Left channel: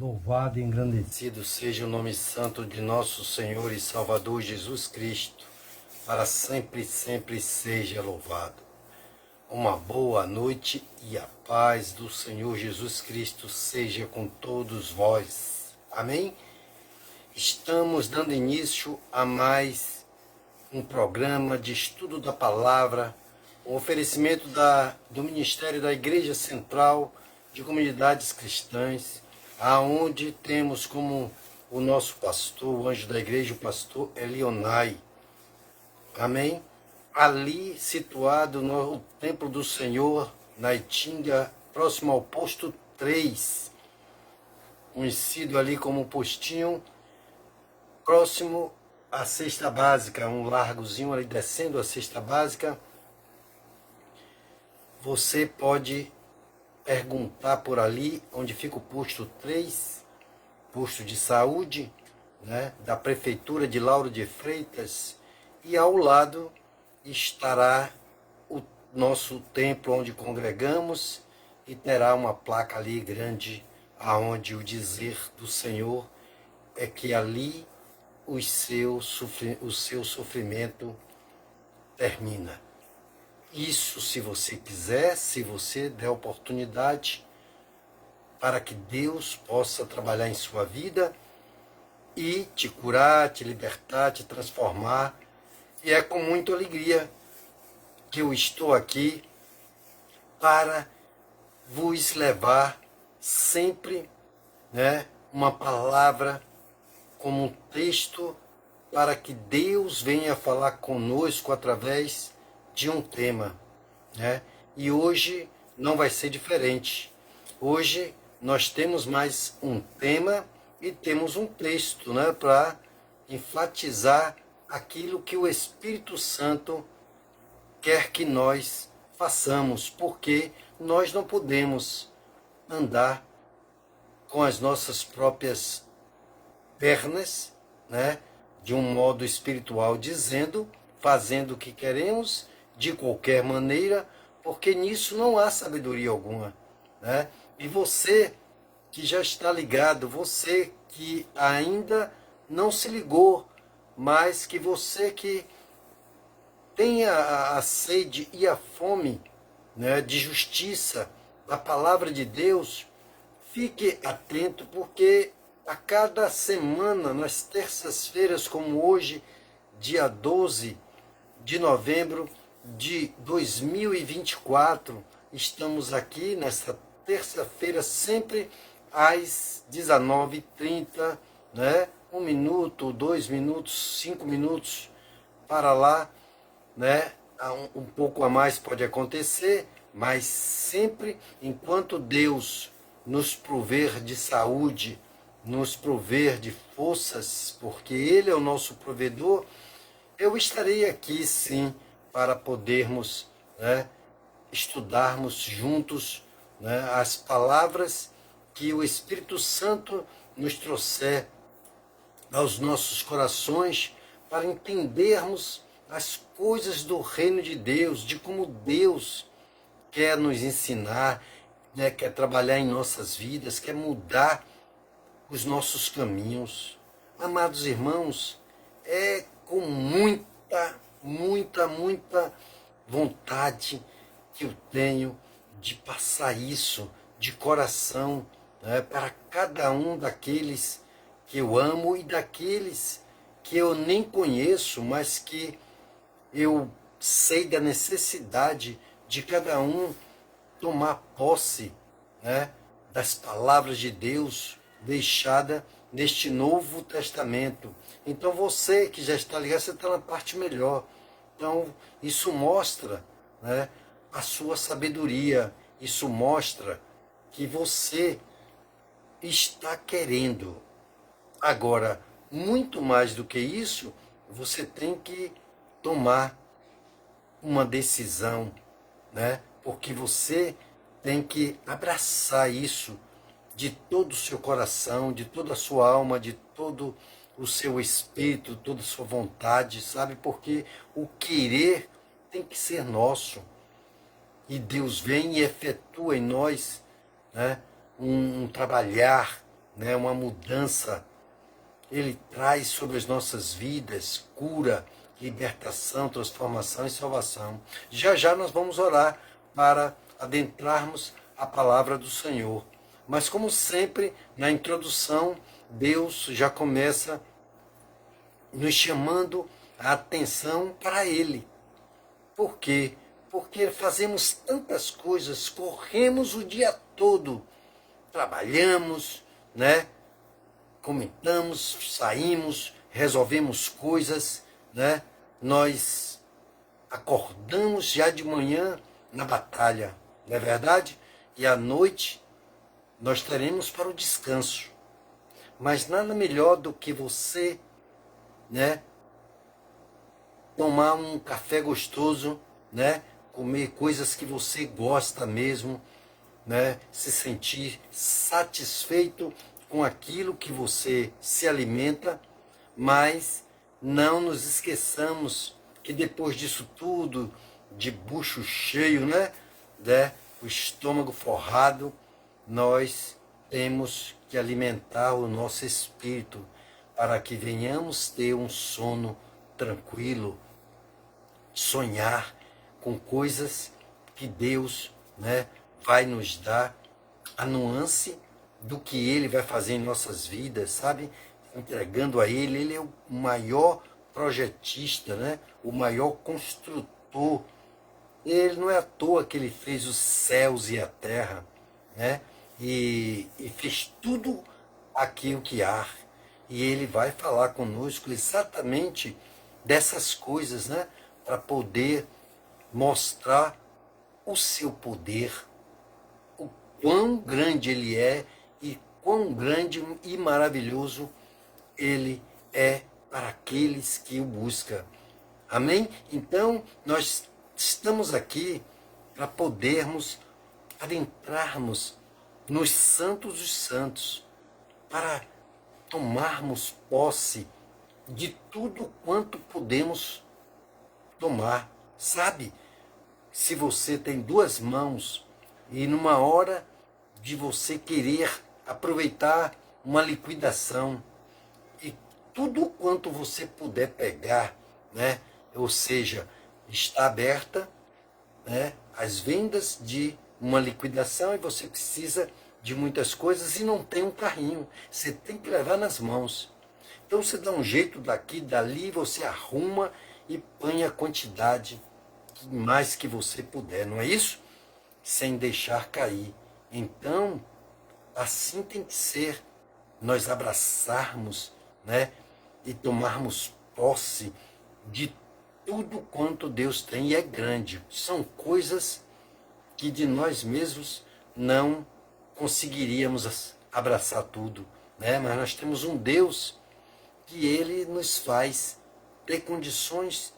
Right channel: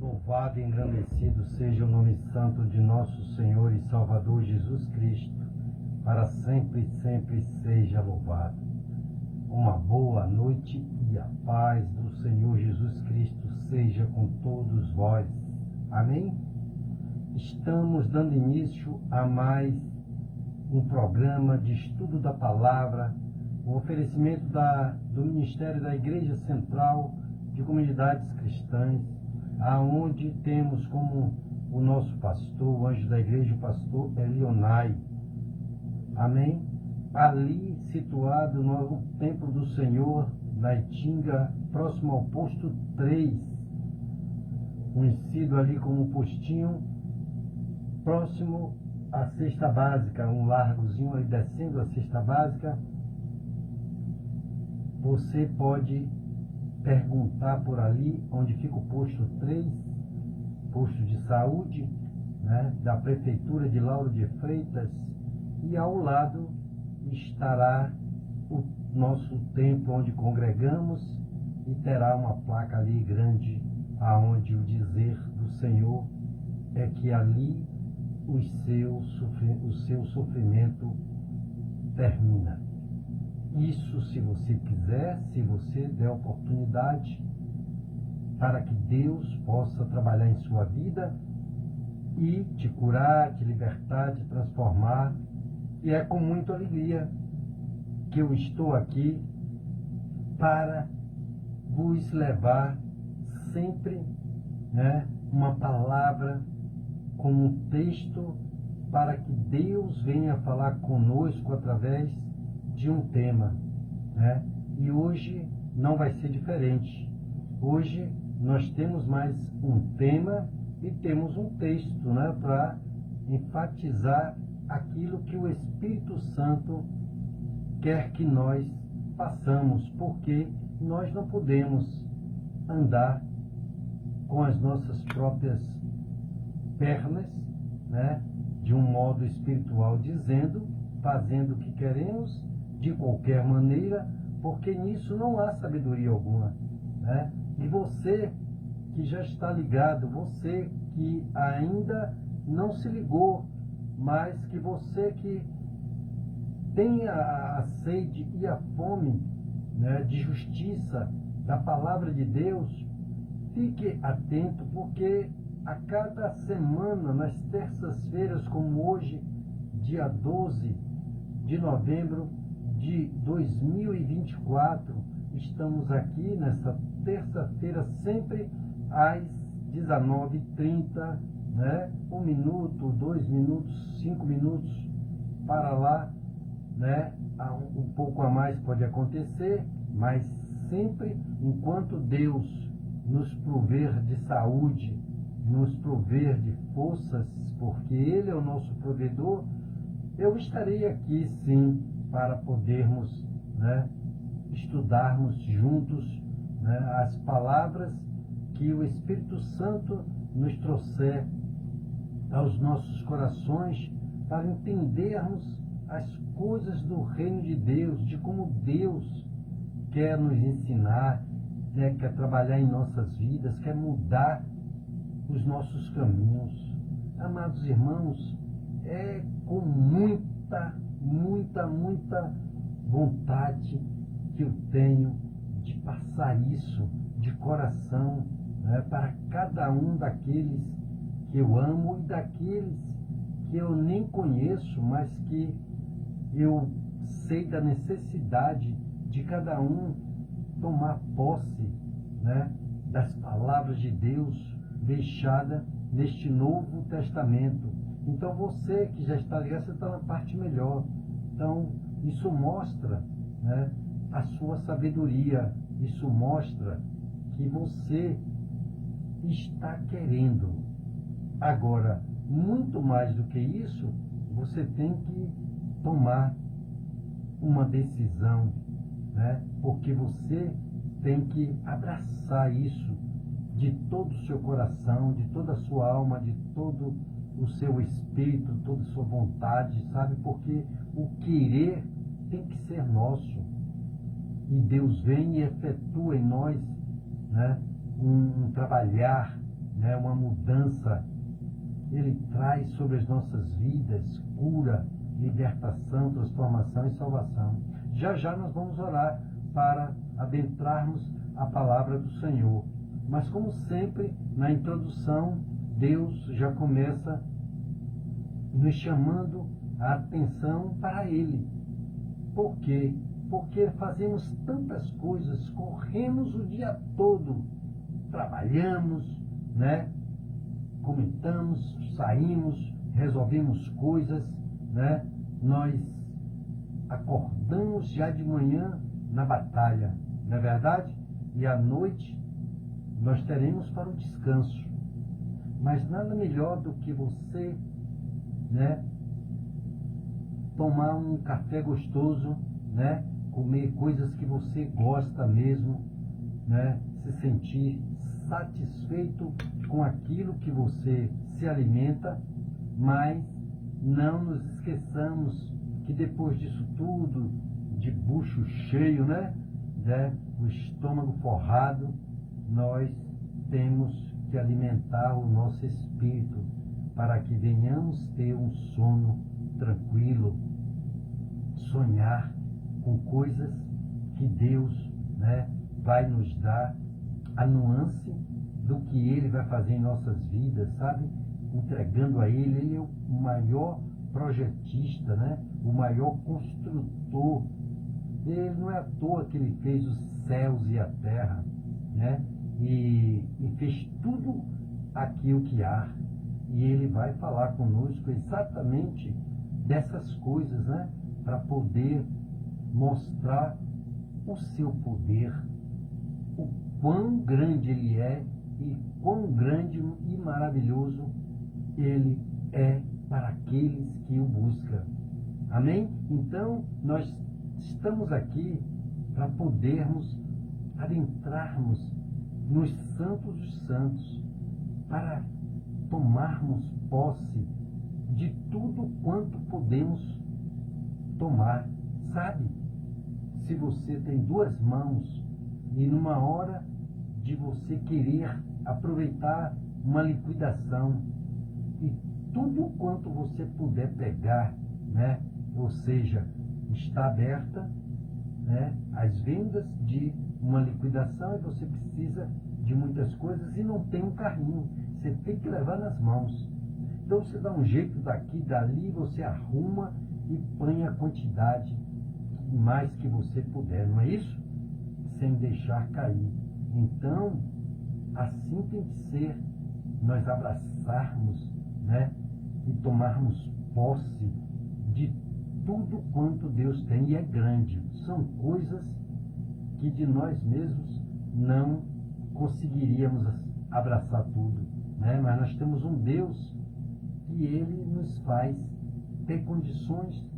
Louvado e engrandecido seja o nome santo de nosso Senhor e Salvador Jesus Cristo, para sempre e sempre seja louvado. Uma boa noite e a paz do Senhor Jesus Cristo seja com todos vós. Amém? Estamos dando início a mais um programa de estudo da palavra, um oferecimento do Ministério da Igreja Central de Comunidades Cristãs, aonde temos como o nosso pastor, o anjo da igreja, o pastor Elionai. Amém? Ali situado no Templo do Senhor, na Itinga, próximo ao posto 3, conhecido ali como postinho, próximo à cesta básica, um largozinho ali descendo a cesta básica. Você pode perguntar por ali onde fica o posto 3, posto de saúde, né, da Prefeitura de Lauro de Freitas, e ao lado estará o nosso templo onde congregamos e terá uma placa ali grande, aonde o dizer do Senhor é que ali o seu sofrimento termina. Isso, se você quiser, se você der oportunidade para que Deus possa trabalhar em sua vida e te curar, te libertar, te transformar. E é com muita alegria que eu estou aqui para vos levar sempre, né, uma palavra como um texto para que Deus venha falar conosco através de um tema, né? E hoje não vai ser diferente. Hoje nós temos mais um tema e temos um texto, né, para enfatizar aquilo que o Espírito Santo quer que nós façamos, porque nós não podemos andar com as nossas próprias pernas, né, de um modo espiritual, dizendo, fazendo o que queremos, de qualquer maneira, porque nisso não há sabedoria alguma, né? E você que já está ligado, você que ainda não se ligou, mas que você que tem a sede e a fome, né, de justiça, da palavra de Deus, fique atento, porque a cada semana, nas terças-feiras, como hoje, dia 12 de novembro de 2024, estamos aqui nesta terça-feira, sempre às 19h30, né? 1 minuto, 2 minutos, 5 minutos para lá, né? Um pouco a mais pode acontecer, mas sempre enquanto Deus nos prover de saúde, nos prover de forças, porque Ele é o nosso provedor, eu estarei aqui sim para podermos, né, estudarmos juntos, né, as palavras que o Espírito Santo nos trouxer aos nossos corações, para entendermos as coisas do reino de Deus, de como Deus quer nos ensinar, né, quer trabalhar em nossas vidas, quer mudar os nossos caminhos. Amados irmãos, é com muita vontade que eu tenho de passar isso de coração, né, para cada um daqueles que eu amo e daqueles que eu nem conheço, mas que eu sei da necessidade de cada um tomar posse, né, das palavras de Deus deixada neste Novo Testamento. Então você que já está ligado, você está na parte melhor. Então isso mostra, né, a sua sabedoria, isso mostra que você está querendo. Agora, muito mais do que isso, você tem que tomar uma decisão, né? Porque você tem que abraçar isso de todo o seu coração, de toda a sua alma, de todo o seu espírito, toda a sua vontade, sabe? Porque o querer tem que ser nosso. E Deus vem e efetua em nós, né, um trabalhar, né, uma mudança. Ele traz sobre as nossas vidas cura, libertação, transformação e salvação. Já já nós vamos orar para adentrarmos a palavra do Senhor. Mas como sempre, na introdução, Deus já começa nos chamando a atenção para Ele. Por quê? Porque fazemos tantas coisas, corremos o dia todo, trabalhamos, né? Comentamos, saímos, resolvemos coisas, né? Nós acordamos já de manhã na batalha, não é verdade? E à noite nós teremos para o descanso. Mas nada melhor do que você, né, tomar um café gostoso, né, comer coisas que você gosta mesmo, né, se sentir satisfeito com aquilo que você se alimenta, mas não nos esqueçamos que depois disso tudo, de bucho cheio, né, o estômago forrado, nós temos que alimentar o nosso espírito para que venhamos ter um sono tranquilo, sonhar com coisas que Deus, né, vai nos dar a nuance do que Ele vai fazer em nossas vidas, sabe? Entregando a Ele. Ele é o maior projetista, né? O maior construtor. Ele não é à toa que Ele fez os céus e a terra, né? E fez tudo aquilo que há. E Ele vai falar conosco exatamente dessas coisas, né? Para poder mostrar o seu poder, o quão grande Ele é e quão grande e maravilhoso Ele é para aqueles que o buscam. Amém? Então, nós estamos aqui para podermos adentrarmos nos santos dos santos, para tomarmos posse de tudo quanto podemos tomar. Sabe, se você tem duas mãos e numa hora de você querer aproveitar uma liquidação e tudo quanto você puder pegar, né? Ou seja, está aberta, né, as vendas de uma liquidação e você precisa de muitas coisas e não tem um carrinho, você tem que levar nas mãos. Então você dá um jeito daqui, dali, você arruma e põe a quantidade mais que você puder, não é isso? Sem deixar cair. Então, assim tem que ser, nós abraçarmos, né, e tomarmos posse de tudo quanto Deus tem, e é grande. São coisas que de nós mesmos não conseguiríamos abraçar tudo, né? Mas nós temos um Deus que Ele nos faz ter condições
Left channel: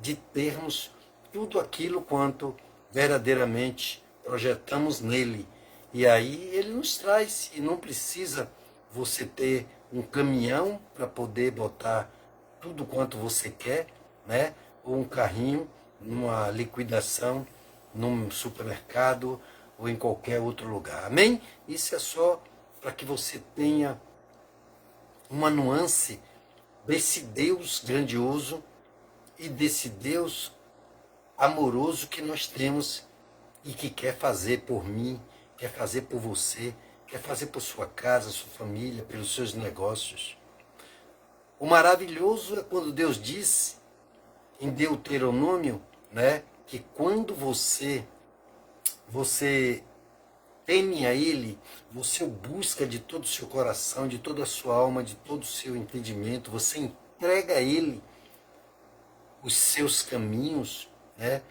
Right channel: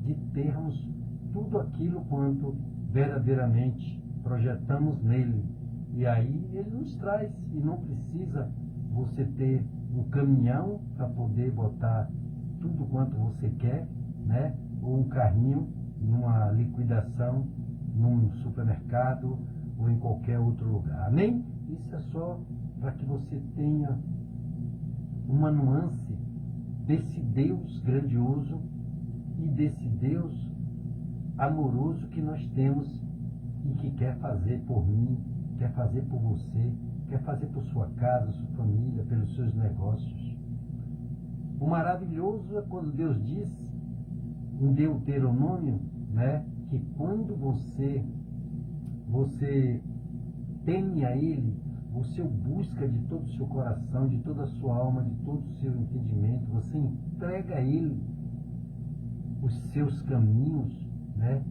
de termos tudo aquilo quanto verdadeiramente projetamos nele. E aí Ele nos traz, e não precisa você ter um caminhão para poder botar tudo quanto você quer, né? Ou um carrinho numa liquidação, num supermercado ou em qualquer outro lugar. Amém? Isso é só para que você tenha uma nuance desse Deus grandioso e desse Deus amoroso que nós temos e que quer fazer por mim, quer fazer por você, quer fazer por sua casa, sua família, pelos seus negócios. O maravilhoso é quando Deus diz em Deuteronômio, né, que quando você teme a Ele, você o busca de todo o seu coração, de toda a sua alma, de todo o seu entendimento, você entrega a Ele os seus caminhos, né,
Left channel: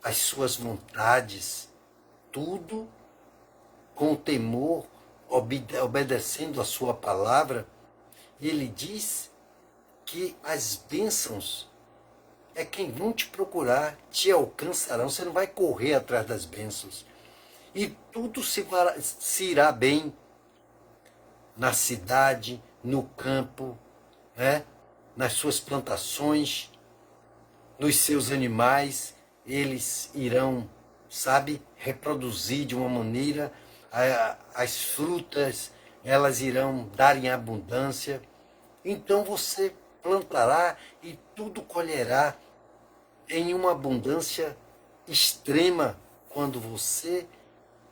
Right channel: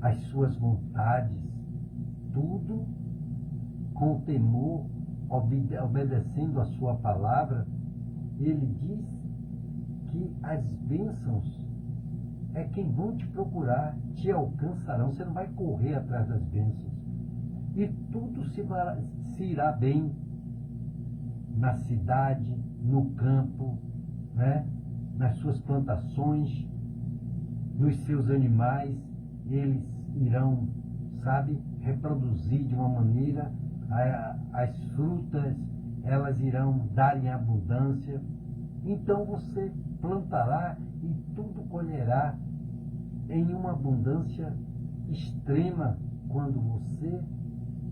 as suas vontades, tudo com temor, obedecendo a sua palavra. E Ele diz que as bênçãos é quem vão te procurar, te alcançarão. Você não vai correr atrás das bênçãos. E tudo se irá bem na cidade, no campo, né? Nas suas plantações, nos seus animais. Eles irão, sabe, reproduzir de uma maneira as frutas, elas irão dar em abundância. Então você plantará e tudo colherá em uma abundância extrema quando você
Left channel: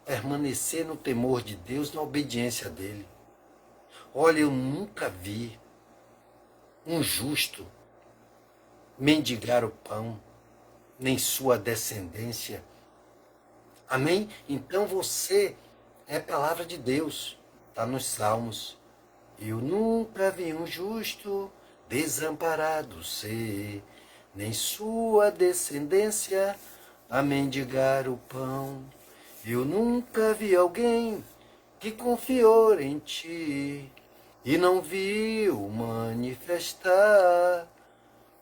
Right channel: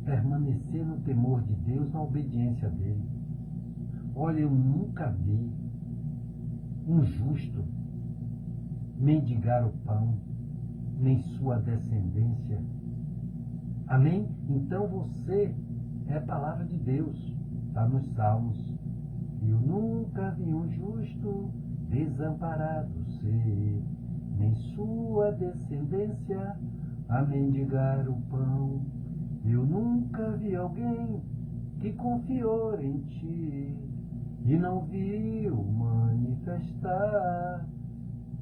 permanecer no temor de Deus, na obediência dele. Olha, eu nunca vi um justo mendigar o pão, nem sua descendência. Amém? Então você é palavra de Deus, está nos Salmos. Eu nunca vi um justo desamparado ser, nem sua descendência a mendigar o pão. Eu nunca vi alguém que confiou em ti e não viu manifestar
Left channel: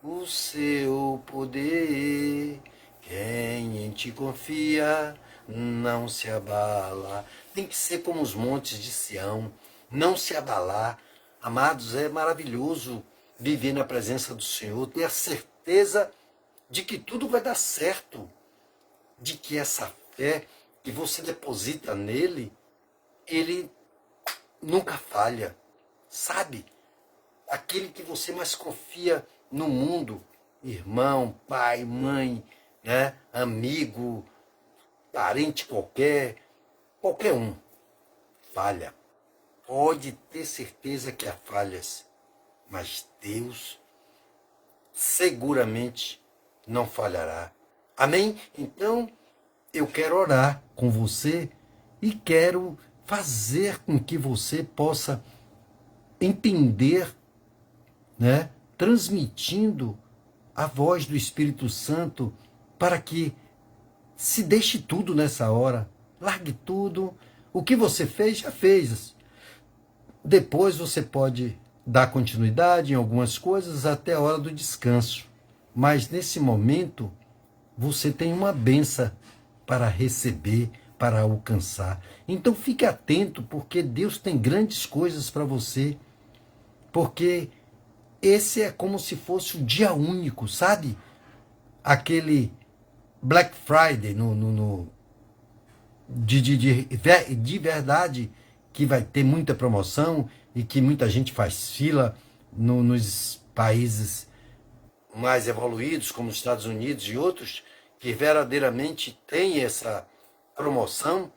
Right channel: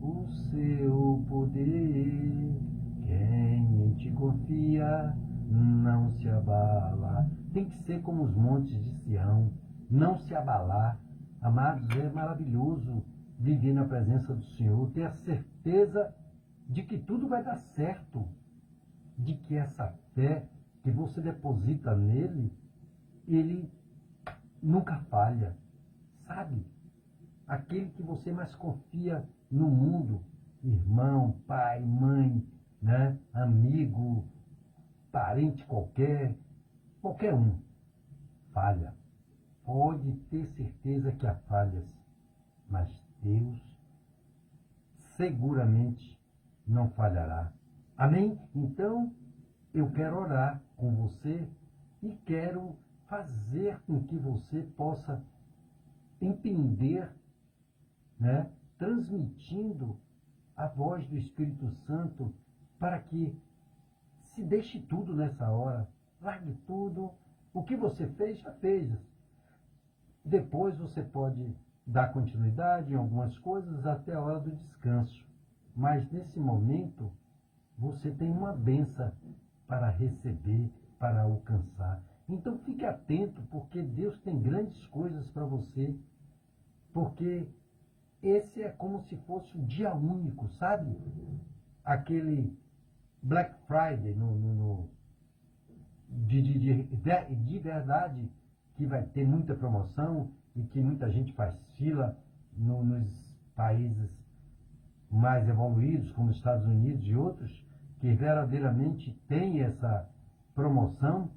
o seu poder. Quem em ti confia não se abala. Tem que ser como os montes de Sião, não se abalar. Amados, é maravilhoso viver na presença do Senhor, ter a certeza de que tudo vai dar certo, de que essa fé que você deposita nele, ele nunca falha, sabe? Aquele que você mais confia no mundo, irmão, pai, mãe, né? Amigo, parente qualquer um, falha. Pode ter certeza que há falhas, mas Deus seguramente não falhará. Amém? Então, eu quero orar com você e quero fazer com que você possa entender, né, transmitindo a voz do Espírito Santo para que se deixe tudo nessa hora, largue tudo, o que você fez, já fez. Depois você pode dar continuidade em algumas coisas até a hora do descanso, mas nesse momento você tem uma bênção para receber, para alcançar. Então fique atento, porque Deus tem grandes coisas para você, porque esse é como se fosse um dia único, sabe? Aquele Black Friday de verdade, que vai ter muita promoção e que muita gente faz fila nos países mais evoluídos, como os Estados Unidos e outros, que verdadeiramente tem essa promoção.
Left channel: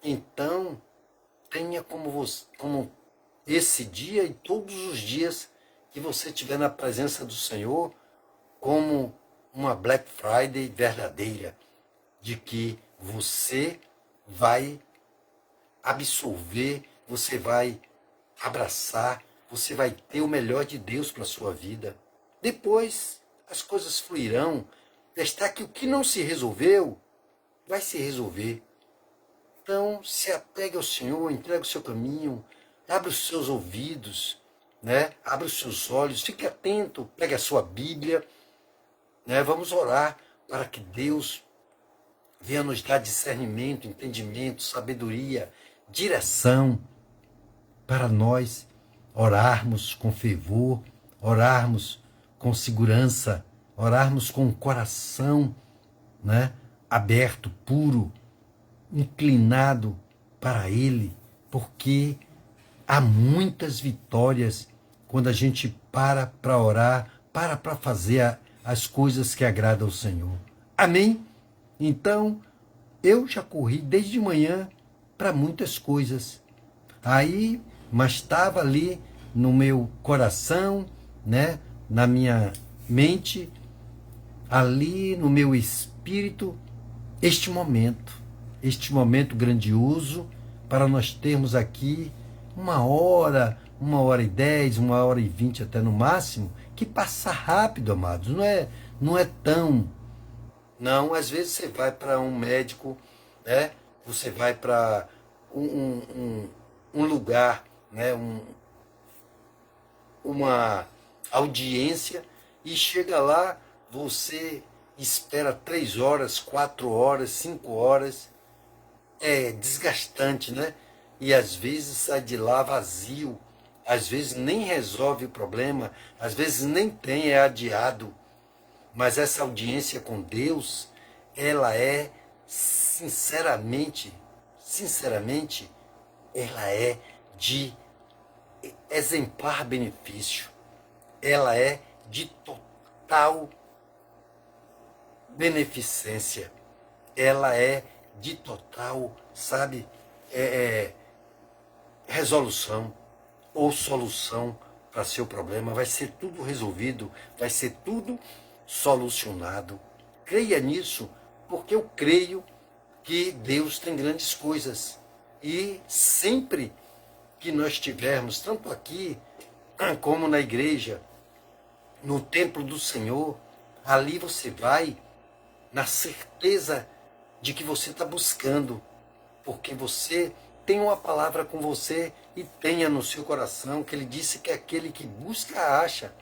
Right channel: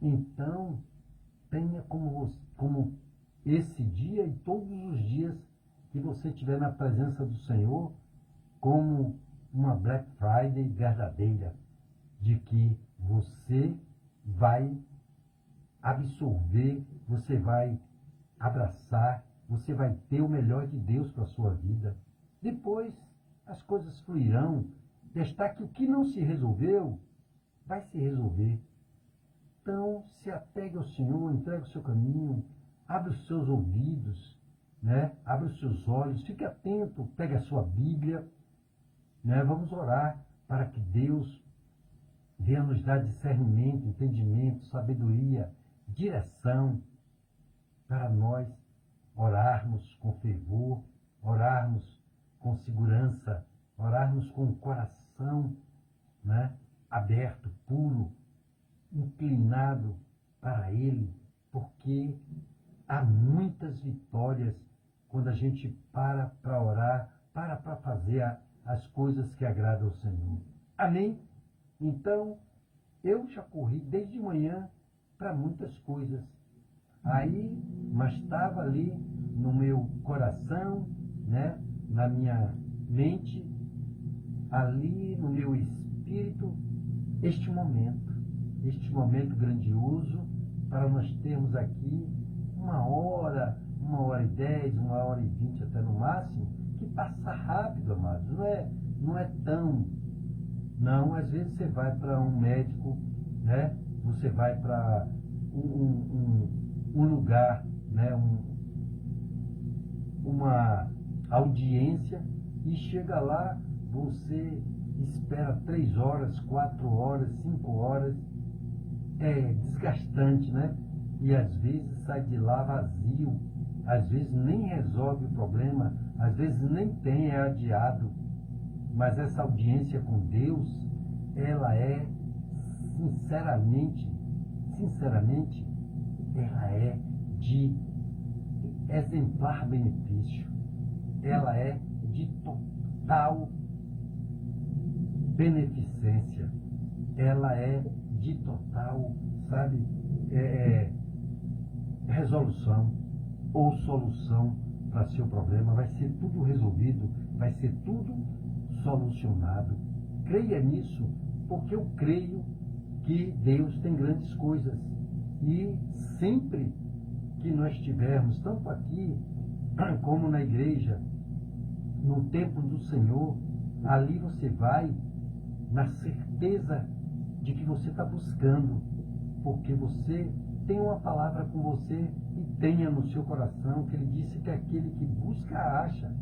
Então, tenha como esse dia e todos os dias que você estiver na presença do Senhor, como uma Black Friday verdadeira, de que você vai absorver, você vai abraçar, você vai ter o melhor de Deus para a sua vida. Depois as coisas fluirão. Está que o que não se resolveu, vai se resolver. Então, se apegue ao Senhor, entregue o seu caminho, abra os seus ouvidos, né? Abra os seus olhos, fique atento, pegue a sua Bíblia, né? Vamos orar para que Deus venha nos dar discernimento, entendimento, sabedoria, direção, para nós orarmos com fervor, orarmos com segurança, orarmos com o coração, né, aberto, puro, inclinado para Ele, porque há muitas vitórias quando a gente para orar, para fazer as coisas que agradam ao Senhor. Amém? Então, eu já corri desde manhã para muitas coisas. Aí, mas estava ali no meu coração, né, na minha mente, ali no meu espírito, este momento grandioso, para nós termos aqui 1 hora, 1h10, 1h20 até no máximo, que passa rápido, amados. Não é tão... Não, às vezes você vai para um médico, né? Você vai para um lugar, né? Uma audiência, e chega lá, você espera 3 horas, 4 horas, 5 horas. É desgastante, né? E às vezes sai de lá vazio, às vezes nem resolve o problema, às vezes nem tem, é adiado. Mas essa audiência com Deus, ela é sinceramente, ela é de exemplar benefício, ela é de total beneficência, ela é de total, sabe, resolução ou solução para seu problema. Vai ser tudo resolvido, vai ser tudo solucionado. Creia nisso, porque eu creio que Deus tem grandes coisas. E sempre que nós estivermos, tanto aqui como na igreja, no templo do Senhor, ali você vai na certeza de que você está buscando, porque você tem uma palavra com você e tenha no seu coração que ele disse que aquele que busca acha,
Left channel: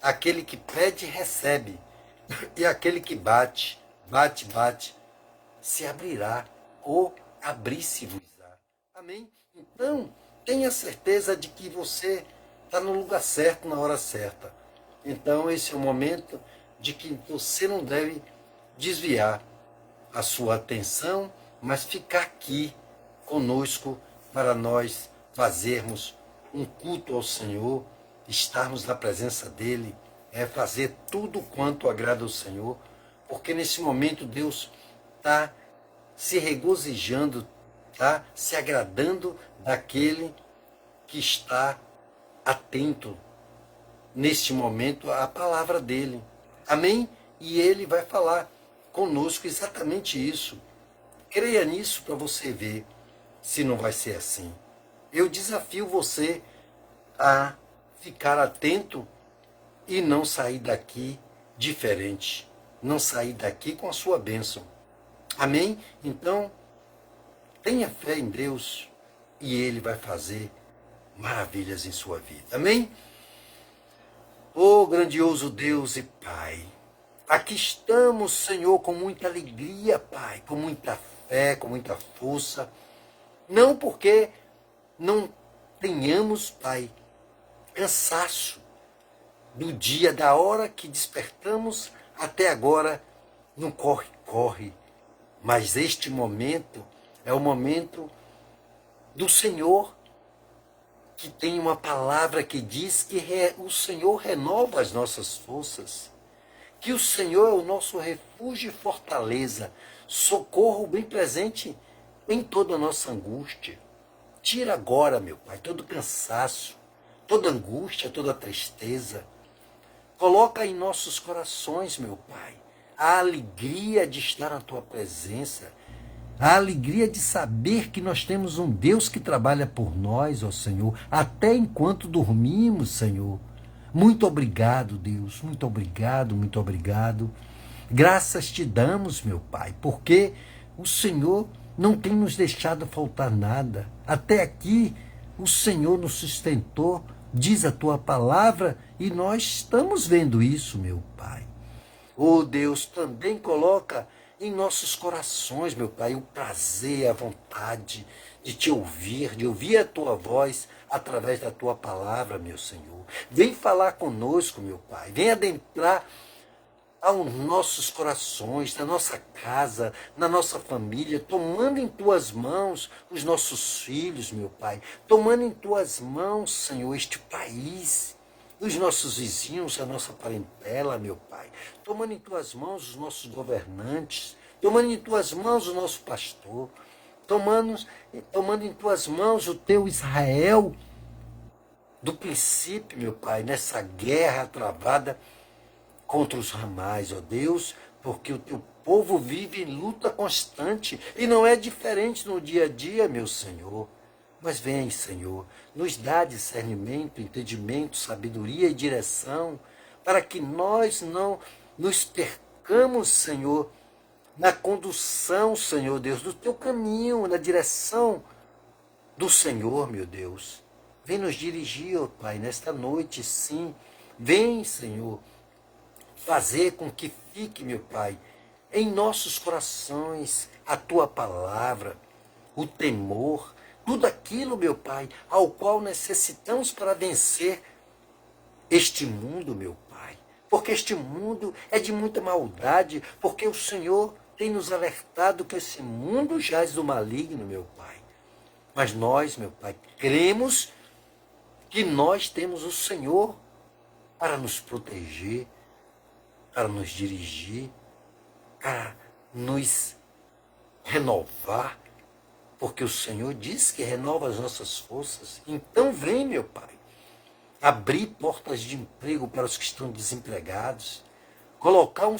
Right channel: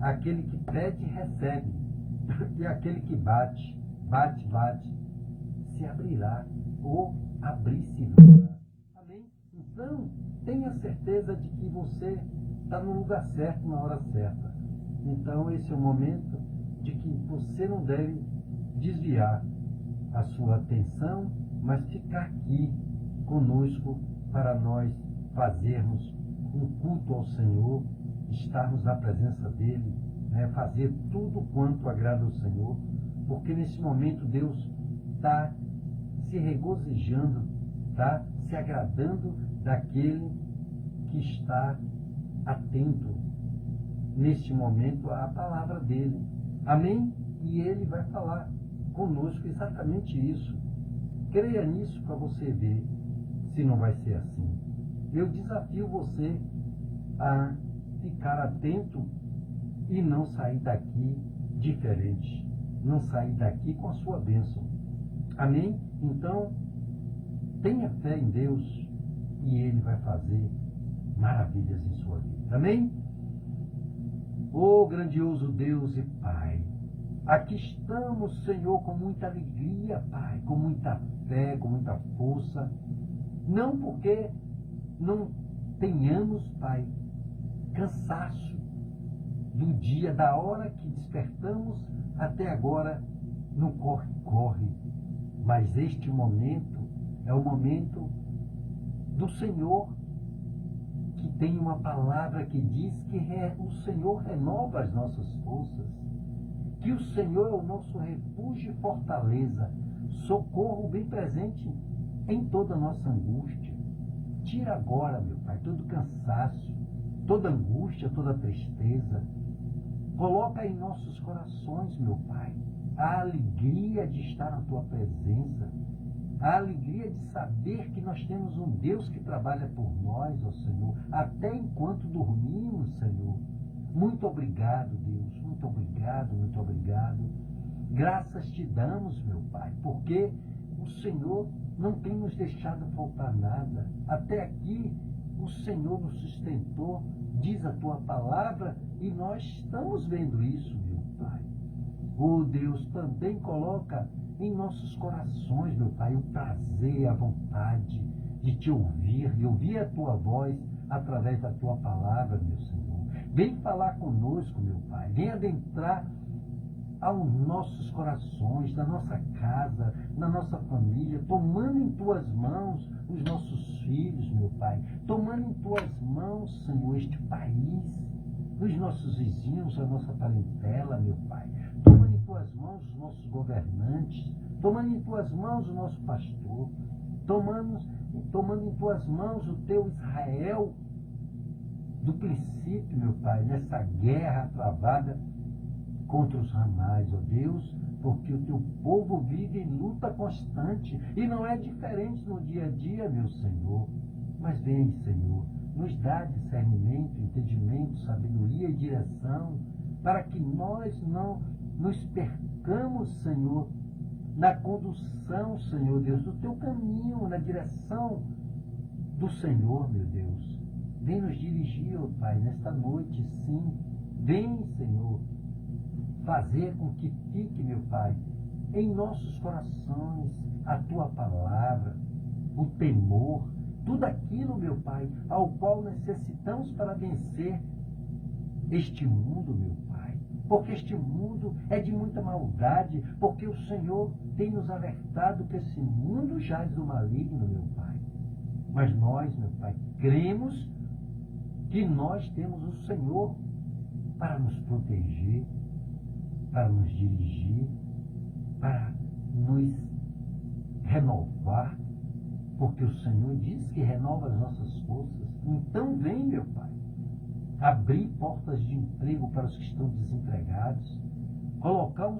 aquele que pede recebe, e aquele que bate, se abrirá, ou abrir-se-vos-á. Amém? Então, tenha certeza de que você está no lugar certo, na hora certa. Então, esse é o momento de que você não deve desviar a sua atenção, mas ficar aqui conosco para nós fazermos um culto ao Senhor, estarmos na presença dEle, fazer tudo quanto agrada ao Senhor, porque nesse momento Deus está se regozijando, está se agradando daquele que está atento neste momento à palavra dEle. Amém? E Ele vai falar conosco exatamente isso. Creia nisso para você ver se não vai ser assim. Eu desafio você a ficar atento e não sair daqui diferente. Não sair daqui com a sua bênção. Amém? Então, tenha fé em Deus e Ele vai fazer maravilhas em sua vida. Amém? Ô grandioso Deus e Pai, aqui estamos, Senhor, com muita alegria, Pai, com muita fé, com muita força. Não porque não tenhamos, Pai, cansaço do dia, da hora que despertamos até agora, no corre-corre. Mas este momento é o momento do Senhor, que tem uma palavra que diz que o Senhor renova as nossas forças, que o Senhor é o nosso refúgio e fortaleza, socorro bem presente em toda a nossa angústia. Tira agora, meu Pai, todo cansaço, toda angústia, toda tristeza. Coloca em nossos corações, meu Pai, a alegria de estar na Tua presença, a alegria de saber que nós temos um Deus que trabalha por nós, ó Senhor, até enquanto dormimos, Senhor. Muito obrigado, Deus, muito obrigado, muito obrigado. Graças te damos, meu Pai, porque o Senhor não tem nos deixado faltar nada. Até aqui, o Senhor nos sustentou, diz a Tua palavra, e nós estamos vendo isso, meu Pai. Oh Deus, também coloca em nossos corações, meu Pai, o prazer, a vontade de Te ouvir, de ouvir a Tua voz através da Tua palavra, meu Senhor. Vem falar conosco, meu Pai, vem adentrar aos nossos corações, na nossa casa, na nossa família, tomando em Tuas mãos os nossos filhos, meu Pai, tomando em Tuas mãos, Senhor, este país, os nossos vizinhos, a nossa parentela, meu Pai, tomando em Tuas mãos os nossos governantes, tomando em Tuas mãos o nosso pastor, tomando em Tuas mãos o Teu Israel, do princípio, meu Pai, nessa guerra travada contra os ramais, ó Deus, porque o Teu povo vive em luta constante, e não é diferente no dia a dia, meu Senhor. Mas vem, Senhor, nos dá discernimento, entendimento, sabedoria e direção, para que nós não nos percamos, Senhor, na condução, Senhor Deus, do Teu caminho, na direção do Senhor, meu Deus. Vem nos dirigir, ó Pai, nesta noite, sim. Vem, Senhor, fazer com que fique, meu Pai, em nossos corações a Tua palavra, o temor, tudo aquilo, meu Pai, ao qual necessitamos para vencer este mundo, meu Pai. Porque este mundo é de muita maldade, porque o Senhor tem nos alertado que esse mundo jaz do maligno, meu Pai. Mas nós, meu Pai, cremos que nós temos o Senhor para nos proteger, para nos dirigir, para nos renovar, porque o Senhor diz que renova as nossas forças. Então vem, meu Pai, abrir portas de emprego para os que estão desempregados, colocar um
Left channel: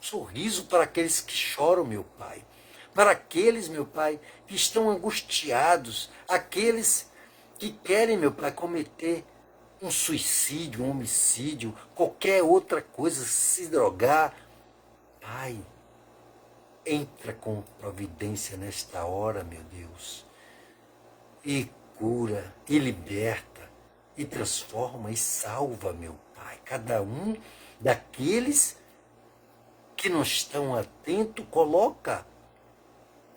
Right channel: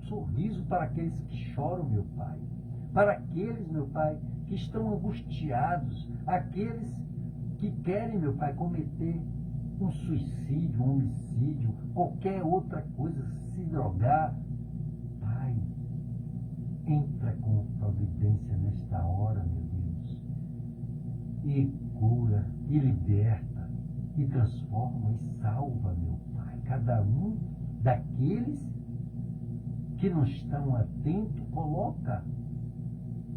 sorriso para aqueles que choram, meu Pai, para aqueles, meu Pai, que estão angustiados, aqueles que querem, meu Pai, cometer um suicídio, um homicídio, qualquer outra coisa, se drogar. Pai, entra com providência nesta hora, meu Deus, e cura, e liberta, e transforma, e salva, meu Pai, cada um daqueles que não estão atentos. Coloca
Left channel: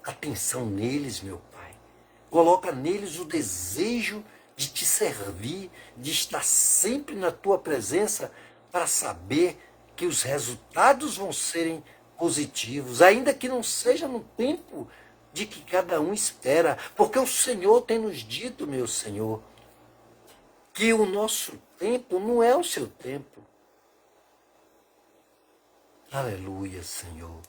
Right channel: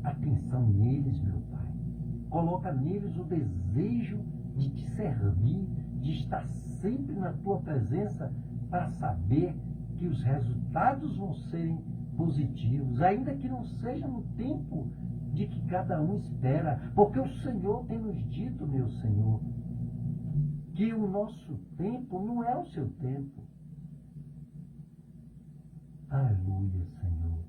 atenção neles, meu Pai, coloca neles o desejo de te servir, de estar sempre na tua presença, para saber que os resultados vão serem positivos, ainda que não seja no tempo de que cada um espera, porque o Senhor tem nos dito, meu Senhor, que o nosso tempo não é o seu tempo. Aleluia, Senhor.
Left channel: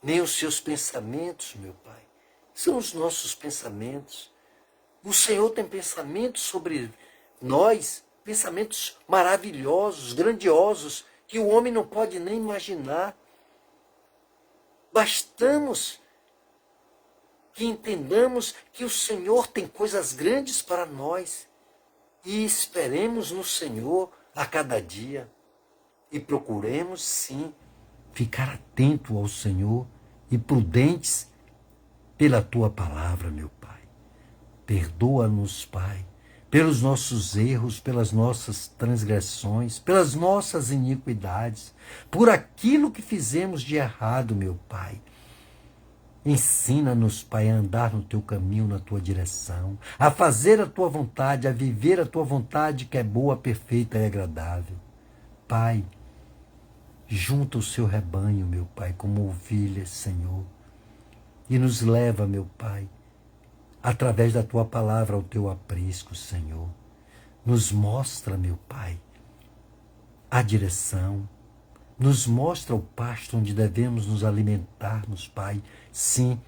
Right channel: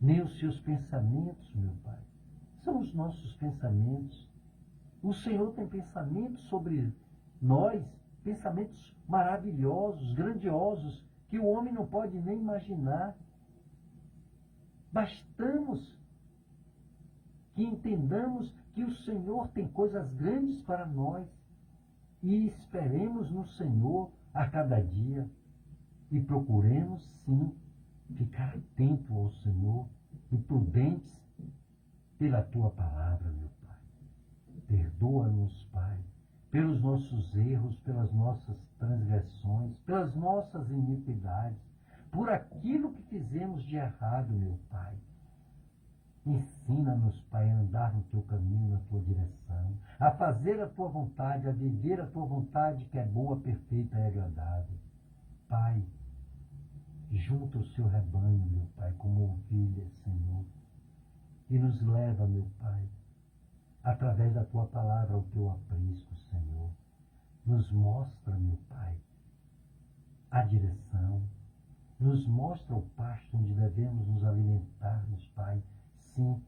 Nem os seus pensamentos, meu Pai, são os nossos pensamentos. O Senhor tem pensamentos sobre nós, pensamentos maravilhosos, grandiosos, que o homem não pode nem imaginar. Bastamos que entendamos que o Senhor tem coisas grandes para nós e esperemos no Senhor a cada dia e procuremos, sim, ficar atento ao Senhor e prudentes pela Tua palavra, meu Pai. Perdoa-nos, Pai, pelos nossos erros, pelas nossas transgressões, pelas nossas iniquidades, por aquilo que fizemos de errado, meu Pai. Ensina-nos, Pai, a andar no Teu caminho, na Tua direção, a fazer a Tua vontade, a viver a Tua vontade, que é boa, perfeita e agradável. Pai, junta o Seu rebanho, meu Pai, como ovelhas, Senhor, e nos leva, meu Pai, através da Tua palavra ao Teu aprisco, Senhor. Nos mostra, meu Pai, a direção, nos mostra o pasto onde devemos nos alimentarmos, Pai, sim,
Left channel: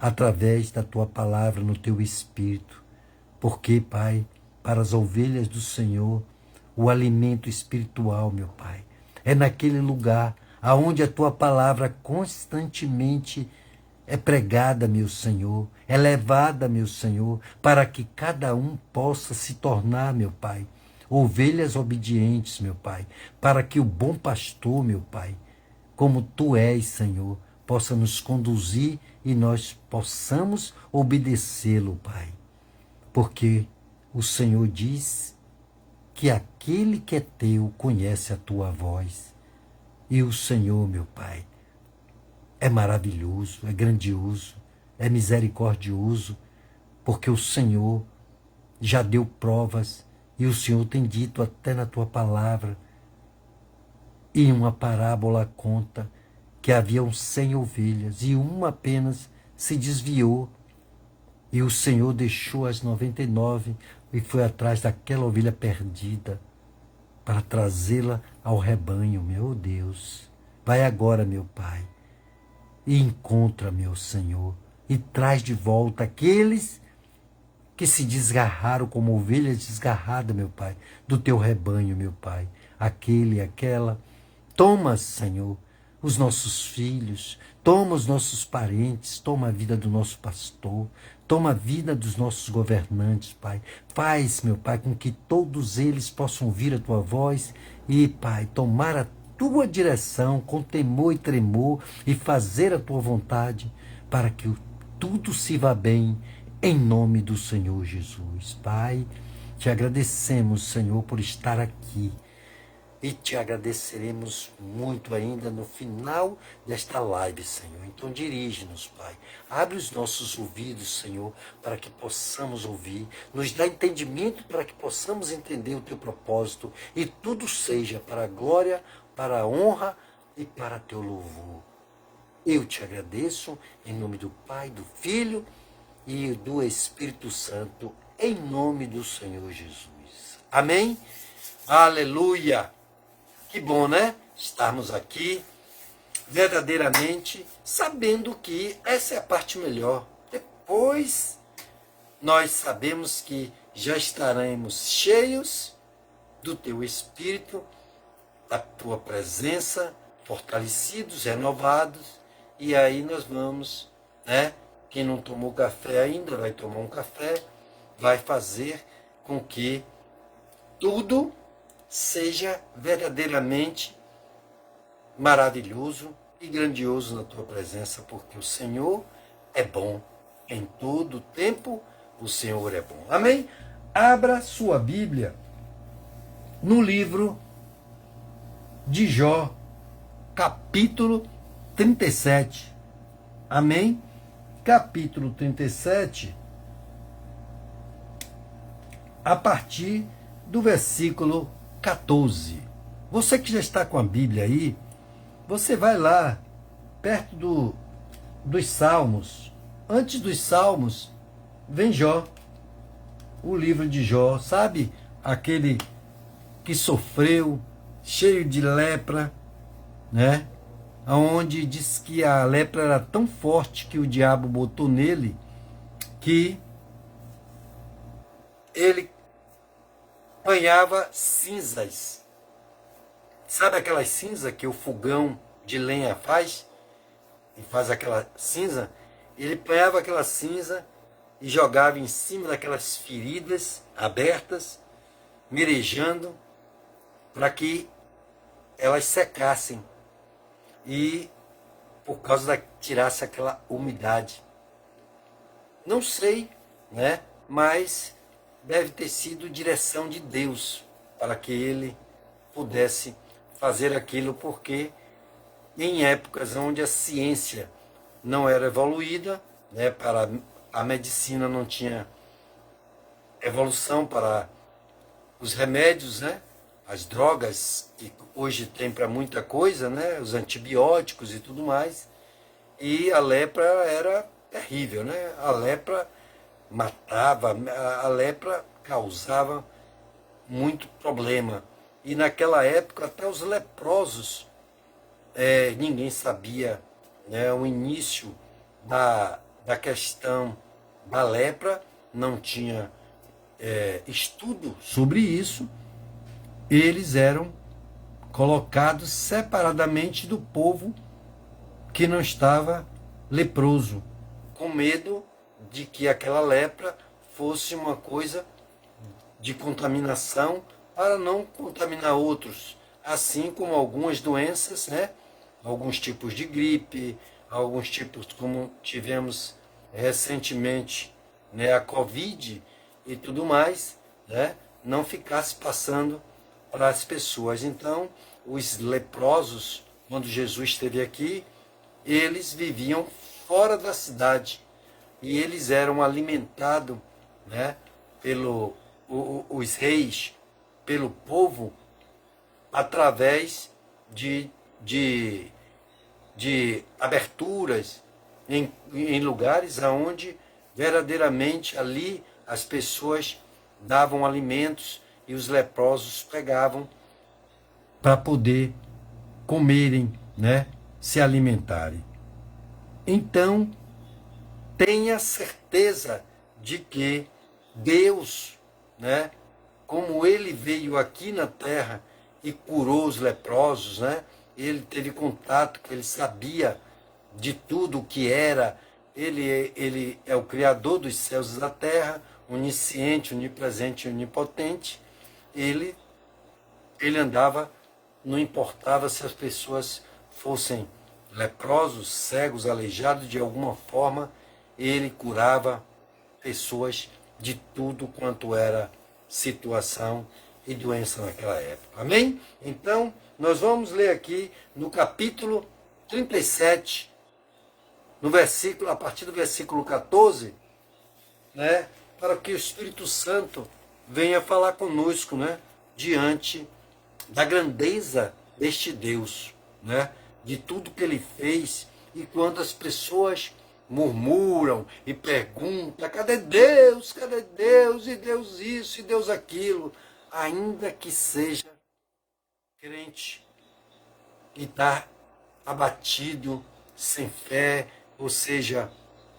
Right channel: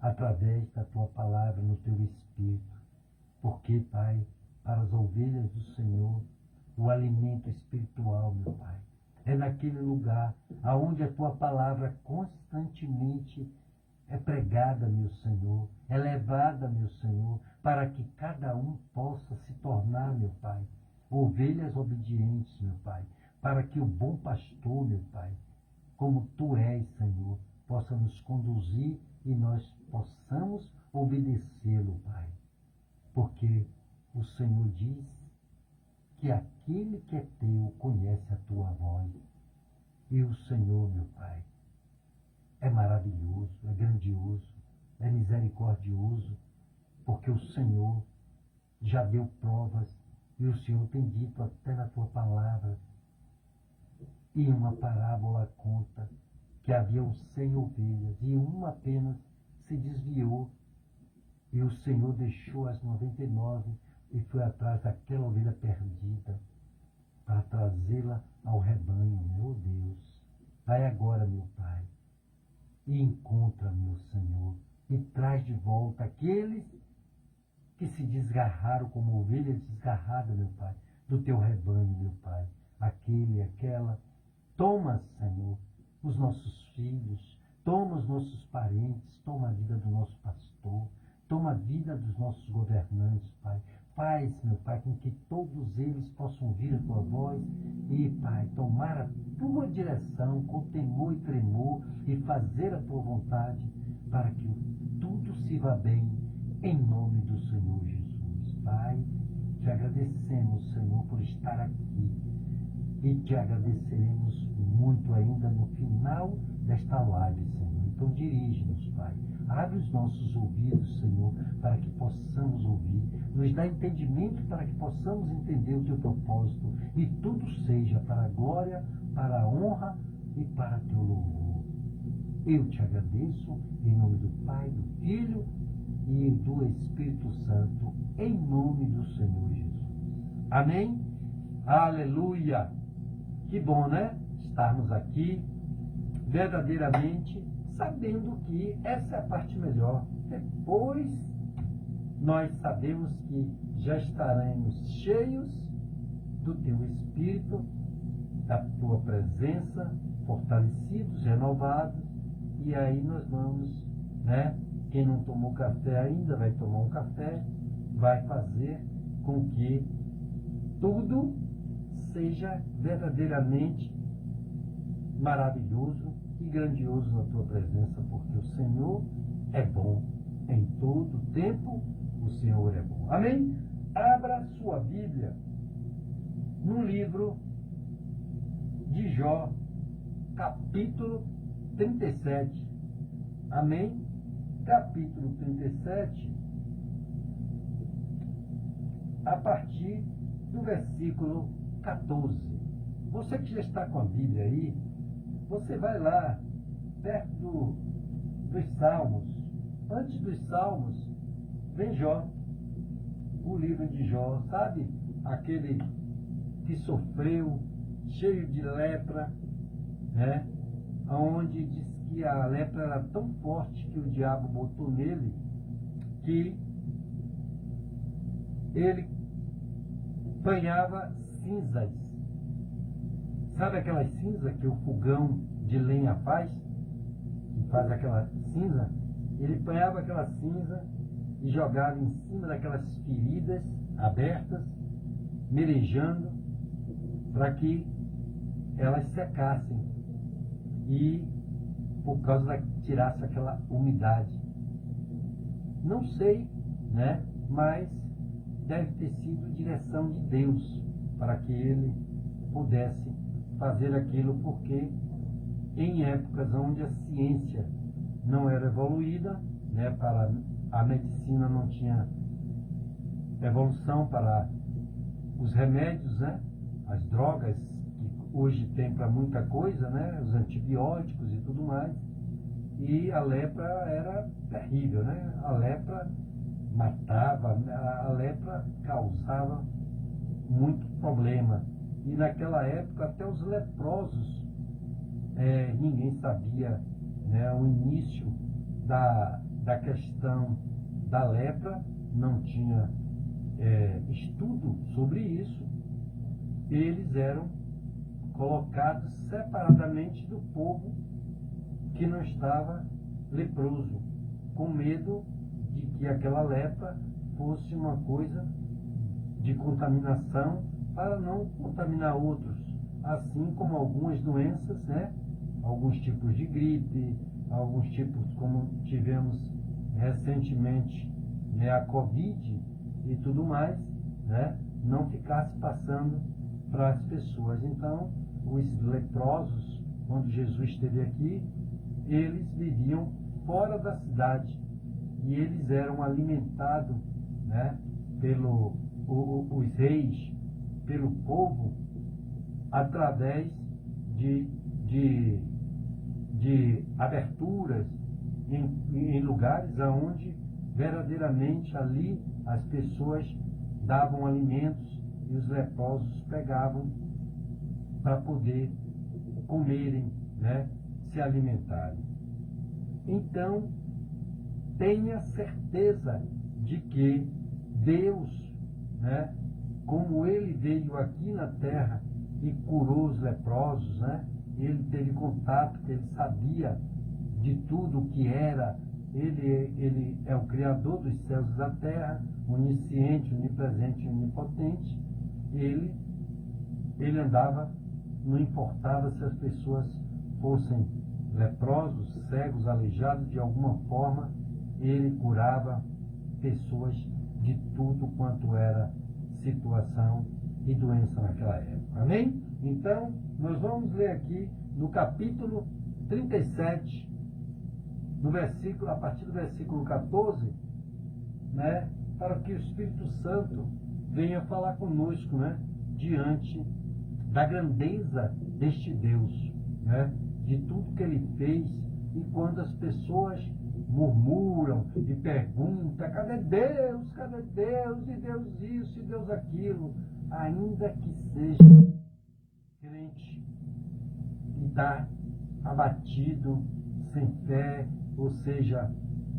através da Tua palavra no Teu Espírito, porque, Pai, para as ovelhas do Senhor, o alimento espiritual, meu Pai, é naquele lugar aonde a Tua palavra constantemente é pregada, meu Senhor, é levada, meu Senhor, para que cada um possa se tornar, meu Pai, ovelhas obedientes, meu Pai, para que o bom pastor, meu Pai, como Tu és, Senhor, possa nos conduzir e nós possamos obedecê-lo, Pai. Porque o Senhor diz que aquele que é Teu conhece a Tua voz. E o Senhor, meu Pai, é maravilhoso, é grandioso, é misericordioso, porque o Senhor já deu provas e o Senhor tem dito até na Tua palavra, e em uma parábola conta que haviam 100 ovelhas e uma apenas se desviou e o Senhor deixou as 99 e foi atrás daquela ovelha perdida para trazê-la ao rebanho. Meu Deus, vai agora, meu Pai, e encontra, meu Senhor, e traz de volta aqueles que se desgarraram como ovelhas desgarradas, meu Pai, do Teu rebanho, meu Pai. Aquele e aquela. Toma, Senhor, os nossos filhos, toma os nossos parentes, toma a vida do nosso pastor, toma a vida dos nossos governantes, Pai. Faz, meu Pai, com que todos eles possam ouvir a Tua voz e, Pai, tomar a Tua direção com temor e tremor e fazer a Tua vontade para que tudo se vá bem em nome do Senhor Jesus. Pai, te agradecemos, Senhor, por estar aqui e te agradeceremos muito ainda no final desta live, Senhor. Então dirige-nos, Pai. Abre os nossos ouvidos, Senhor, para que possamos ouvir. Nos dá entendimento para que possamos entender o Teu propósito e tudo seja para a glória, para a honra e para Teu louvor. Eu te agradeço em nome do Pai, do Filho e do Espírito Santo, em nome do Senhor Jesus. Amém? Aleluia! Que bom, né? Estarmos aqui, verdadeiramente, sabendo que essa é a parte melhor. Depois, nós sabemos que já estaremos cheios do Teu Espírito, da Tua presença, fortalecidos, renovados, e aí nós vamos, né? Quem não tomou café ainda vai tomar um café, vai fazer com que tudo seja verdadeiramente maravilhoso e grandioso na Tua presença, porque o Senhor é bom em todo tempo, o Senhor é bom. Amém? Abra sua Bíblia no livro de Jó, capítulo 37. Amém? Capítulo 37, a partir do versículo 14. Você que já está com a Bíblia aí, você vai lá, perto dos Salmos. Antes dos Salmos, vem Jó, o livro de Jó, sabe? Aquele que sofreu, cheio de lepra, né? Onde diz que a lepra era tão forte que o diabo botou nele, que ele apanhava cinzas. Sabe aquelas cinzas que o fogão de lenha faz? E faz aquela cinza? Ele apanhava aquela cinza e jogava em cima daquelas feridas abertas, merejando, para que elas secassem. E por causa da tirasse aquela umidade. Não sei, né? Mas deve ter sido direção de Deus para que ele pudesse fazer aquilo, porque em épocas onde a ciência não era evoluída, né, para a medicina não tinha evolução para os remédios, né, as drogas que hoje tem para muita coisa, né, os antibióticos e tudo mais, e a lepra era terrível, né? A lepra matava, a lepra causava muito problema. E naquela época até os leprosos, ninguém sabia, né, o início da questão da lepra, não tinha estudo sobre isso. Eles eram colocados separadamente do povo que não estava leproso, com medo de que aquela lepra fosse uma coisa de contaminação para não contaminar outros, assim como algumas doenças, né? Alguns tipos de gripe, alguns tipos como tivemos recentemente, né, a Covid e tudo mais, né, não ficasse passando para as pessoas. Então, os leprosos, quando Jesus esteve aqui, eles viviam fora da cidade e eles eram alimentados, né, os reis, pelo povo, através de aberturas em lugares onde verdadeiramente ali as pessoas davam alimentos e os leprosos pegavam para poder comerem, né, se alimentarem. Então, tenha certeza de que Deus, né, como ele veio aqui na terra e curou os leprosos, né, ele teve contato, ele sabia de tudo o que era, ele é o Criador dos céus e da terra, onisciente, onipresente e onipotente. Ele andava, não importava se as pessoas fossem leprosos, cegos, aleijados, de alguma forma, ele curava pessoas de tudo quanto era situação e doença naquela época. Amém? Então, nós vamos ler aqui no capítulo 37, no versículo, a partir do versículo 14, né, para que o Espírito Santo venha falar conosco, né, diante da grandeza deste Deus, né, de tudo que ele fez. E quando as pessoas murmuram e perguntam: cadê Deus? Cadê Deus? E Deus isso, e Deus aquilo. Ainda que seja crente e está abatido, sem fé, ou seja,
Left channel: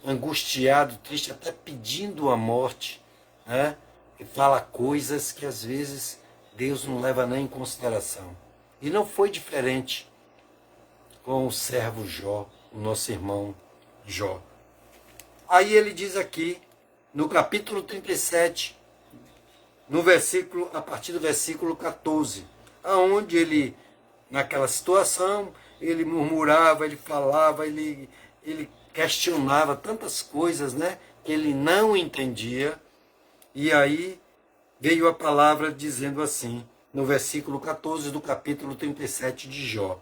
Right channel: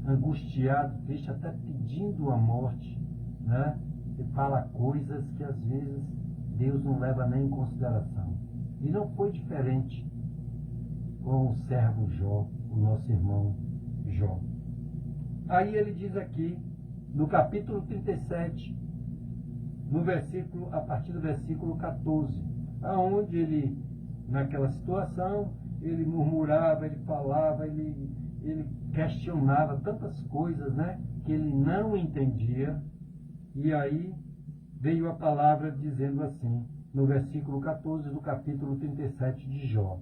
angustiado, triste, até pedindo a morte, né? E fala coisas que às vezes Deus não leva nem em consideração. E não foi diferente com o servo Jó, o nosso irmão Jó. Aí ele diz aqui, no capítulo 37, no versículo, a partir do versículo 14, aonde ele, naquela situação, ele murmurava, ele falava, ele questionava tantas coisas, né, que ele não entendia. E aí veio a palavra dizendo assim, no versículo 14 do capítulo 37 de Jó:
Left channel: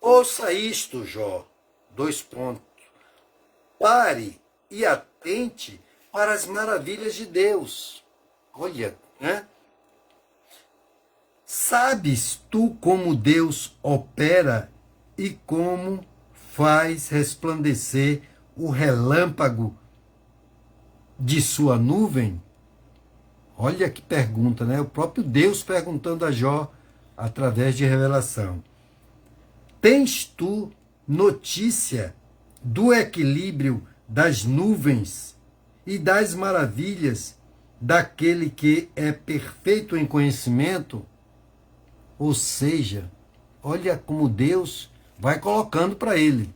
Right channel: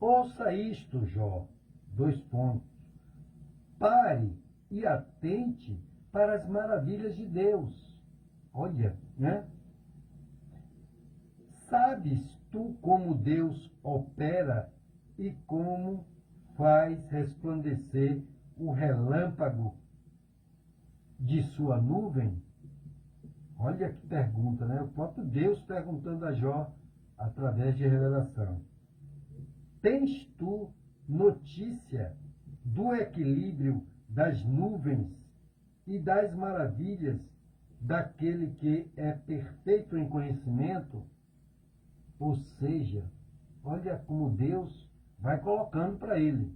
ouça isto, Jó, : pare e atente para as maravilhas de Deus. Olha, né? Sabes tu como Deus opera e como faz resplandecer o relâmpago de sua nuvem? Olha que pergunta, né? O próprio Deus perguntando a Jó através de revelação. Tens tu notícia do equilíbrio das nuvens e das maravilhas daquele que é perfeito em conhecimento? Ou seja, olha como Deus vai colocando para ele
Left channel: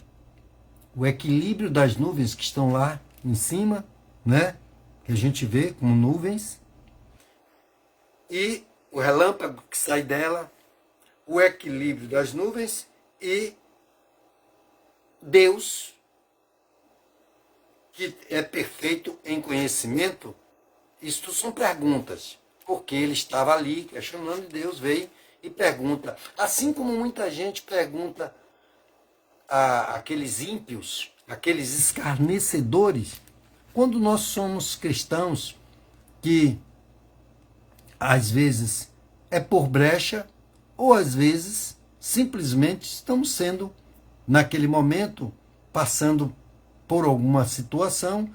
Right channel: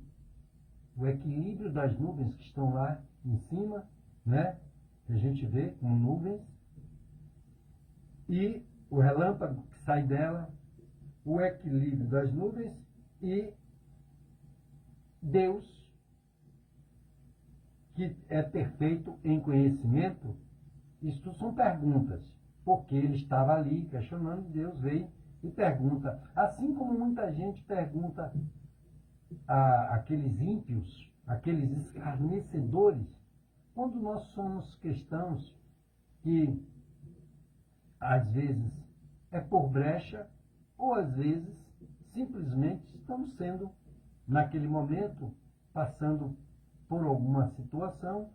o equilíbrio das nuvens que estão lá em cima, né? Que a gente vê como nuvens, e o relâmpago que sai dela, o equilíbrio das nuvens e Deus, que é perfeito em conhecimento. Isto são perguntas, porque ele estava ali questionando e Deus veio e pergunta. Assim como muita gente pergunta àqueles ímpios, aqueles escarnecedores, quando nós somos cristãos, que às vezes é por brecha, ou às vezes simplesmente estamos sendo, naquele momento, passando por alguma situação,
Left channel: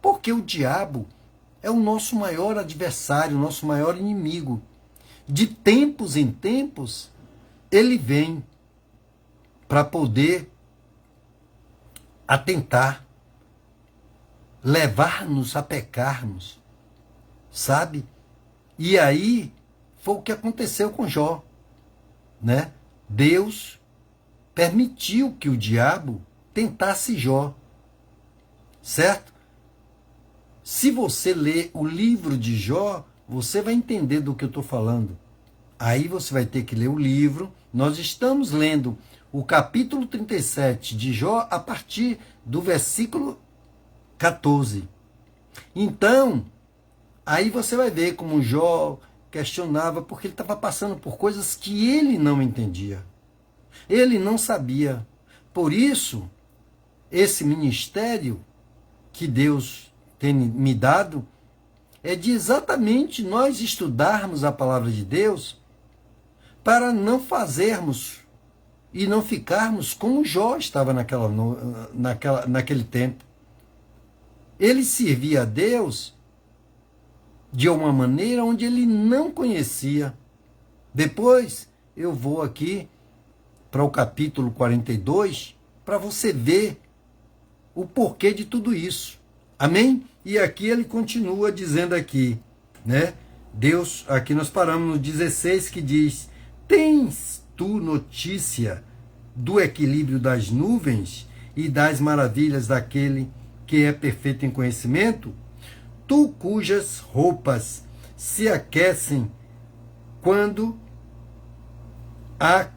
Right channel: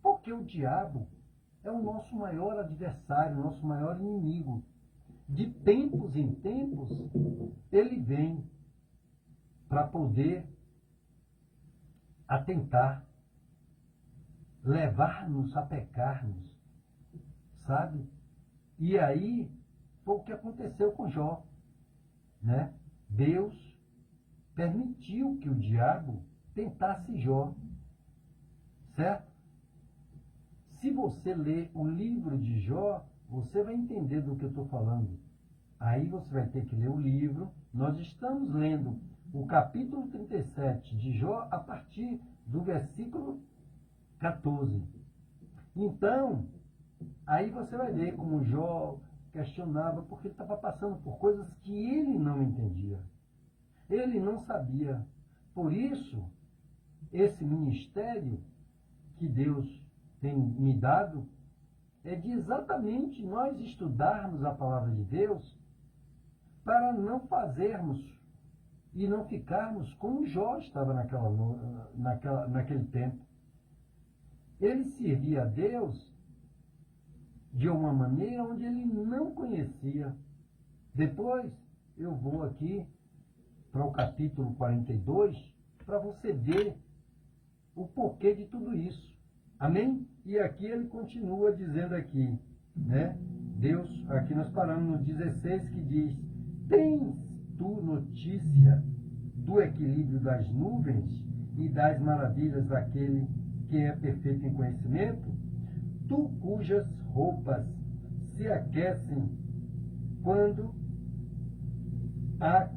porque o diabo é o nosso maior adversário, o nosso maior inimigo. De tempos em tempos, ele vem para poder atentar, levar-nos a pecarmos, sabe? E aí foi o que aconteceu com Jó, né? Deus permitiu que o diabo tentasse Jó, certo? Se você ler o livro de Jó, você vai entender do que eu estou falando. Aí você vai ter que ler o livro. Nós estamos lendo o capítulo 37 de Jó a partir do versículo 14. Então, aí você vai ver como Jó questionava, porque ele estava passando por coisas que ele não entendia. Ele não sabia. Por isso, esse ministério que Deus tem me dado é de exatamente nós estudarmos a palavra de Deus para não fazermos e não ficarmos como Jó estava naquele tempo. Ele servia a Deus de uma maneira onde ele não conhecia. Depois eu vou aqui para o capítulo 42 para você ver o porquê de tudo isso. Amém? E aqui ele continua dizendo aqui, né? Deus, aqui nós paramos no 16, que diz: tens tu notícia do equilíbrio das nuvens e das maravilhas daquele que é perfeito em conhecimento? Tu cujas roupas se aquecem quando há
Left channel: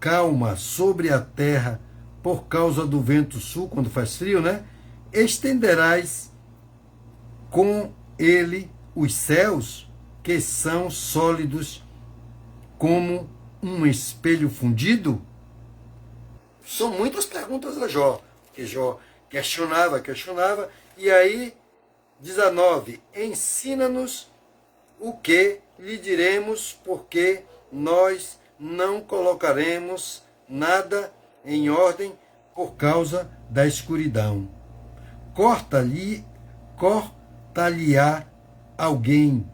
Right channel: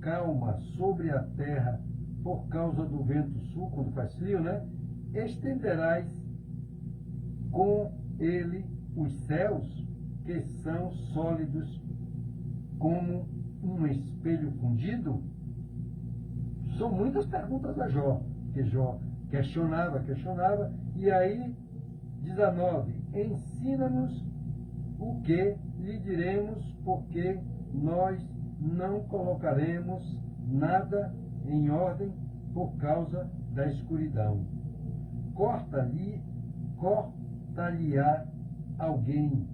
calma sobre a terra por causa do vento sul, quando faz frio, né? Estenderás com ele os céus, que são sólidos como um espelho fundido? São muitas perguntas a Jó, que Jó questionava, e aí, 19, ensina-nos o que lhe diremos, porque nós não colocaremos nada em ordem por causa da escuridão. Corta-lhe-á alguém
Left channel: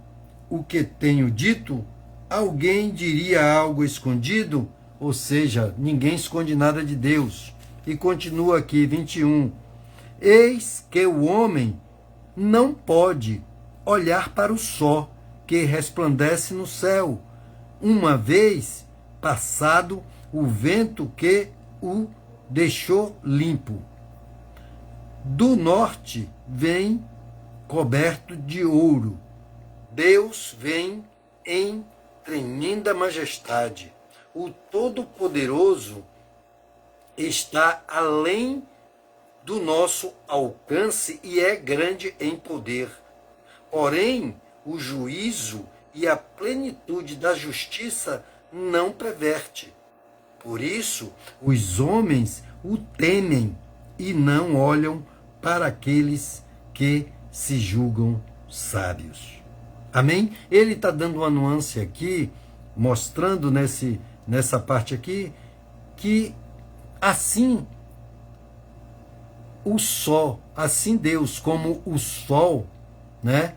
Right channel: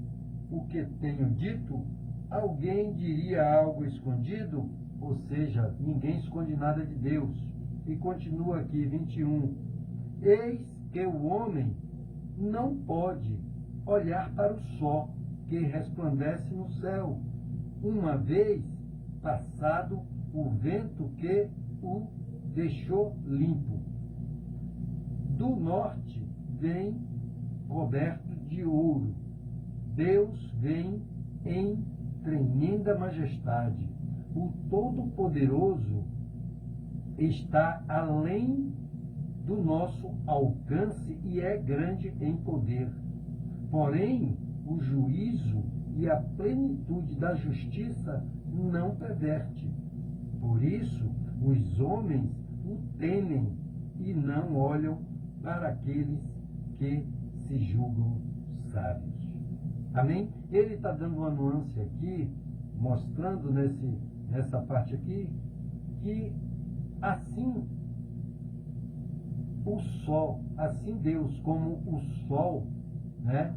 o que tenho dito? Alguém diria algo escondido? Ou seja, ninguém esconde nada de Deus. E continua aqui, 21. Eis que o homem não pode olhar para o sol que resplandece no céu, uma vez passado o vento que o deixou limpo. Do norte vem coberto de ouro. Deus vem em tremenda majestade. O Todo-Poderoso está além do nosso alcance e é grande em poder. Porém, o juízo e a plenitude da justiça não perverte. Por isso, os homens o temem e não olham para aqueles que se julgam sábios. Amém? Ele está dando uma nuance aqui, mostrando nessa parte aqui, que assim o sol, assim Deus como o sol, né?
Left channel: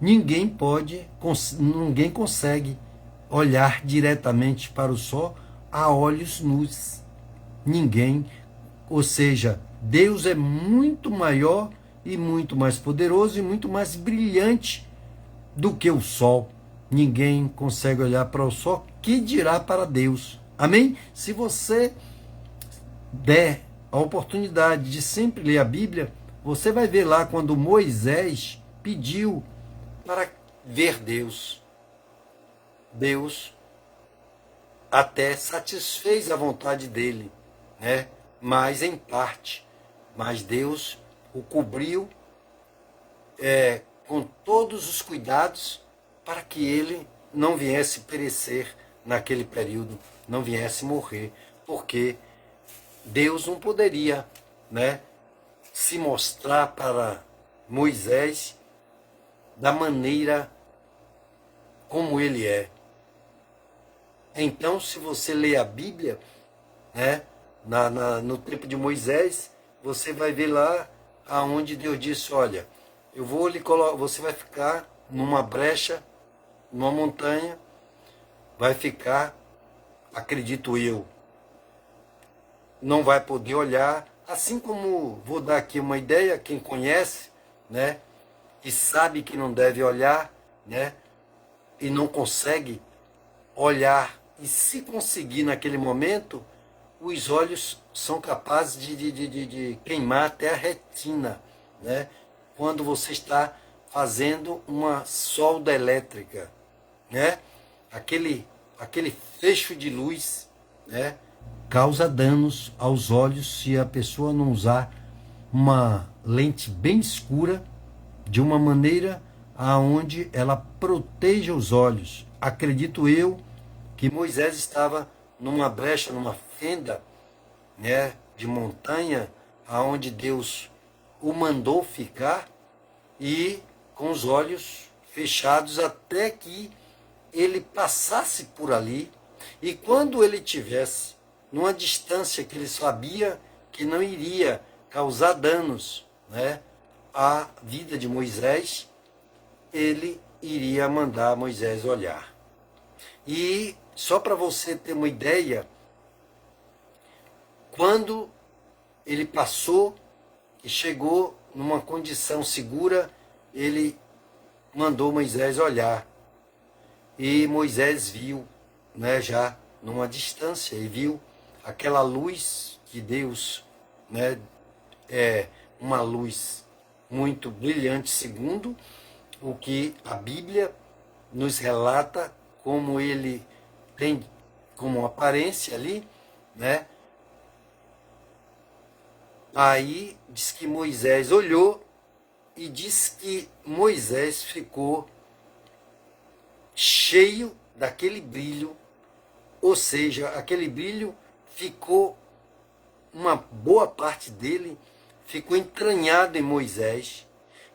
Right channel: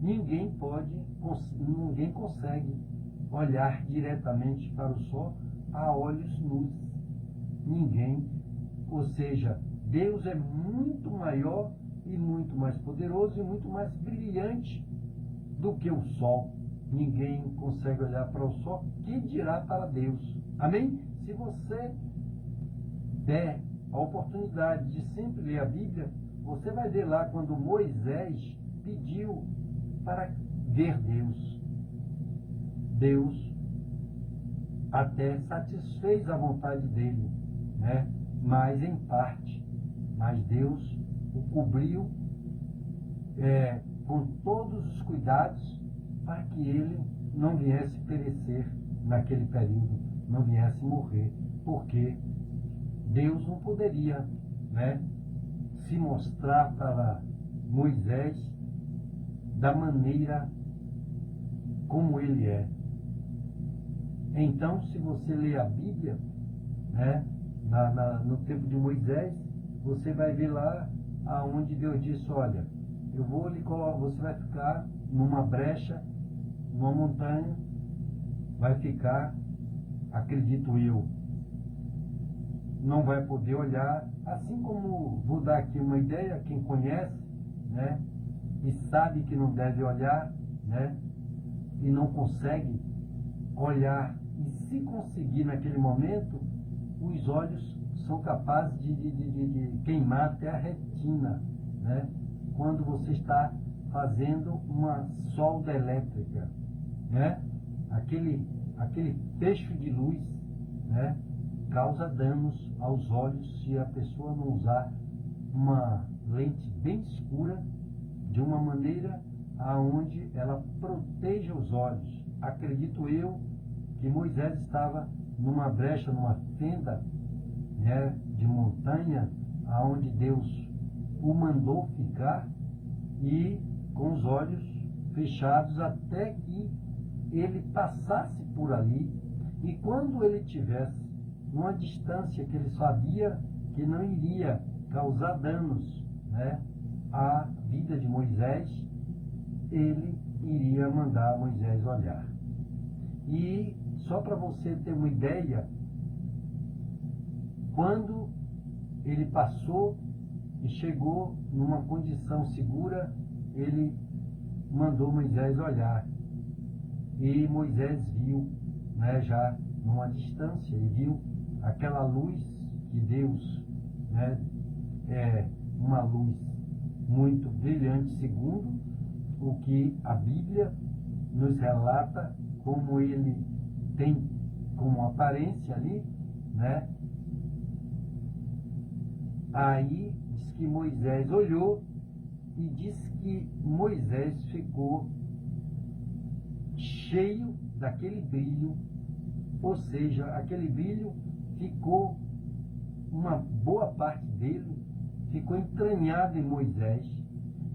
Ninguém consegue olhar diretamente para o sol a olhos nus. Ninguém, ou seja, Deus é muito maior e muito mais poderoso e muito mais brilhante do que o sol. Ninguém consegue olhar para o sol, que dirá para Deus. Amém? Se você der a oportunidade de sempre ler a Bíblia, você vai ver lá quando Moisés pediu para ver Deus. Deus até satisfez a vontade dele, né? Mas em parte. Mas Deus o cobriu com todos os cuidados para que ele não viesse perecer naquele período, não viesse morrer, porque Deus não poderia, né, se mostrar para Moisés da maneira como ele é. Então, se você ler a Bíblia, né, no tempo de Moisés, você vai ver lá aonde Deus disse: olha, eu vou lhe colocar, você vai ficar numa brecha, numa montanha, vai ficar, acredito eu, não vai poder olhar, assim como vou dar aqui uma ideia, quem conhece, né, e sabe que não deve olhar, né, e não consegue olhar, e se conseguir naquele momento, os olhos são capazes de queimar até a retina, né, quando você está fazendo uma solda elétrica, né, aquele fecho de luz, né, causa danos aos olhos se a pessoa não usar uma lente bem escura, de uma maneira aonde ela proteja os olhos. Acredito eu que Moisés estava numa brecha, numa fenda, né, de montanha, aonde Deus o mandou ficar, e com os olhos fechados até que ele passasse por ali, e quando ele tivesse numa distância que ele sabia que não iria causar danos, né, à vida de Moisés, ele iria mandar Moisés olhar. E só para você ter uma ideia, quando ele passou e chegou numa condição segura, ele mandou Moisés olhar. E Moisés viu, né, já numa distância, e viu aquela luz que Deus, né, é uma luz muito brilhante, segundo o que a Bíblia nos relata, como ele tem como aparência ali, né? Aí diz que Moisés olhou e diz que Moisés ficou cheio daquele brilho, ou seja, aquele brilho ficou, uma boa parte dele ficou entranhado em Moisés,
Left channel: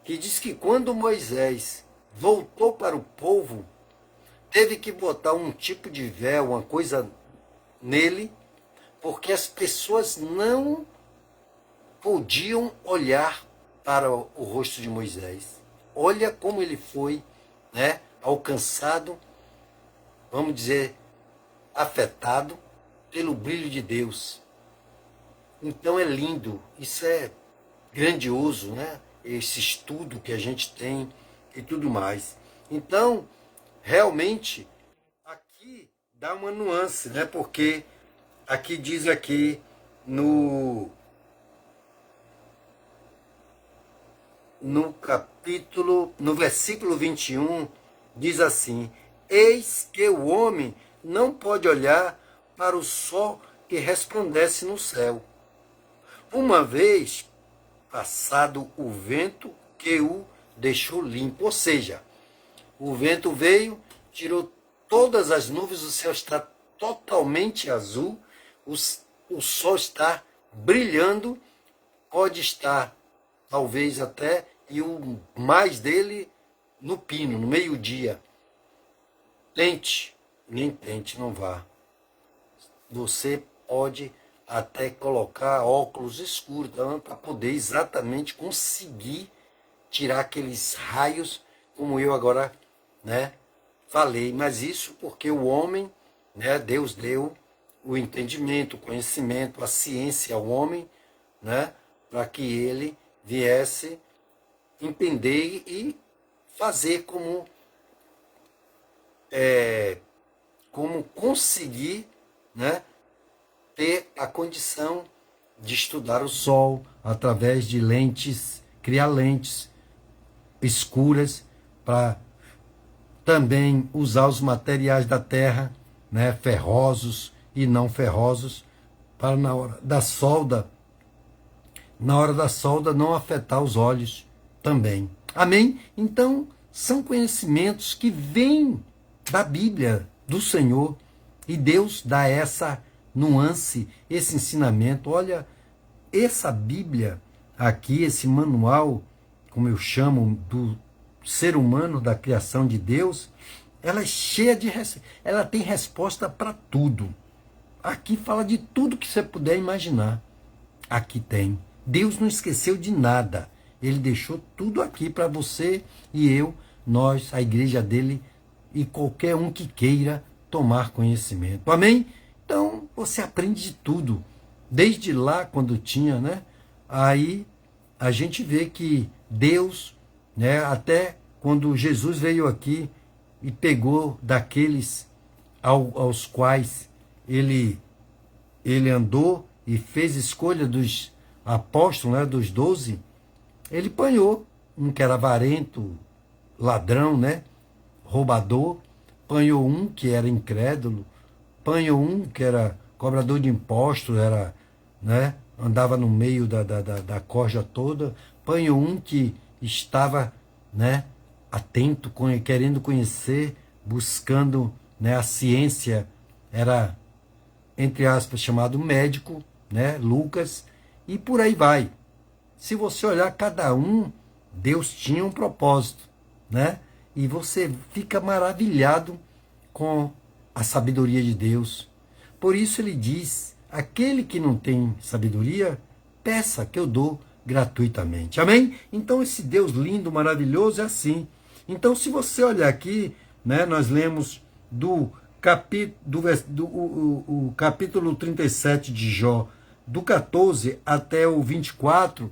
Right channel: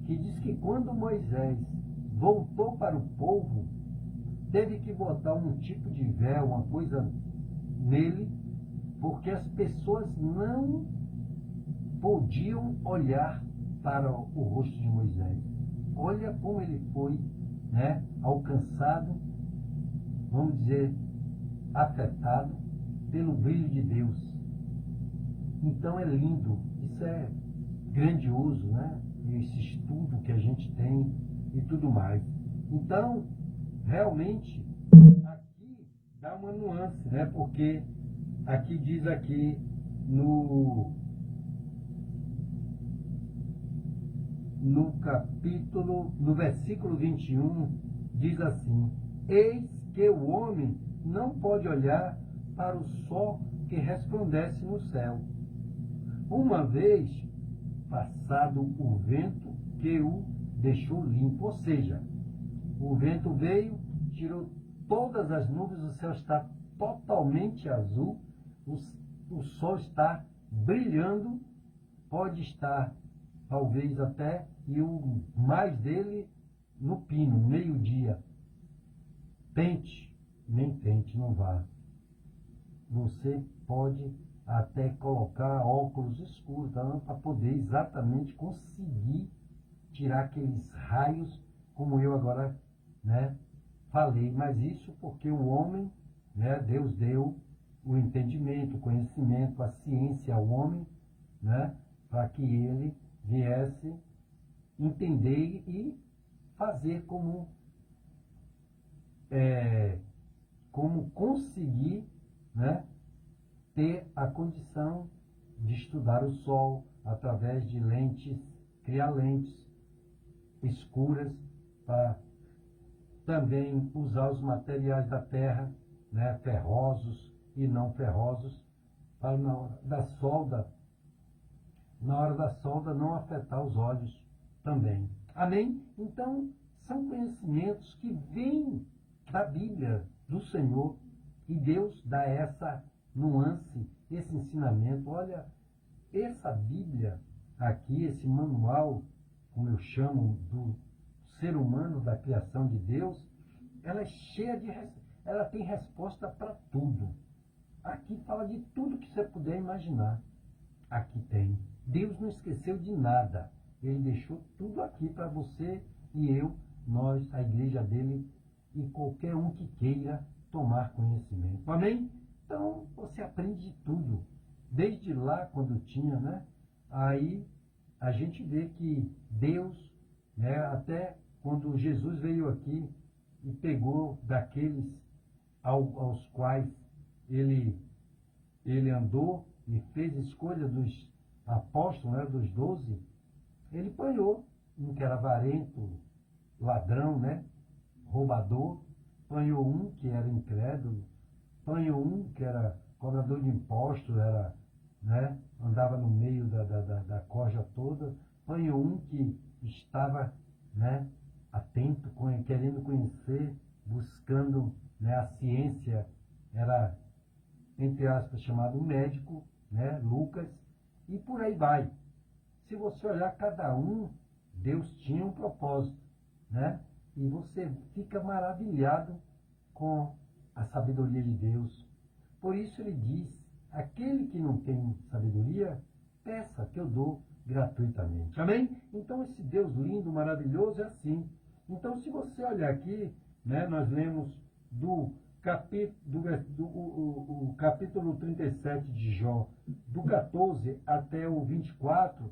que diz que quando Moisés voltou para o povo, teve que botar um tipo de véu, uma coisa nele, porque as pessoas não podiam olhar para o rosto de Moisés. Olha como ele foi, né, alcançado, vamos dizer, afetado pelo brilho de Deus. Então é lindo, isso é grandioso, né? Esse estudo que a gente tem e tudo mais. Então, realmente, aqui dá uma nuance, né? Porque aqui diz aqui no capítulo, no versículo 21, diz assim: eis que o homem não pode olhar para o sol que resplandece no céu, uma vez passado o vento que o deixou limpo. Ou seja, o vento veio, tirou todas as nuvens, o céu está totalmente azul, o sol está brilhando, pode estar talvez até, e o mais dele no pino, no meio-dia. Tente, nem tente, não vá. Você pode até colocar óculos escuros, tá? Para poder exatamente conseguir tirar aqueles raios, como eu agora, né, falei. Mas isso porque o homem, né, Deus deu o entendimento, o conhecimento, a ciência ao homem, né, para que ele viesse entender e fazer como conseguir, né, ter a condição de estudar o sol através de lentes, criar lentes escuras para também usar os materiais da terra, né, ferrosos e não ferrosos, para na hora da solda não afetar os olhos também. Amém? Então, são conhecimentos que vêm da Bíblia, do Senhor, e Deus dá essa nuance, esse ensinamento. Olha, essa Bíblia aqui, esse manual, como eu chamo, do ser humano, da criação de Deus, ela é cheia de... ela tem resposta para tudo. Aqui fala de tudo que você puder imaginar. Aqui tem. Deus não esqueceu de nada. Ele deixou tudo aqui para você e eu, nós, a igreja dele e qualquer um que queira tomar conhecimento. Amém? Então, você aprende de tudo. Desde lá, quando tinha, né? Aí a gente vê que Deus, né, até quando Jesus veio aqui e pegou daqueles aos quais ele andou e fez escolha dos apóstolos, né, dos 12, ele panhou um que era avarento, ladrão, né, roubador, panhou um que era incrédulo, panhou um que era cobrador de impostos, era, né, andava no meio da corja toda, panhou um que estava, né, atento, querendo conhecer, buscando, né, a ciência, era, entre aspas, chamado médico, né, Lucas, e por aí vai. Se você olhar cada um, Deus tinha um propósito, né? E você fica maravilhado com a sabedoria de Deus. Por isso ele diz: aquele que não tem sabedoria, peça que eu dou gratuitamente. Amém? Então esse Deus lindo, maravilhoso é assim. Então se você olhar aqui, né, nós lemos o capítulo 37 de Jó, do 14 até o 24,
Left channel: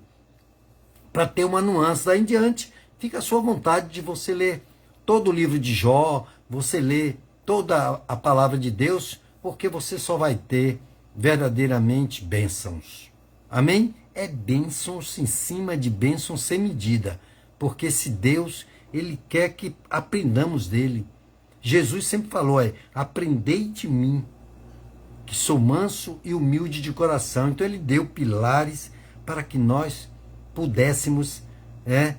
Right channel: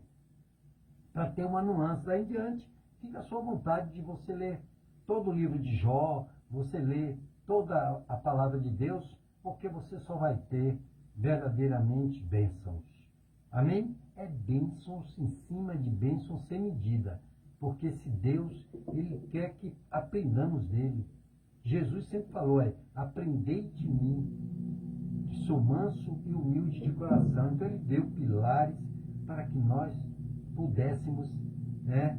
para ter uma nuance. Daí em diante, fica à sua vontade de você ler todo o livro de Jó, você ler toda a palavra de Deus, porque você só vai ter verdadeiramente bênçãos. Amém? É bênçãos em cima de bênçãos sem medida, porque esse Deus, ele quer que aprendamos dele. Jesus sempre falou, aprendei de mim, que sou manso e humilde de coração. Então ele deu pilares para que nós pudéssemos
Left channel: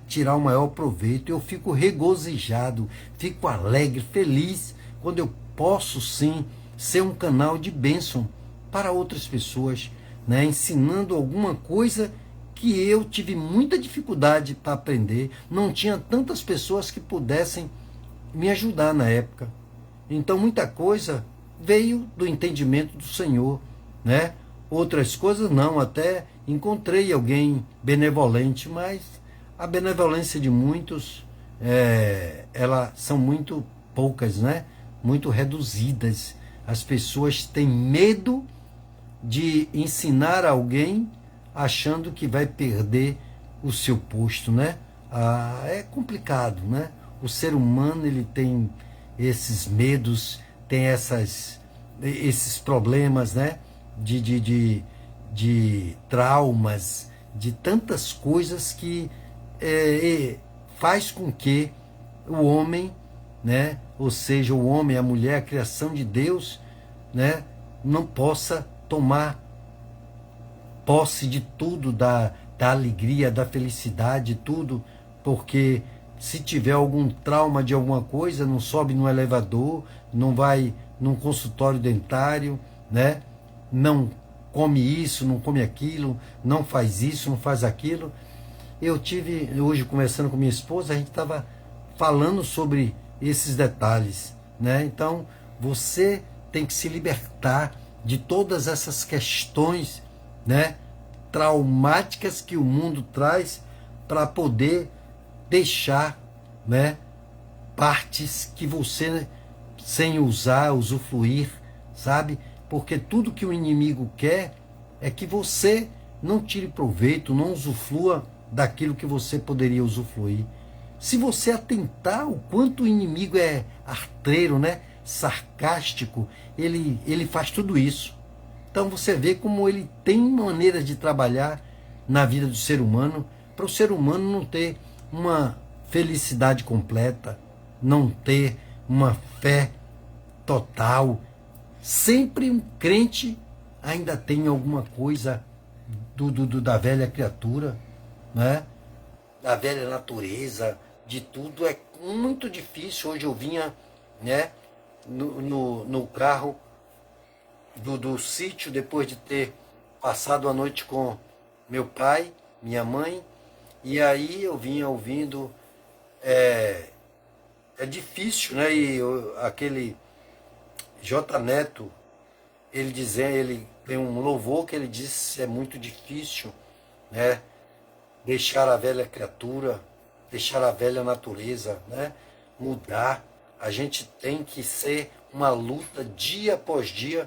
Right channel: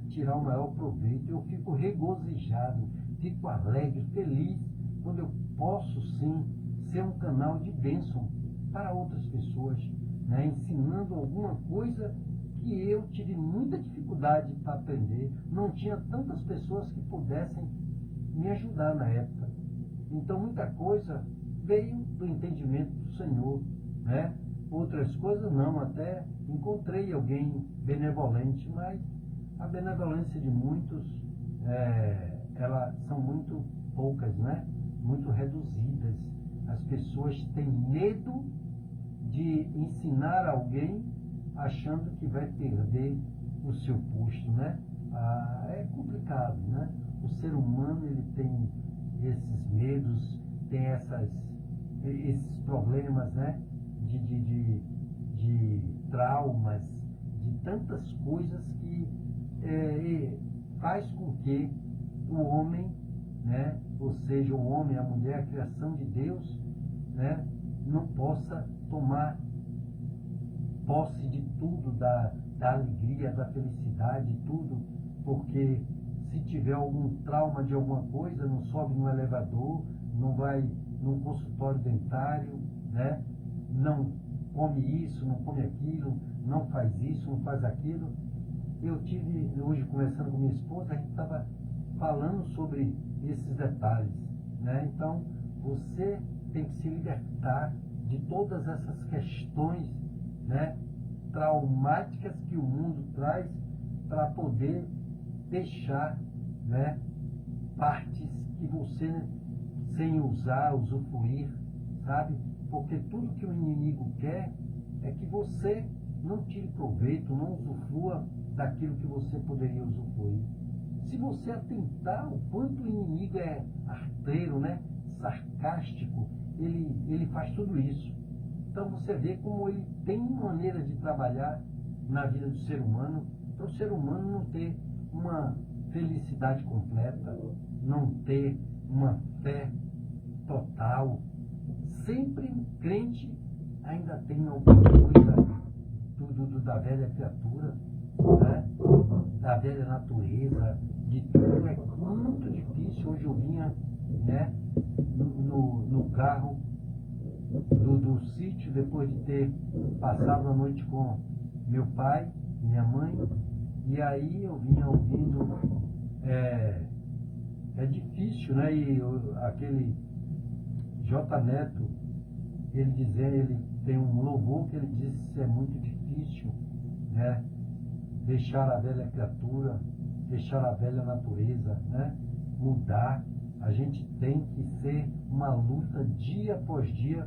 tirar o maior proveito. Eu fico regozijado, fico alegre, feliz, quando eu posso sim ser um canal de bênção para outras pessoas, né, ensinando alguma coisa que eu tive muita dificuldade para aprender. Não tinha tantas pessoas que pudessem me ajudar na época. Então muita coisa veio do entendimento do Senhor, né? outras coisas não, até encontrei alguém benevolente, mas a benevolência de muitos, elas são muito poucas, né? Muito reduzidas. As pessoas têm medo de ensinar alguém achando que vai perder o seu posto, né? É complicado, né? O ser humano, ele tem esses medos, tem esses problemas, né? De traumas, de tantas coisas que faz com que o homem, né? Ou seja, o homem, a mulher, a criação de Deus, né? Não possa tomar posse de tudo, da alegria, da felicidade, tudo, porque se tiver algum trauma de alguma coisa, não sobe no elevador, não vai num consultório dentário, né? Não come isso, não come aquilo, não faz isso, não faz aquilo. Eu tive, hoje conversando com minha esposa, a gente estava falando sobre esses detalhes, né? Então, você tem que se libertar de todas essas questões, né, traumáticas que o mundo traz, para poder deixar, né, partes que você, sem usar, usufruir, sabe? Porque tudo que o inimigo quer é que você não tire proveito, não usufrua daquilo que você poderia usufruir. Se você atentar o quanto o inimigo é arteiro, né, sarcástico, ele faz tudo isso. Então você vê como ele tem maneira de trabalhar na vida do ser humano, para o ser humano não ter uma felicidade completa, não ter uma fé total. Sempre um crente ainda tem alguma coisa da velha criatura, né? Da velha natureza, de tudo. É muito difícil. Hoje eu vinha, né, no carro do sítio, depois de ter passado a noite com meu pai, minha mãe, e aí eu vinha ouvindo, é difícil, né? E aquele J. Neto, ele tem um louvor que ele diz: é muito difícil, né, deixar a velha criatura, deixar a velha natureza, né, mudar. A gente tem que ser uma luta dia após dia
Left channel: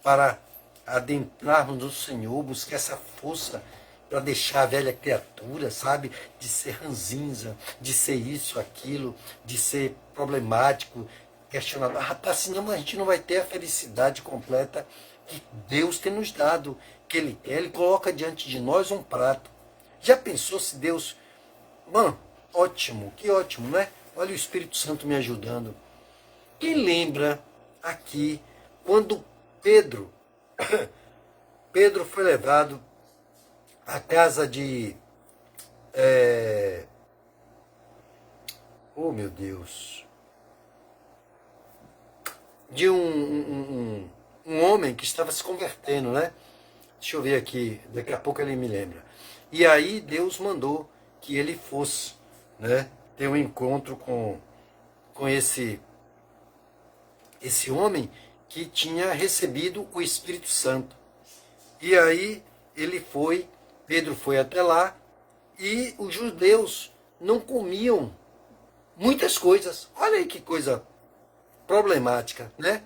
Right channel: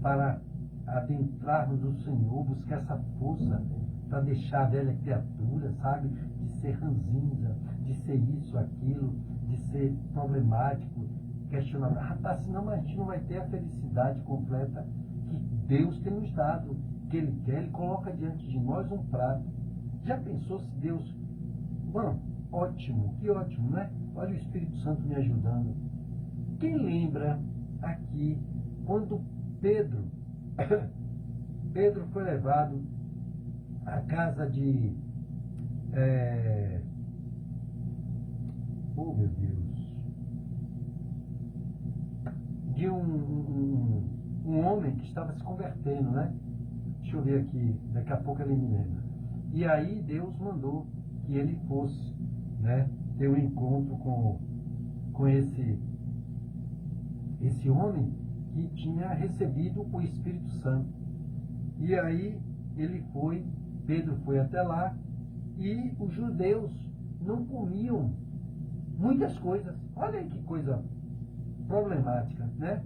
para adentrarmos no Senhor, buscar essa força para deixar a velha criatura, sabe? De ser ranzinza, de ser isso, aquilo, de ser problemático, questionador. Rapaz, senão a gente não vai ter a felicidade completa que Deus tem nos dado, que Ele quer. Ele coloca diante de nós um prato. Já pensou se Deus... Mano, ótimo, que ótimo, né? Olha o Espírito Santo me ajudando. Quem lembra aqui quando Pedro foi levado à casa de... oh, meu Deus! De um homem que estava se convertendo, né? Deixa eu ver aqui, daqui a pouco ele me lembra. E aí Deus mandou que ele fosse, né, ter um encontro com esse homem que tinha recebido o Espírito Santo. E aí Pedro foi até lá, e os judeus não comiam muitas coisas. Olha aí que coisa problemática, né?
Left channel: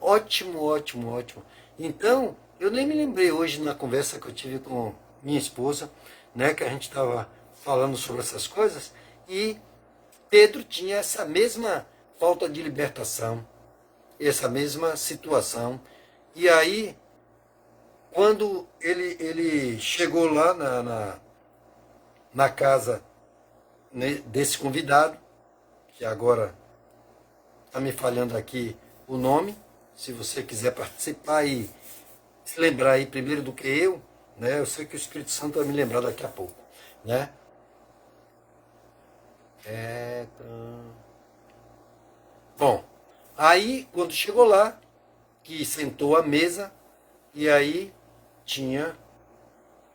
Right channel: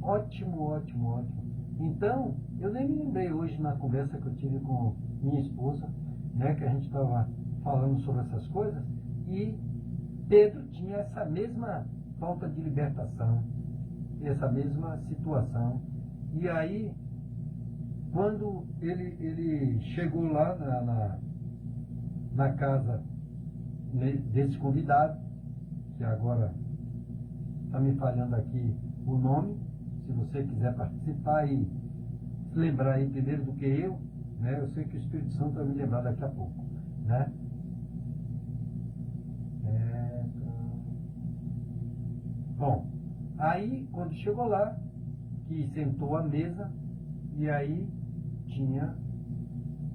Ótimo, ótimo, ótimo. Então, eu nem me lembrei hoje na conversa que eu tive com minha esposa, né, que a gente estava falando sobre essas coisas, e Pedro tinha essa mesma falta de libertação, essa mesma situação. E aí, quando ele chegou lá na casa, né, desse convidado, que agora está me falhando aqui o nome, se você quiser participar e se lembrar aí primeiro do que eu, né? Eu sei que o Espírito Santo vai me lembrar daqui a pouco, né? Bom, aí quando chegou lá, que sentou à mesa, e aí tinha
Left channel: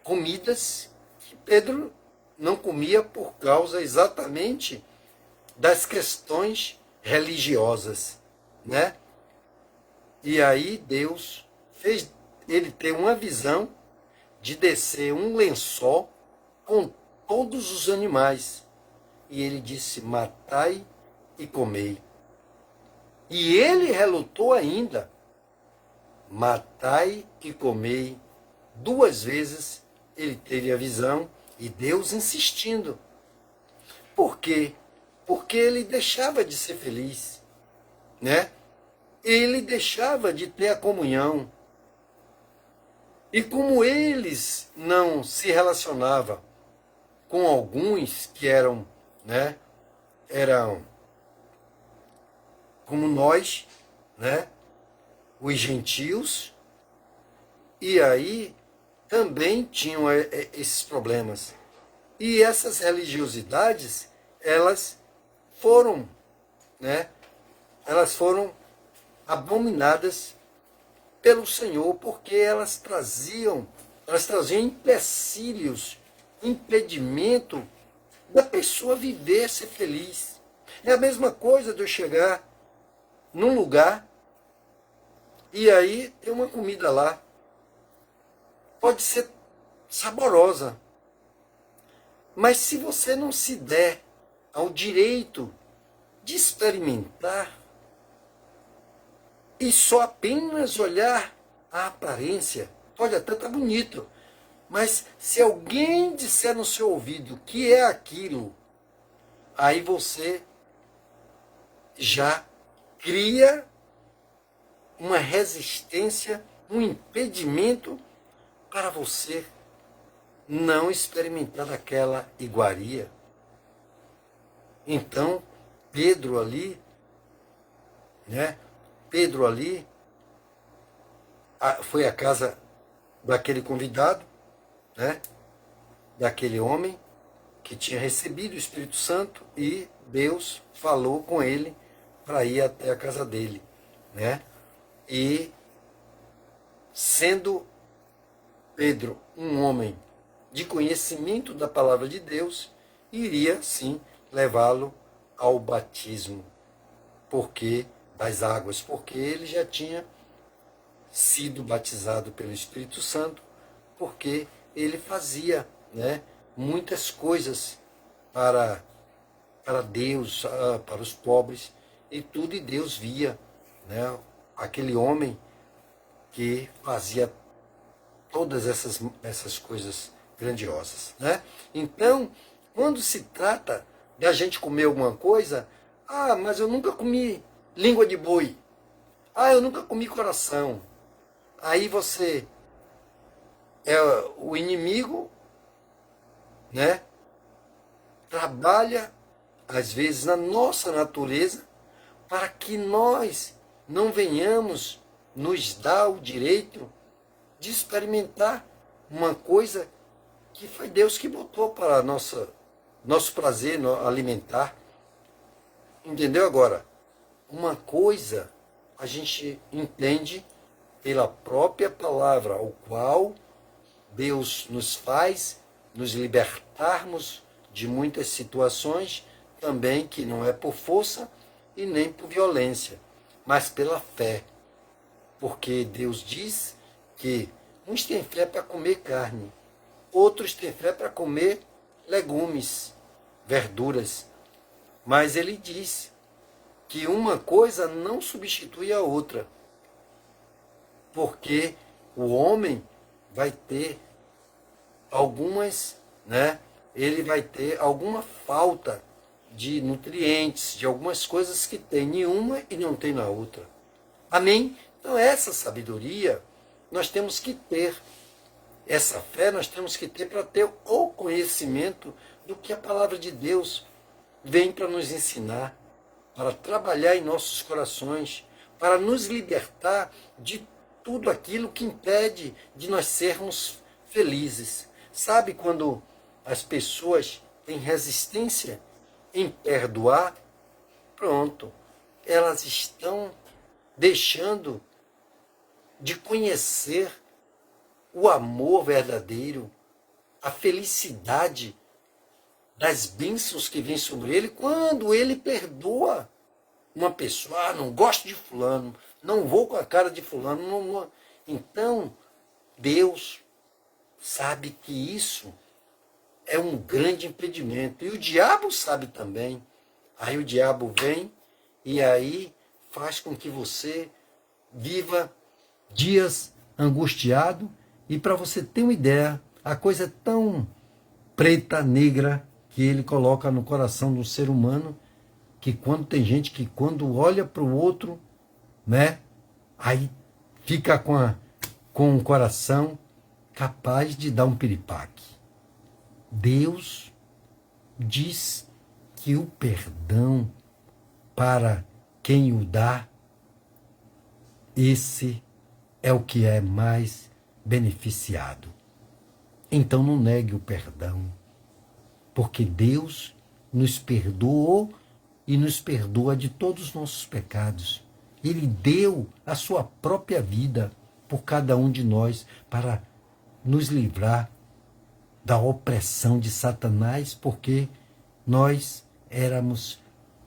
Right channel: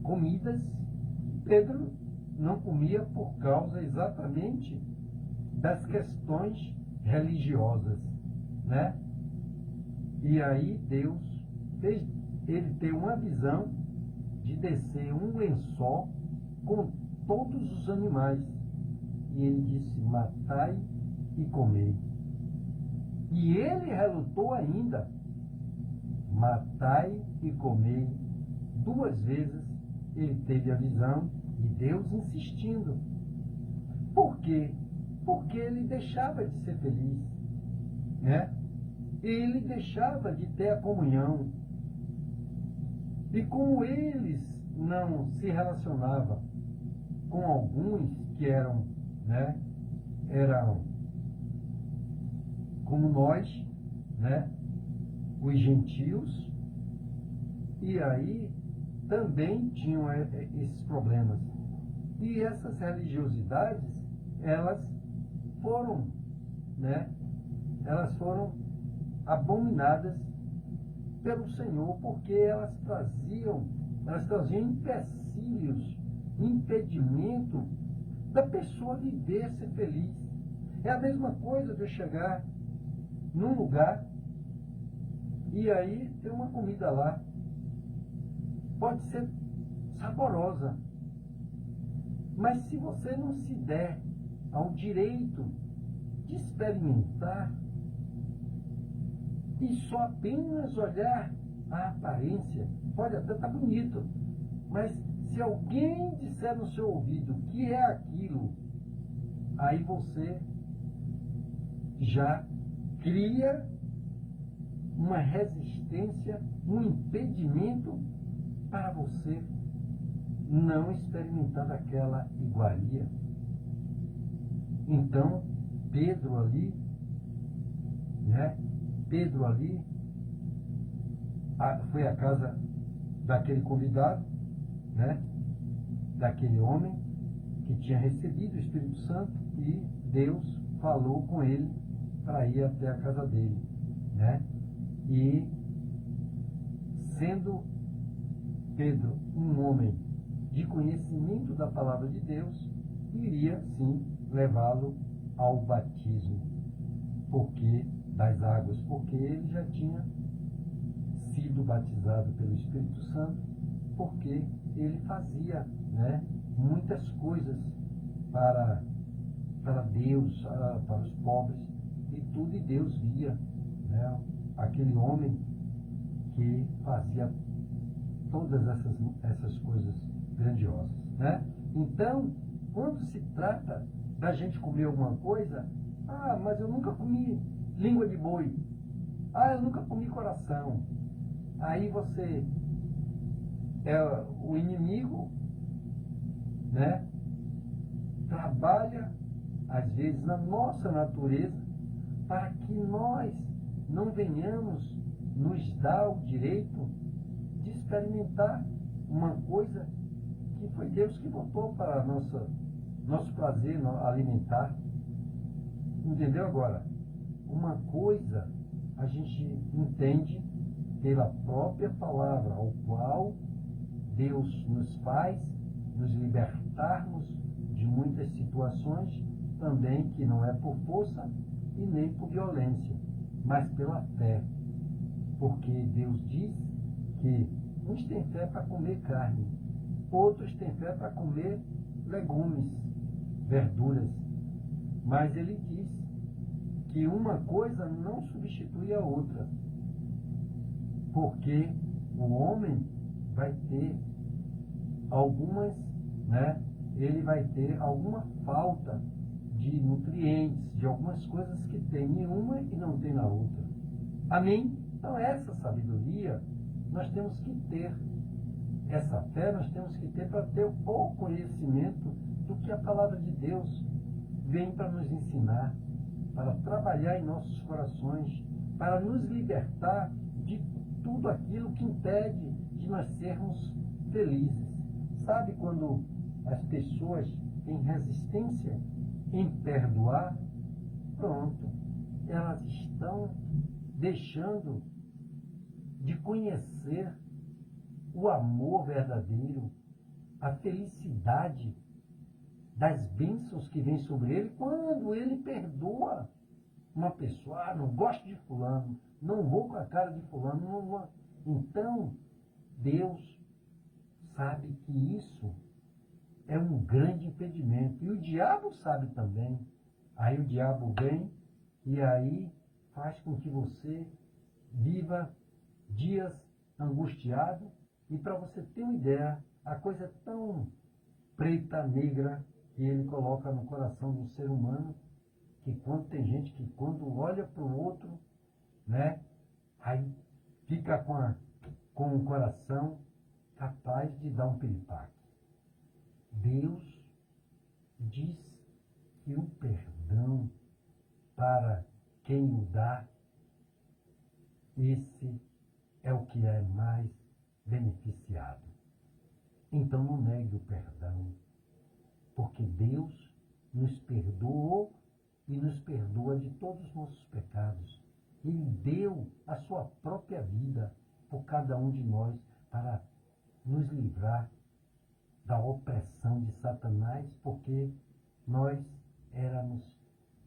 comidas que Pedro não comia por causa exatamente das questões religiosas, né? E aí Deus fez ele tem uma visão de descer um lençol com todos os animais. E ele disse: matai e comei. E ele relutou ainda: matai e comei. 2 vezes ele teve a visão e Deus insistindo. Por quê? Porque ele deixava de ser feliz, né? Ele deixava de ter a comunhão. E como eles não se relacionavam com alguns que eram, né? Eram como nós, né? Os gentios, e aí também tinham esses problemas. E essas religiosidades, elas foram, né? Elas foram abominadas pelo Senhor, porque elas traziam empecilhos, impedimento da pessoa viver, ser feliz. É a mesma coisa de eu chegar num lugar e aí tem uma comida lá. Pode ser saborosa, mas se você não se der ao direito de experimentar e só apenas olhar a aparência, pode até estar bonito, mas se alguém disser no seu ouvido que é aquilo, aí você já cria uma resistência, um impedimento para você não experimentar aquela iguaria. Então, Pedro ali, né? Pedro ali foi à casa daquele convidado, né? Daquele homem que tinha recebido o Espírito Santo, e Deus falou com ele para ir até a casa dele, né? E sendo Pedro um homem de conhecimento da palavra de Deus, iria sim levá-lo ao batismo, porque das águas, porque ele já tinha sido batizado pelo Espírito Santo, porque ele fazia, né, muitas coisas para Deus, para os pobres, e tudo, e Deus via, né, aquele homem que fazia todas essas coisas grandiosas, né? Então, quando se trata da gente comer alguma coisa, mas eu nunca comi língua de boi, eu nunca comi coração, aí você é o inimigo, né? Trabalha às vezes na nossa natureza para que nós não venhamos nos dar o direito de experimentar uma coisa que foi Deus que botou para nosso prazer alimentar. Entendeu agora? Uma coisa a gente entende pela própria palavra, ao qual Deus nos faz nos libertarmos de muitas situações, também que não é por força e nem por violência, mas pela fé. Porque Deus diz que uns têm fé para comer carne, outros têm fé para comer legumes, verduras. Mas ele diz que uma coisa não substitui a outra, porque o homem vai ter algumas, né? Ele vai ter alguma falta de nutrientes, de algumas coisas que tem em uma e não tem na outra. Amém? Então essa sabedoria nós temos que ter, essa fé nós temos que ter para ter o conhecimento do que a palavra de Deus vem para nos ensinar, para trabalhar em nossos corações, para nos libertar de tudo aquilo que impede de nós sermos felizes. Sabe quando as pessoas têm resistência em perdoar? Pronto, elas estão deixando de conhecer o amor verdadeiro, a felicidade das bênçãos que vêm sobre ele quando ele perdoa uma pessoa. Não gosto de fulano, não vou com a cara de fulano. Não. Então, Deus sabe que isso é um grande impedimento. E o diabo sabe também. Aí o diabo vem e aí faz com que você viva dias angustiado. E para você ter uma ideia, a coisa é tão preta, negra, que ele coloca no coração do ser humano, que quando tem gente que quando olha para o outro, né, aí fica com o coração capaz de dar um piripaque. Deus diz que o perdão para quem o dá, esse é o que é mais beneficiado. Então não negue o perdão, porque Deus nos perdoou e nos perdoa de todos os nossos pecados. Ele deu a sua própria vida por cada um de nós para nos livrar da opressão de Satanás, porque nós éramos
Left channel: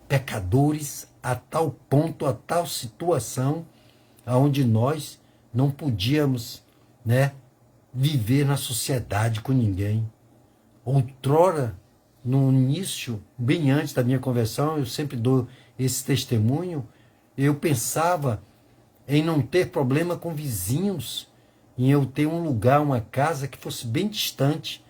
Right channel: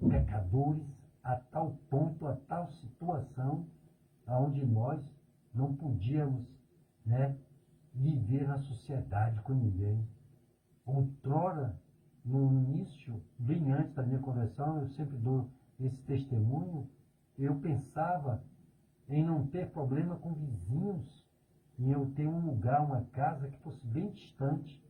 pecadores a tal ponto, a tal situação, aonde nós não podíamos, né, viver na sociedade com ninguém. Outrora, no início, bem antes da minha conversão, eu sempre dou esse testemunho, eu pensava em não ter problema com vizinhos, em eu ter um lugar, uma casa que fosse bem distante,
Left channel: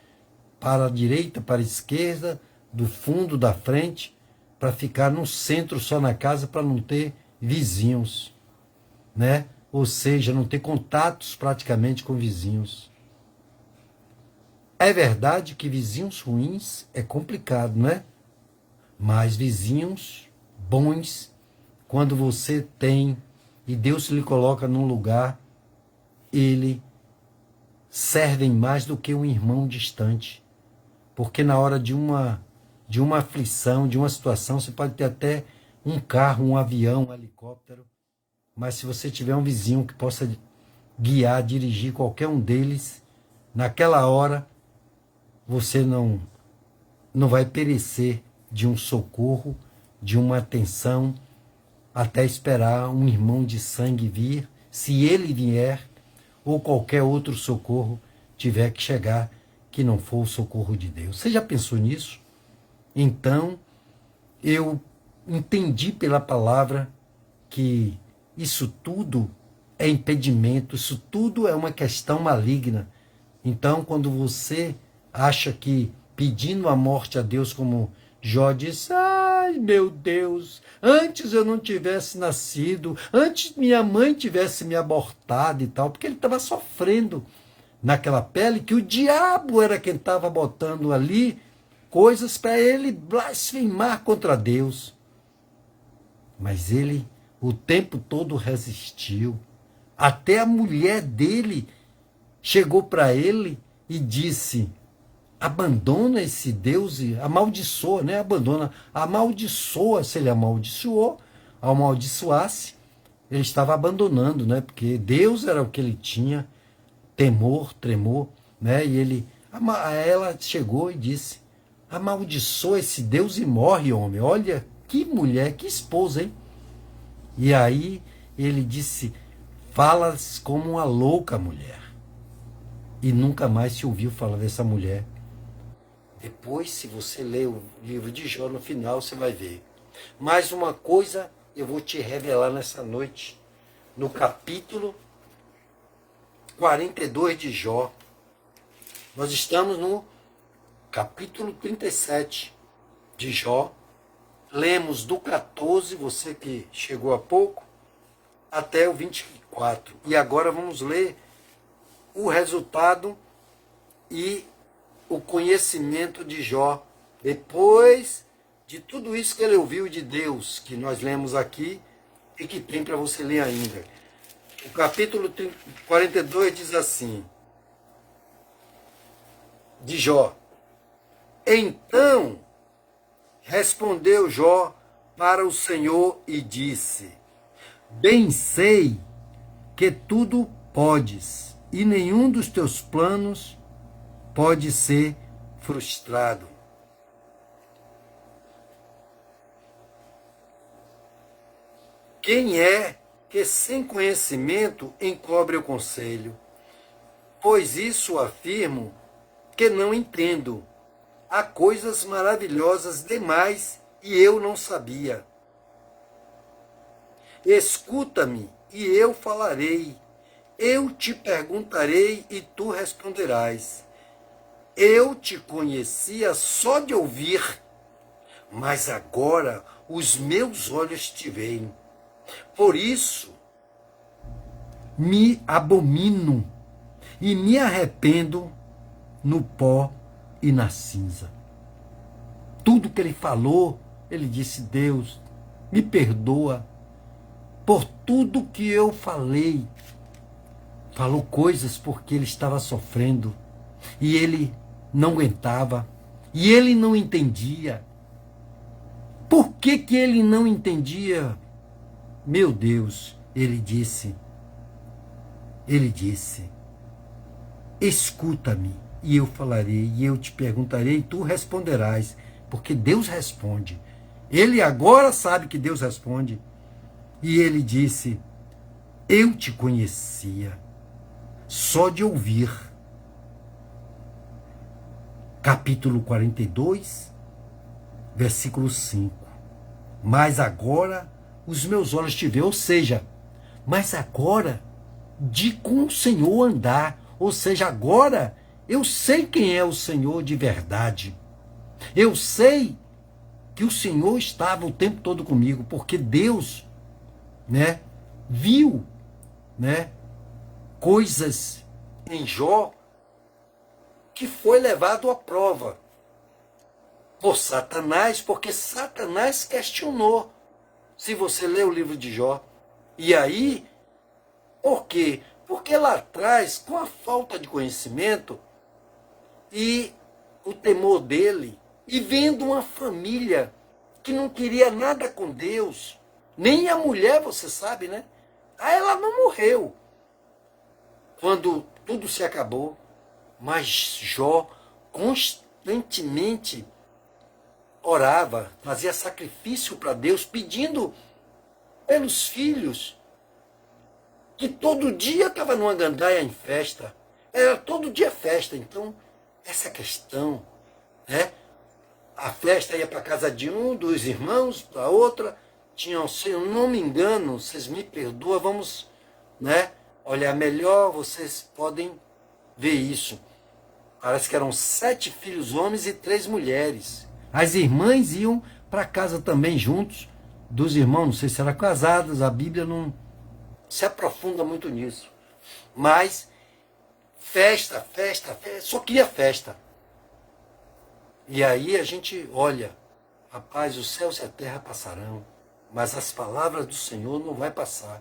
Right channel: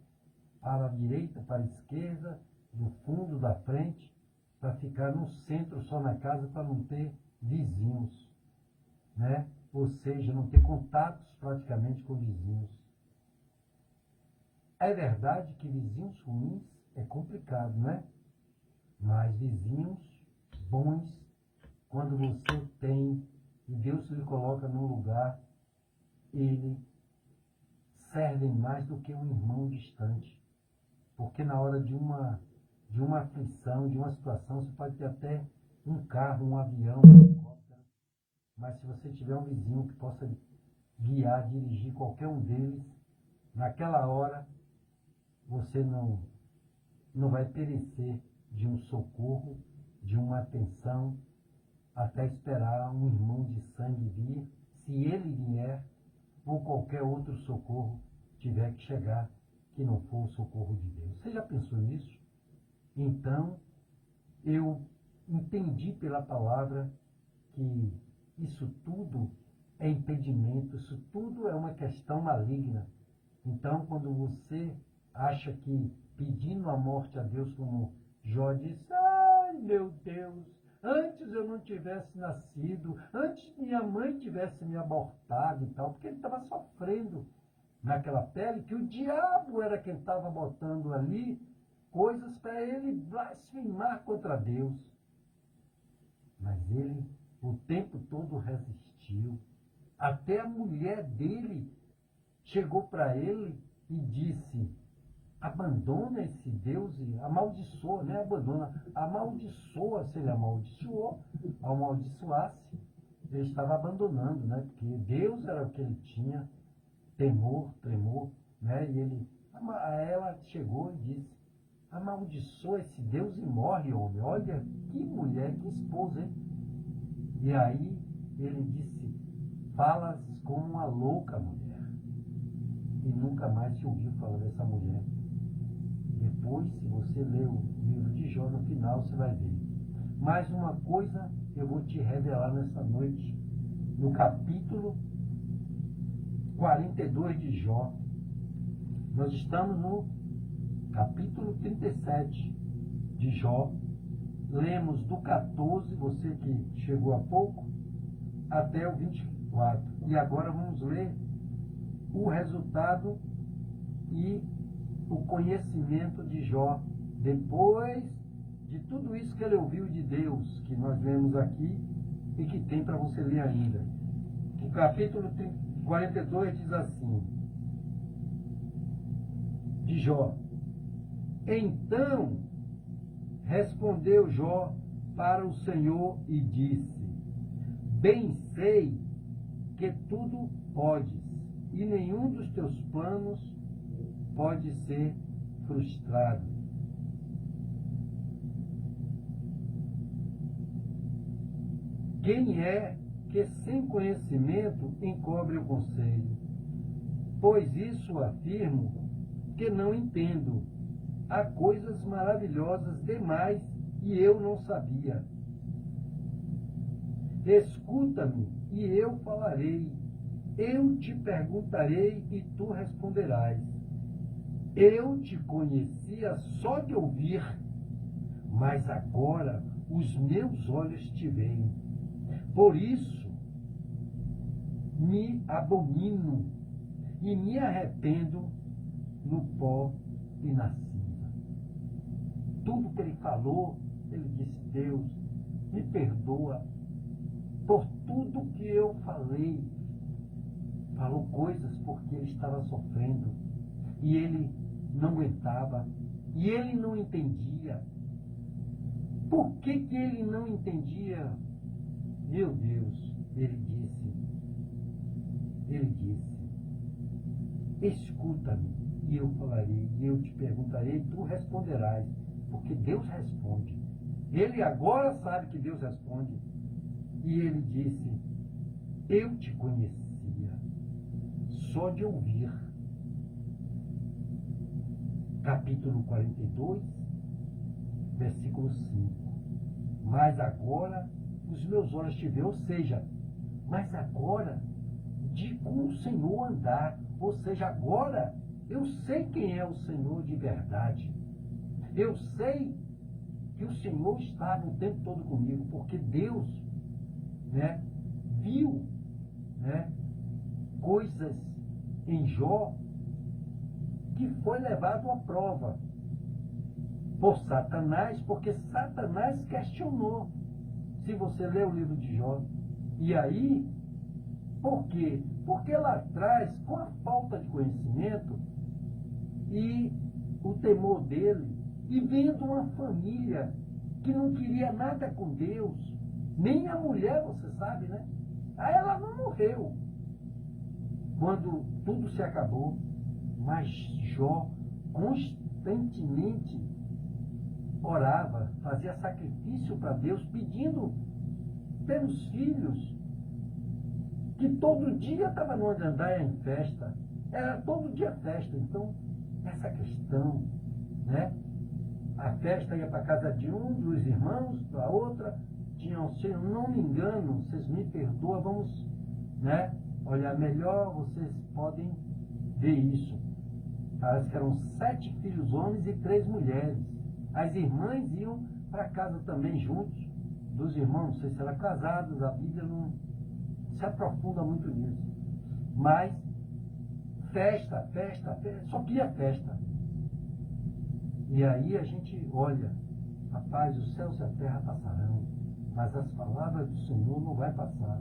para a direita, para a esquerda, do fundo, da frente, para ficar no centro só na casa, para não ter vizinhos, né? Ou seja, não ter contatos praticamente com vizinhos. É verdade que vizinhos ruins é complicado, não é? Mas vizinhos bons, quando você tem e Deus lhe coloca num lugar, ele servem mais do que um irmão distante. Porque na hora de uma aflição, de uma situação, você pode ter até um carro, um avião, um helicóptero, mas se você tiver um vizinho que possa guiar, dirigir qualquer um deles, naquela hora você não vai perecer de um socorro, de uma atenção, até esperar um irmão de sangue vir, se ele vier, ou qualquer outro socorro tiver que chegar, que não for o socorro de Deus. Você já pensou nisso? Então, eu entendi pela palavra que isso tudo é impedimento, isso tudo é uma questão maligna. Então, quando você acha que pedindo a morte a Deus, como Jó disse, ai meu Deus, antes eu não tivesse nascido, antes minha mãe tivesse me abortado e tal, porque ele estava sofrendo naquela pele, que o diabo era quem estava botando ali coisas para ele blasfemar contra Deus. Mas ele o tempo todo resistiu. Até a mulher dele chegou para ele e disse, abandona esse Deus e amaldiçoa, né? Abandona, amaldiçoa. Se ele amaldiçoasse, ele estava abandonando, né? Porque Deus era o que ele tinha, temor, tremor, né? E ela chegou e disse, amaldiçoa esse Deus e morre, homem. Olha, que mulher, que esposa, hein? E aí ele disse, falas como uma louca mulher. E nunca mais se ouviu falar dessa mulher. Depois, se você ler o livro de Jó, no final você vai ver. Mais uma coisa eu vou te revelar nessa noite, no capítulo 42 de Jó. Nós estamos no capítulo 37 de Jó. Lemos do 14, você que chegou há pouco, até o 24. E agora vamos ler o resultado e o conhecimento de Jó, depois de tudo isso que ele ouviu de Deus, que nós lemos aqui e que tem para você ler ainda. O capítulo 42 diz assim, de Jó, então respondeu Jó para o Senhor e disse, bem sei que tudo podes, e nenhum dos teus planos pode ser frustrado. Quem é que sem conhecimento encobre o conselho? Pois isso afirmo que não entendo. Há coisas maravilhosas demais e eu não sabia. Escuta-me e eu falarei. Eu te perguntarei e tu responderás. Eu te conhecia só de ouvir, mas agora os meus olhos te veem. Por isso me abomino e me arrependo no pó e na cinza. Tudo que ele falou, ele disse: Deus, me perdoa por tudo que eu falei. Falou coisas porque ele estava sofrendo e ele não aguentava e ele não entendia. Por que que ele não entendia? Meu Deus, ele disse, escuta-me e eu falarei, e eu te perguntarei e tu responderás, porque Deus responde. Ele agora sabe que Deus responde. E ele disse: eu te conhecia só de ouvir. Capítulo 42, versículo 5. Mas agora os meus olhos te veem, ou seja, mas agora de com o Senhor andar, ou seja, agora eu sei quem é o Senhor de verdade. Eu sei que o Senhor estava o tempo todo comigo, porque Deus, viu, coisas em Jó que foi levado à prova por Satanás, porque Satanás questionou. Se você lê o livro de Jó, e aí, por quê? Porque lá atrás, com a falta de conhecimento e o temor dele, e vendo uma família que não queria nada com Deus, nem a mulher, você sabe, né? Aí ela não morreu quando tudo se acabou, mas Jó constantemente orava, fazia sacrifício para Deus, pedindo pelos filhos, que todo dia estava numa gandaia em festa, era todo dia festa. Então, essa questão, a festa ia para a casa de um dos irmãos, para outra, tinham, se eu não me engano, vocês me perdoam, vamos, olhar melhor, vocês podem ver isso. Parece que eram 7 filhos homens e 3 mulheres. As irmãs iam para casa também juntos, dos irmãos, não sei se eram casadas, a Bíblia não se aprofunda muito nisso. Mas festa, festa, festa, só queria festa. E aí a gente olha, rapaz, os céus e a terra passarão, mas as palavras do Senhor não vai passar.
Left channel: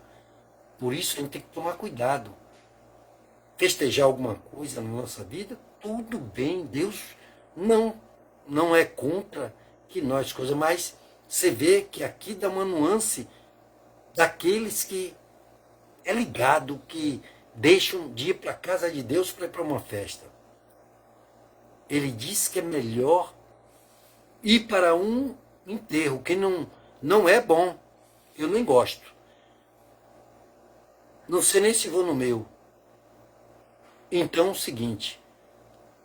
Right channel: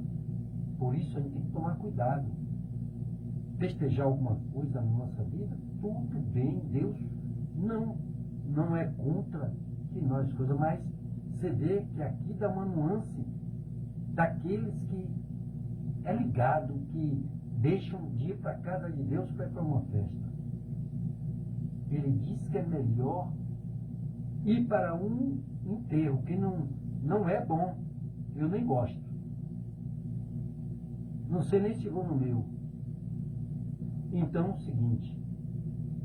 Por isso a gente tem que tomar cuidado. Festejar alguma coisa na nossa vida, tudo bem, Deus não é contra que nós coisas, mas você vê que aqui dá uma nuance daqueles que é ligado, que deixam de ir para a casa de Deus para ir para uma festa. Ele diz que é melhor ir para um enterro, que não é bom. Eu nem gosto. Não sei nem se vou no meu. Então é o seguinte,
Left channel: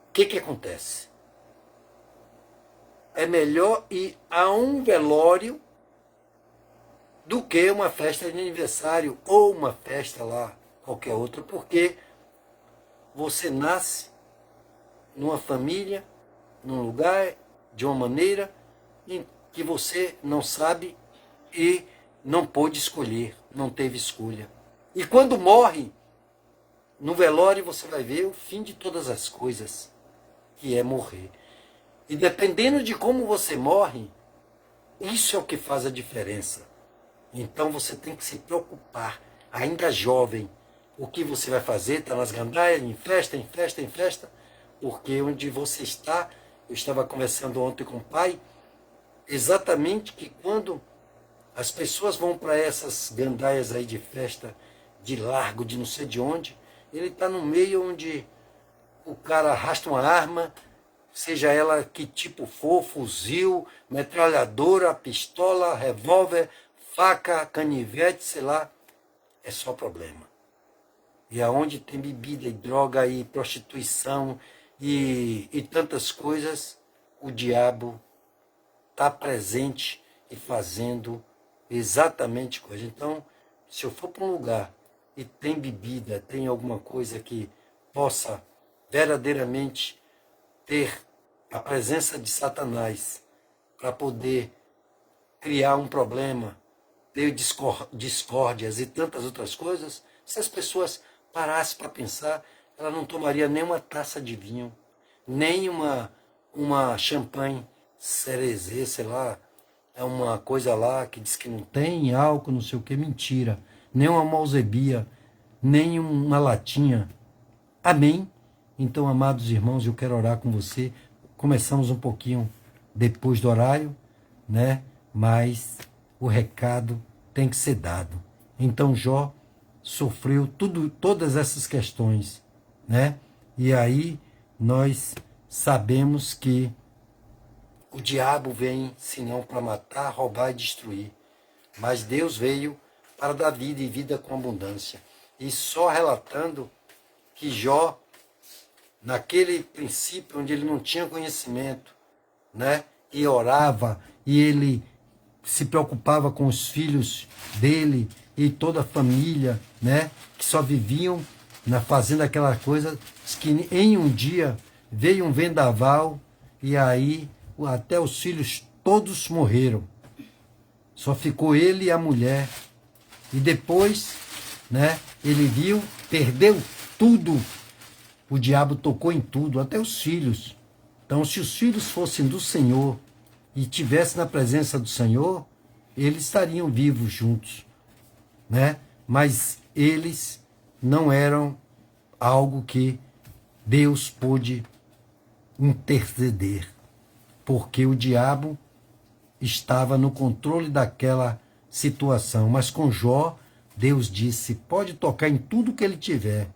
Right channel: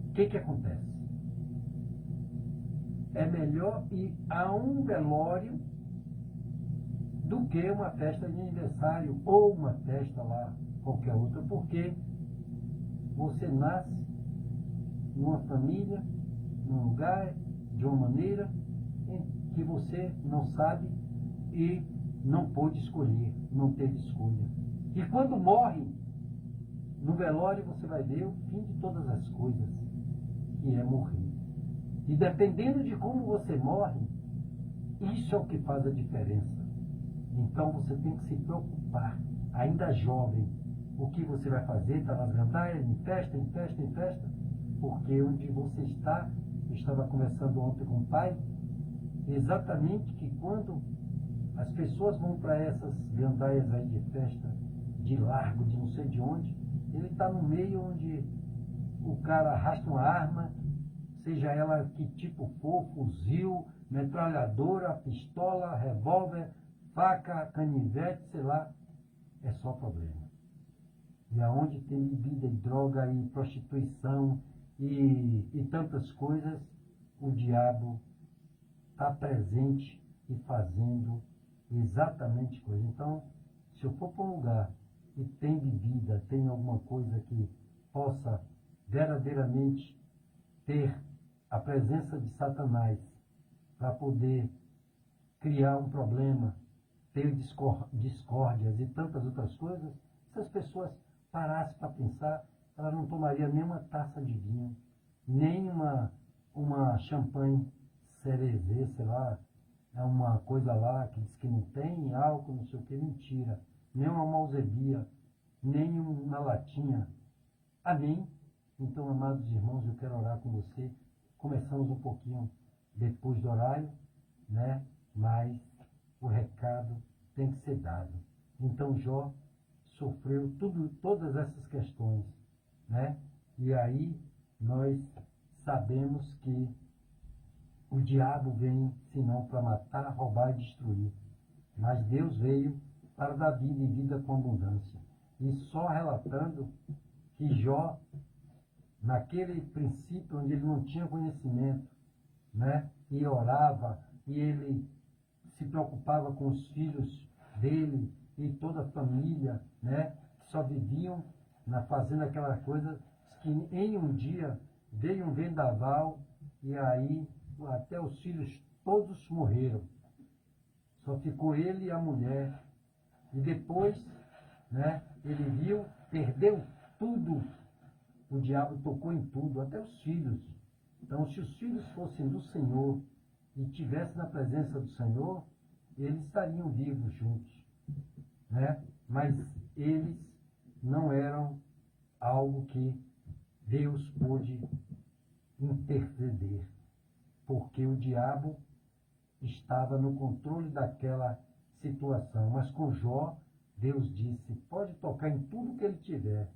o que acontece? É melhor ir a um velório do que uma festa de aniversário ou uma festa lá, qualquer outra, porque você nasce numa família, num lugar, de uma maneira em que você não sabe e não pôde escolher, não teve escolha. E quando morre, no velório você vai ver o fim de todas as coisas, que é morrer. E dependendo de como você morre, isso é o que faz a diferença. Então você tem que se preocupar, ainda jovem, o que você vai fazer, está nas gandaias, em festa, em festa, em festa, porque onde você está, eu estava conversando ontem com o pai, exatamente que quando as pessoas vão para essas gandaias aí de festa, de largo, de não sei de onde, ele está no meio onde o cara arrasta uma arma, seja ela que tipo for, fuzil, metralhadora, pistola, revólver, faca, canivete, sei lá, é só problema. E aonde tem bebida e droga e prostituição e tantas coisas, o diabo está presente e fazendo exatamente coisa. Então, se eu for para um lugar e tem bebida, tem alguma coisa que possa verdadeiramente ter a presença de Satanás para poder criar um problema, ter discórdias e tantas outras coisas, se as pessoas parassem para pensar, ela não tomaria nem uma taça de vinho, nem uma champanhe cerezê, sei lá, é uma coisa lá que diz que não tem álcool, não sei o que, mentira. Nem uma malzebia, nem uma latinha. Amém? Então, amados irmãos, eu quero orar com você. Começamos um pouquinho depois do horário, né? Mas o recado tem que ser dado. Então, Jó sofreu todas essas questões, né? E aí nós sabemos que o diabo vem, senão para matar, roubar e destruir. Mas Deus veio para dar vida e vida com abundância. E só relatando que Jó, naquele princípio onde ele não tinha conhecimento, né? E orava, e ele se preocupava com os filhos dele e toda a família, né? Que só viviam fazendo aquela coisa, que em um dia veio um vendaval e aí até os filhos todos morreram. Só ficou ele e a mulher. E depois, né, ele viu, perdeu tudo. O diabo tocou em tudo, até os filhos. Então, se os filhos fossem do Senhor e estivessem na presença do Senhor, eles estariam vivos juntos, né? Mas eles não eram algo que Deus pôde interceder, porque o diabo estava no controle daquela situação. Mas com Jó, Deus disse, pode tocar em tudo que ele tiver,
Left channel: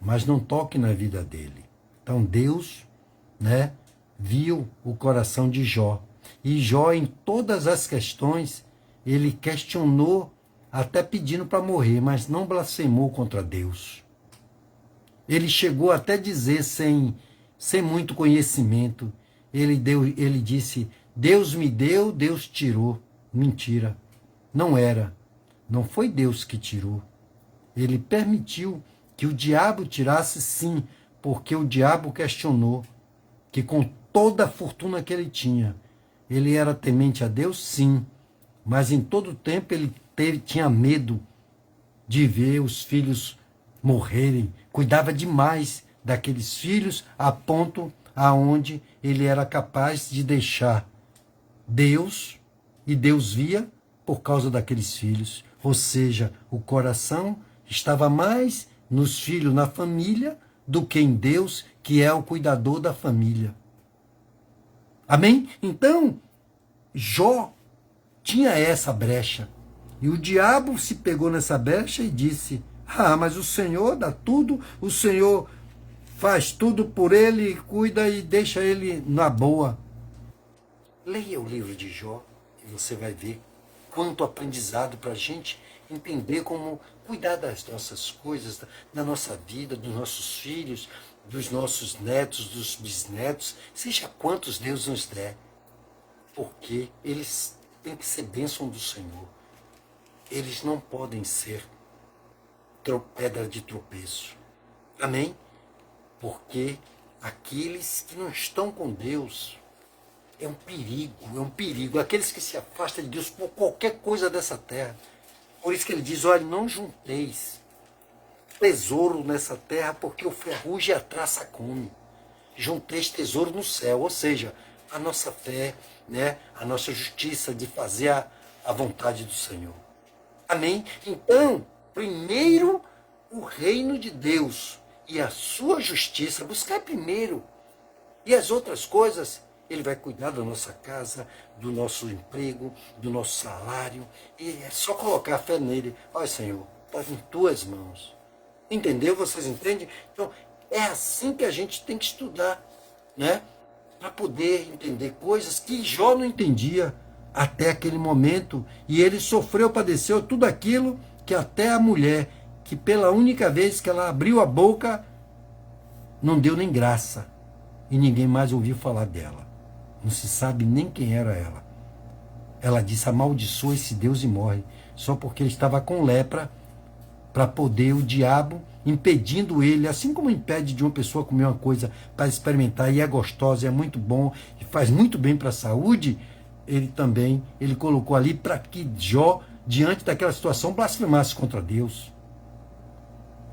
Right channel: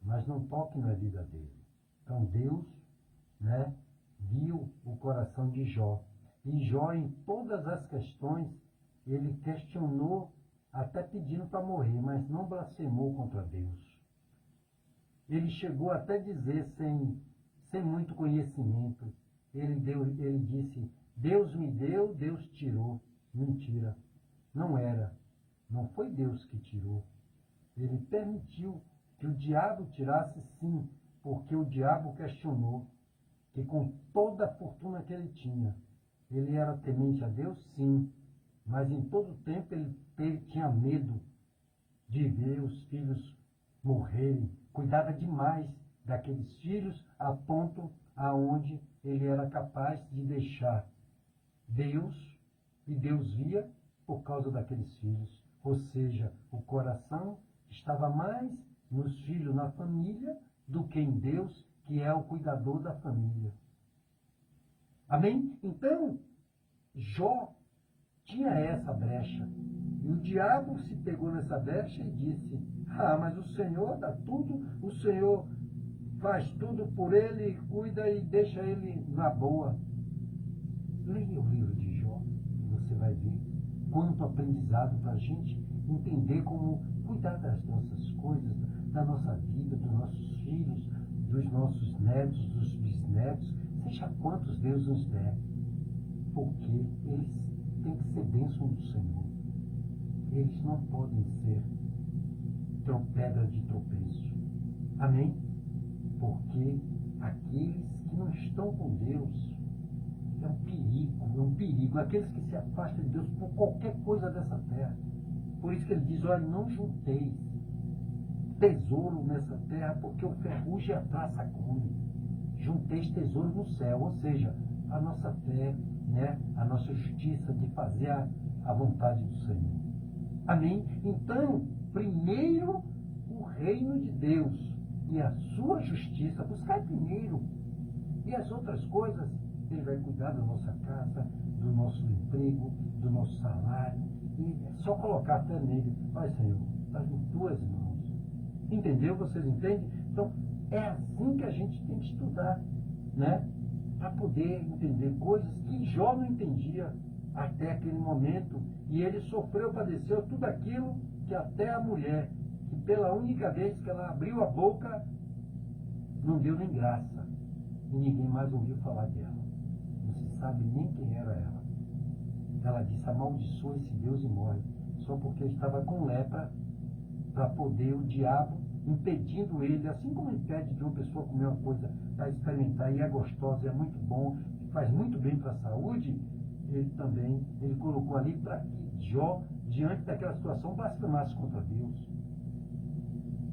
mas não toque na vida dele. Então Deus, né, viu o coração de Jó. E Jó, em todas as questões, ele questionou, até pedindo para morrer, mas não blasfemou contra Deus. Ele chegou até dizer, sem muito conhecimento, ele disse, Deus me deu, Deus tirou. Mentira, não era. Não foi Deus que tirou. Ele permitiu que o diabo tirasse, sim, porque o diabo questionou que com toda a fortuna que ele tinha, ele era temente a Deus, sim, mas em todo tempo ele tinha medo de ver os filhos morrerem, cuidava demais daqueles filhos a ponto aonde ele era capaz de deixar Deus, e Deus via por causa daqueles filhos, ou seja, o coração estava mais nos filhos, na família, do que em Deus, que é o cuidador da família. Amém? Então, Jó tinha essa brecha. E o diabo se pegou nessa brecha e disse, mas o Senhor dá tudo, o Senhor faz tudo por ele, cuida e deixa ele na boa. Leia o livro de Jó e você vai ver quanto aprendizado para a gente entender como cuidar das nossas coisas, da nossa vida, dos nossos filhos, dos nossos netos, dos bisnetos, seja quantos Deus nos der, porque eles têm que ser bênção do Senhor. Eles não podem ser pedra de tropeço. Amém? Porque aqueles que não estão com Deus, é um perigo. Aqueles que se afastam de Deus por qualquer coisa dessa terra. Por isso que ele diz, olha, não junteis tesouro nessa terra, porque o ferrugem e a traça come. Junteis tesouro no céu, ou seja, a nossa fé, né, a nossa justiça de fazer a vontade do Senhor. Amém? Então, primeiro o reino de Deus e a sua justiça, buscar primeiro. E as outras coisas, ele vai cuidar da nossa casa, do nosso emprego, do nosso salário. E é só colocar a fé nele. Olha, Senhor, está em tuas mãos. Entendeu? Vocês entendem? Então, é assim que a gente tem que estudar, né? Para poder entender coisas que Jó não entendia até aquele momento. E ele sofreu, padeceu tudo aquilo que até a mulher, que pela única vez que ela abriu a boca, não deu nem graça. E ninguém mais ouviu falar dela. Não se sabe nem quem era ela. Ela disse: amaldiçoa esse Deus e morre. Só porque ele estava com lepra, para poder o diabo, impedindo ele, assim como impede de uma pessoa comer uma coisa para experimentar, e é gostosa, é muito bom, e faz muito bem para a saúde, ele colocou ali para que Jó, diante daquela situação, blasfemasse contra Deus.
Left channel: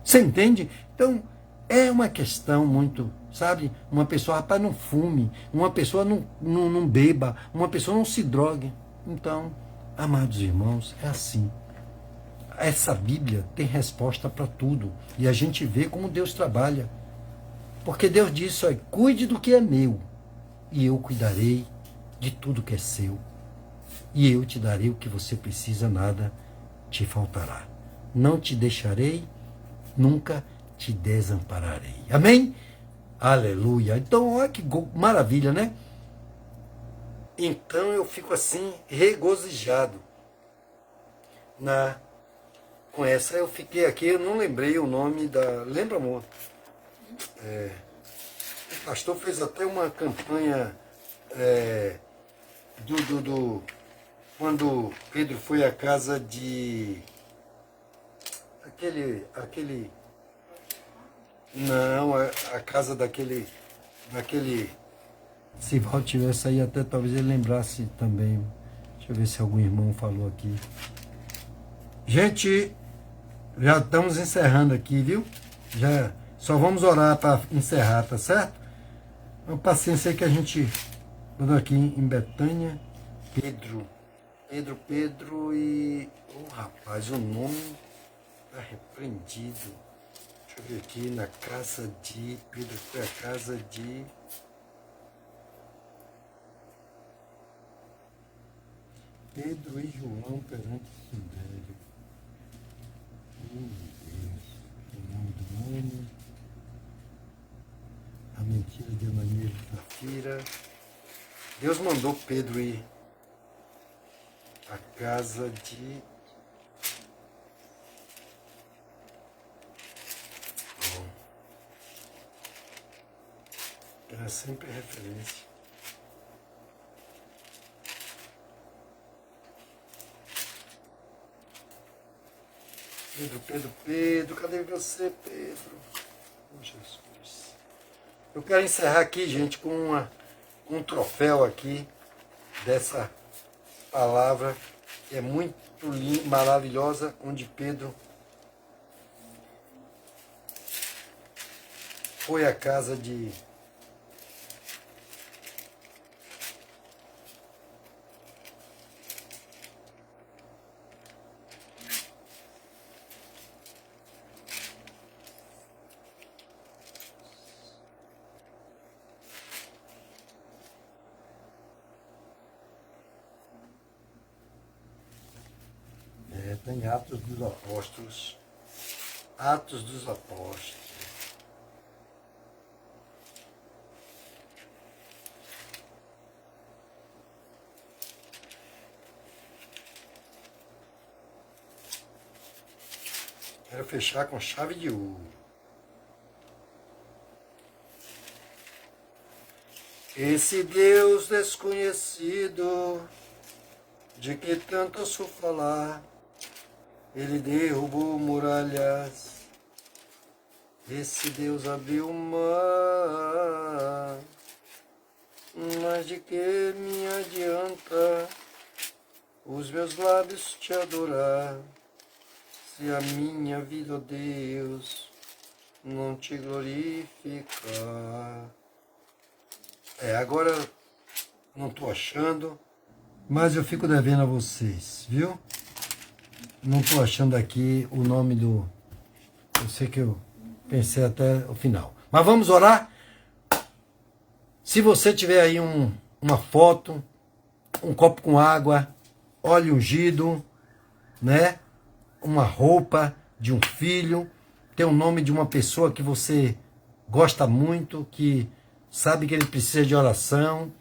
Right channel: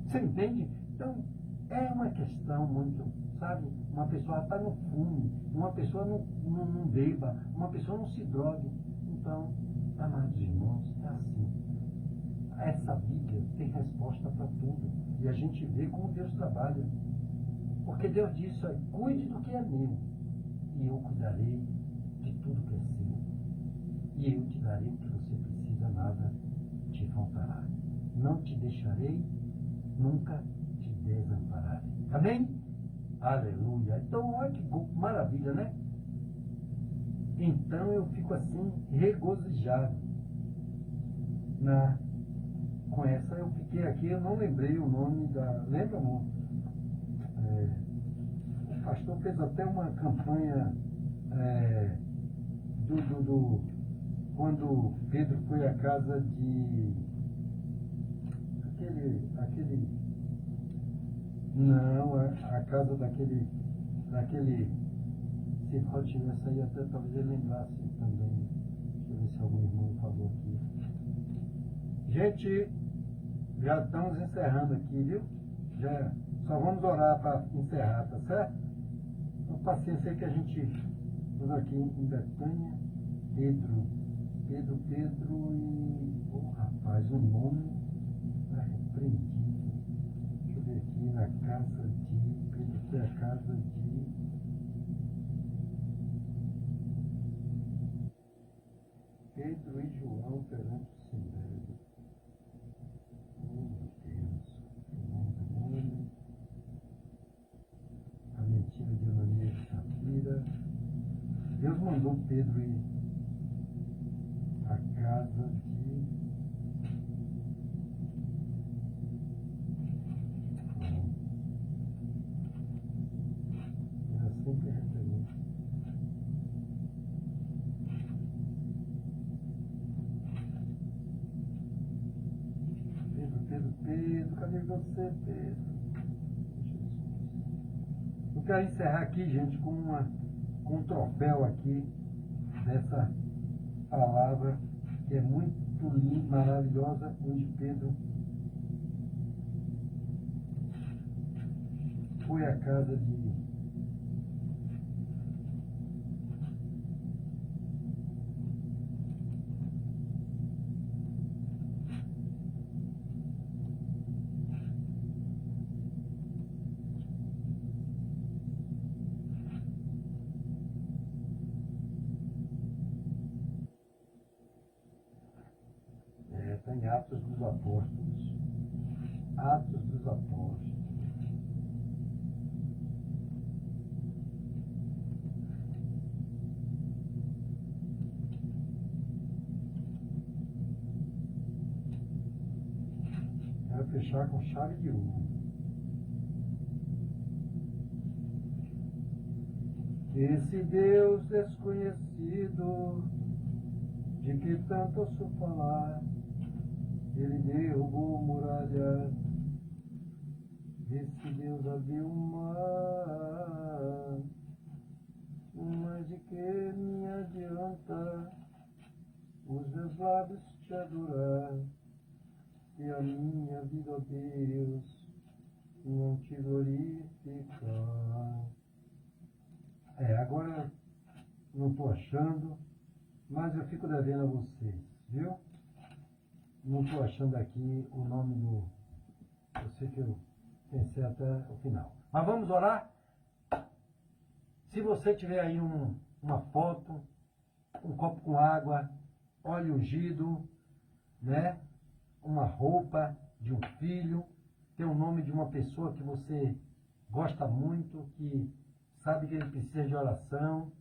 Você entende? Então, é uma questão muito, sabe? Uma pessoa, rapaz, não fume, uma pessoa não beba, uma pessoa não se drogue. Então, amados irmãos, é assim. Essa Bíblia tem resposta para tudo. E a gente vê como Deus trabalha. Porque Deus disse: olha, cuide do que é meu, e eu cuidarei de tudo que é seu. E eu te darei o que você precisa, nada te faltará. Não te deixarei, nunca te desampararei. Amém? Aleluia. Então, olha que maravilha, né? Então eu fico assim, regozijado com essa. Eu fiquei aqui, eu não lembrei o nome da... Lembra, amor? O pastor fez até uma campanha quando Pedro foi à casa de... Não, a casa daquele... Se Val tivesse aí, até talvez ele lembrasse também. Deixa eu ver se algum irmão falou aqui. Gente, já estamos encerrando aqui, viu? Já só vamos orar para encerrar, tá certo? Uma paciência aí que a gente mandou aqui em Betânia. Pedro e... Oh, rapaz, o nome está repreendido. Deixa eu ver aqui, na casa de... Pedro foi à casa de... Pedro e João perante o Sindério. Oh, meu Deus. O nome do homem. A mentira de Ananias e Safira. Deus mandou Pedro ir à casa de... Bom, era sempre referência. Pedro, cadê você, Pedro? Oh, Jesus. Eu quero encerrar aqui, gente, com um troféu aqui dessa palavra que é muito linda, maravilhosa, onde Pedro foi à casa de... Tem Atos dos Apóstolos. Atos dos Apóstolos. Quero fechar com chave de ouro. Esse Deus desconhecido, de que tanto ouço falar, ele derrubou muralhas, esse Deus abriu o mar. Mas de que me adianta os meus lábios te adorar, se a minha vida, ó Deus, não te glorificar? Agora não estou achando, mas eu fico devendo a vocês, viu? Não estou achando aqui o nome do... Eu sei que eu pensei até o final. Mas vamos orar? Se você tiver aí uma foto, um copo com água, óleo ungido, né? Uma roupa de um filho, tem o nome de uma pessoa que você gosta muito, que sabe que ele precisa de oração,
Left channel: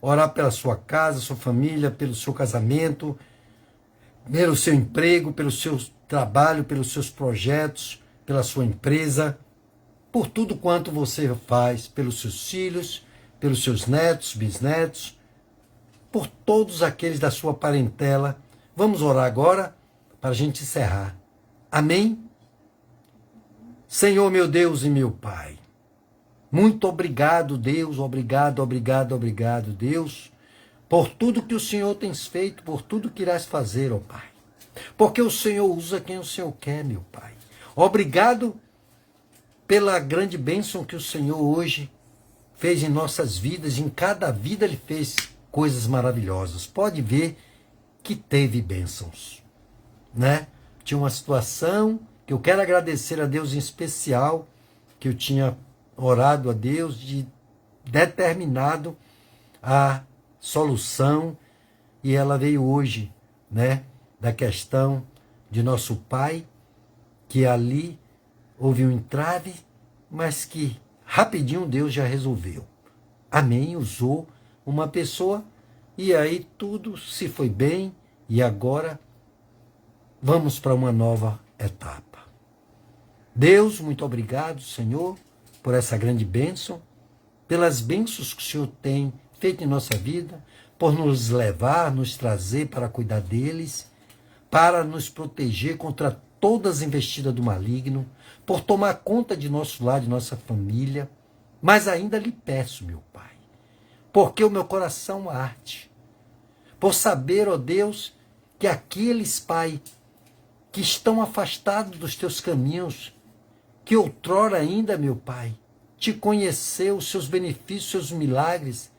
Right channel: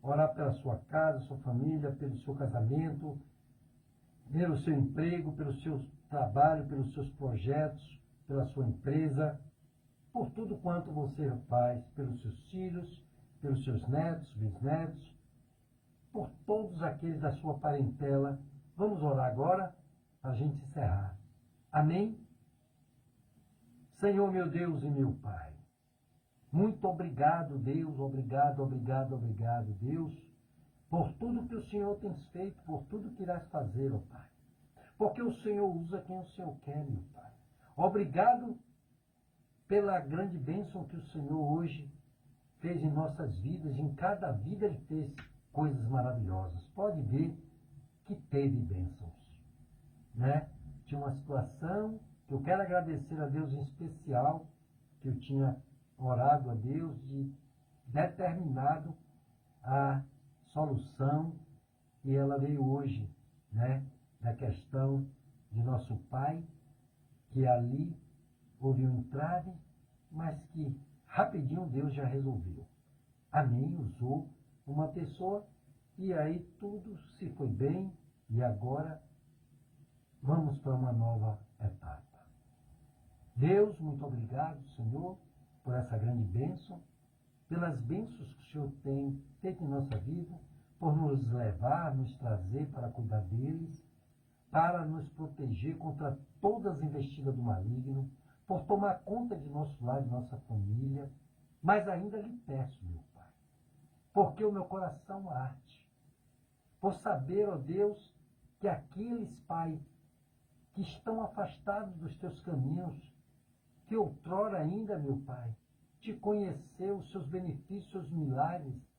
orar pela sua casa, sua família, pelo seu casamento, pelo seu emprego, pelo seu trabalho, pelos seus projetos, pela sua empresa, por tudo quanto você faz, pelos seus filhos, pelos seus netos, bisnetos, por todos aqueles da sua parentela. Vamos orar agora para a gente encerrar. Amém? Senhor, meu Deus e meu Pai, muito obrigado, Deus, obrigado, obrigado, obrigado, Deus, por tudo que o Senhor tem feito, por tudo que irás fazer, ó Pai. Porque o Senhor usa quem o Senhor quer, meu Pai. Obrigado pela grande bênção que o Senhor hoje fez em nossas vidas. Em cada vida Ele fez coisas maravilhosas. Pode ver que teve bênçãos, né? Tinha uma situação que eu quero agradecer a Deus em especial, que eu tinha orado a Deus de determinado a solução, e ela veio hoje, né? Da questão de nosso pai, que ali houve um entrave, mas que rapidinho Deus já resolveu. Amém? Usou uma pessoa e aí tudo se foi bem, e agora vamos para uma nova etapa. Deus, muito obrigado, Senhor, por essa grande bênção, pelas bênçãos que o Senhor tem feito em nossa vida, por nos levar, nos trazer para cuidar deles, para nos proteger contra todas as investidas do maligno, por tomar conta de nosso lar, de nossa família. Mas ainda lhe peço, meu Pai, porque o meu coração arde, por saber, ó Deus, que aqueles, Pai, que estão afastados dos teus caminhos, que outrora ainda, meu Pai, te conheceu, os seus benefícios, os seus milagres,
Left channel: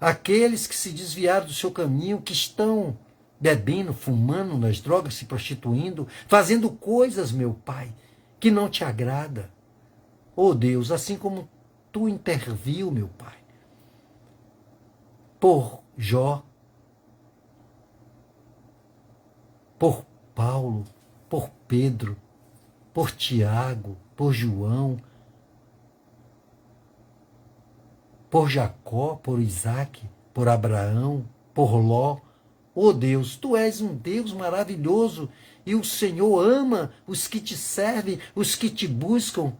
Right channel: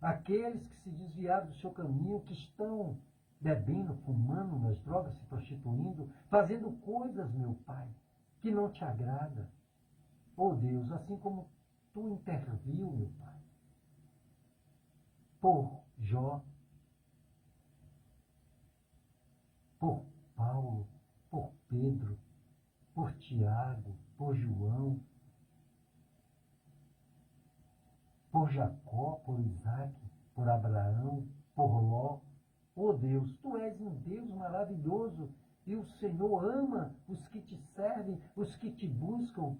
aqueles que se desviaram do seu caminho, que estão bebendo, fumando nas drogas, se prostituindo, fazendo coisas, meu Pai, que não te agrada. Oh Deus, assim como tu interviu, meu Pai, por Jó, por Paulo, por Pedro, por Tiago, por João, por Jacó, por Isaac, por Abraão, por Ló. Oh Deus, tu és um Deus maravilhoso, e o Senhor ama os que te servem, os que te buscam.